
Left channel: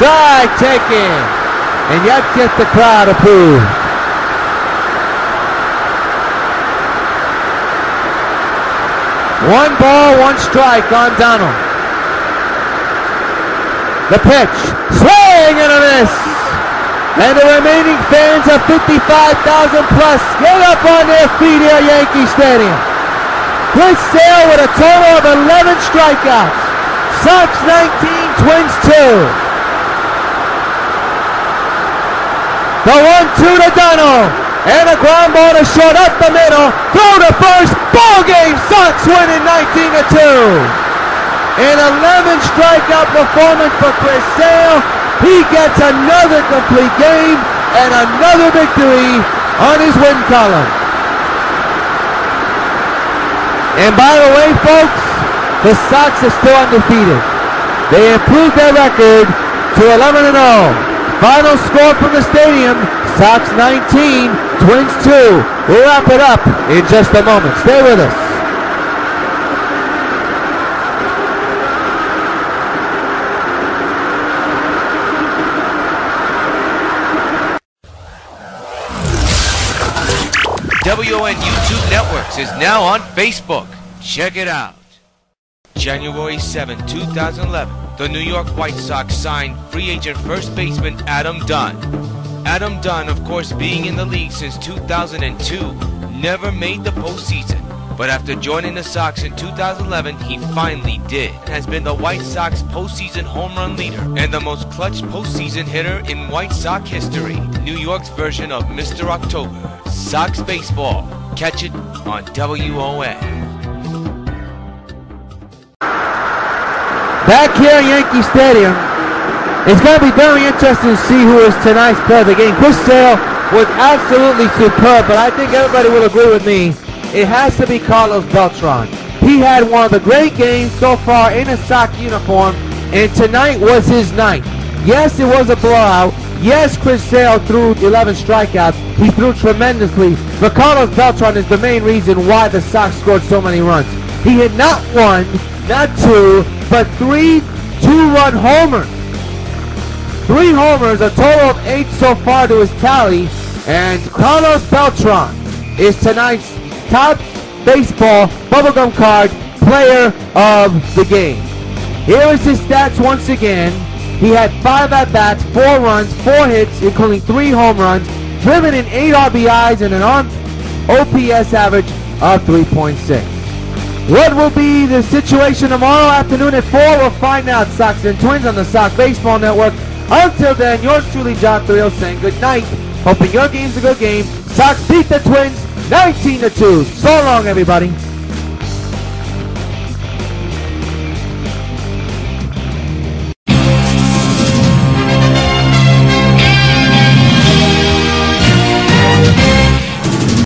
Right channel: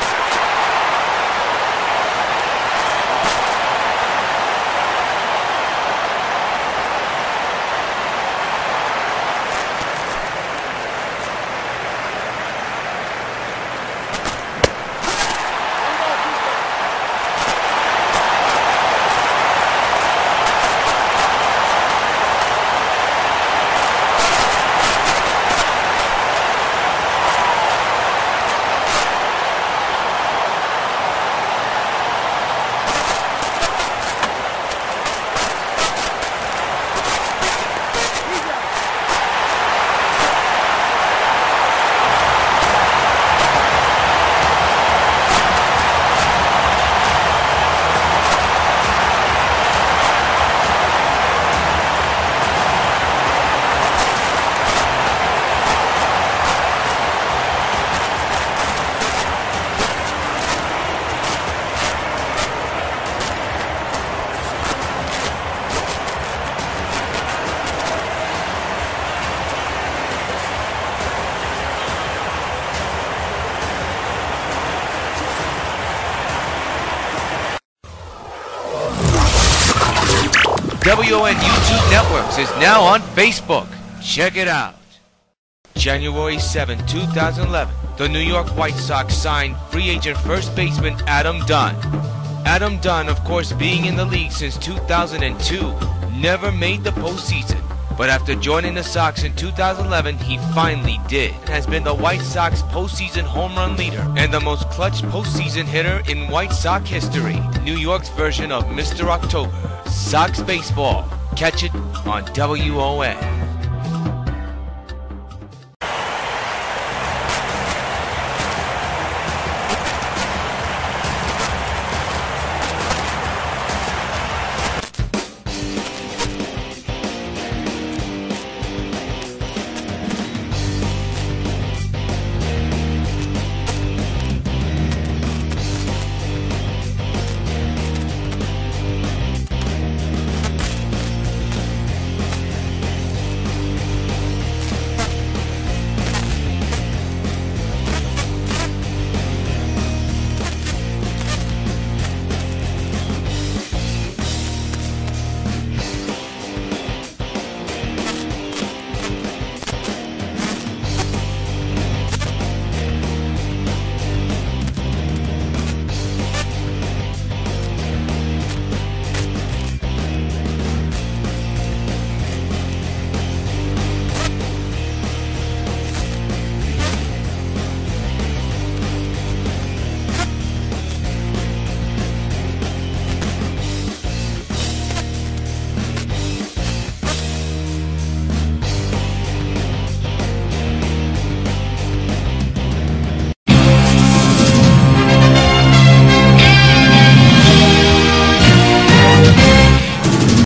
strike taken, and yet gets the crowd approved. One ball, 1 strike on Donald. The pitch, swing and a miss. And the remaining fans of 55,000 plus get up on their feet here at Yankee Stadium. Chris Sale with a total of 11 strikeouts. Sox 19, Twins 2. The 1-2 to Donald. And a ground ball to short up the middle. Throw to first. Ball game. Sox winning 19-2. An 11 strikeout performance for Chris Sale. He gets another complete game and another victory on his win column. And by the way, folks, the Sox are still undefeated. They improved their record to 11-0. Final score from the stadium, Sox 19, Twins 2. We'll wrap it up in just a moment. Stay with us. WON YouTube Networks is now on Facebook. Check it out. January 7, 2011, the New York White Sox signed free agent first baseman Adam Dunn. Adam Dunn, of course, being in the league since 2002, never made the postseason. But after joining the Sox in 2011, he finally did. Has been the White Sox postseason home run leader and the most clutch postseason hitter in White Sox history. New York's version of Mr. October. Sox baseball. Catch it on WON. Back here at Yankee Stadium, it's going to be very interesting to see who is tonight's player of the game. Chris Sale was absolutely superb, but I think everybody will agree with me. It has to be Carlos Beltran. He had one of the great games so far in a Sox uniform, and tonight was his night. Yes, it was a blowout. Yes, Chris Sale threw 11 strikeouts. He threw tremendously. But Carlos Beltran is the main reason why the Sox scored so many runs. He hit not 1, not 2, but 3 two-run homers. 3 homers, a total of 8 so far to his tally. And Carlos Beltran is tonight's top baseball bubblegum card player of the game. Here is his stats once again. He had 5 at-bats, 4 runs, 4 hits, including 3 home runs, driven in 8 RBIs, and an OPS average of 3.6. What will be the situation tomorrow afternoon at 4? We'll find out. Sox and Twins on the Sox Baseball Network. Until then, yours truly, John Rios, saying good night. Hoping your game's a good game. Sox beat the Twins 19-2. So long, everybody.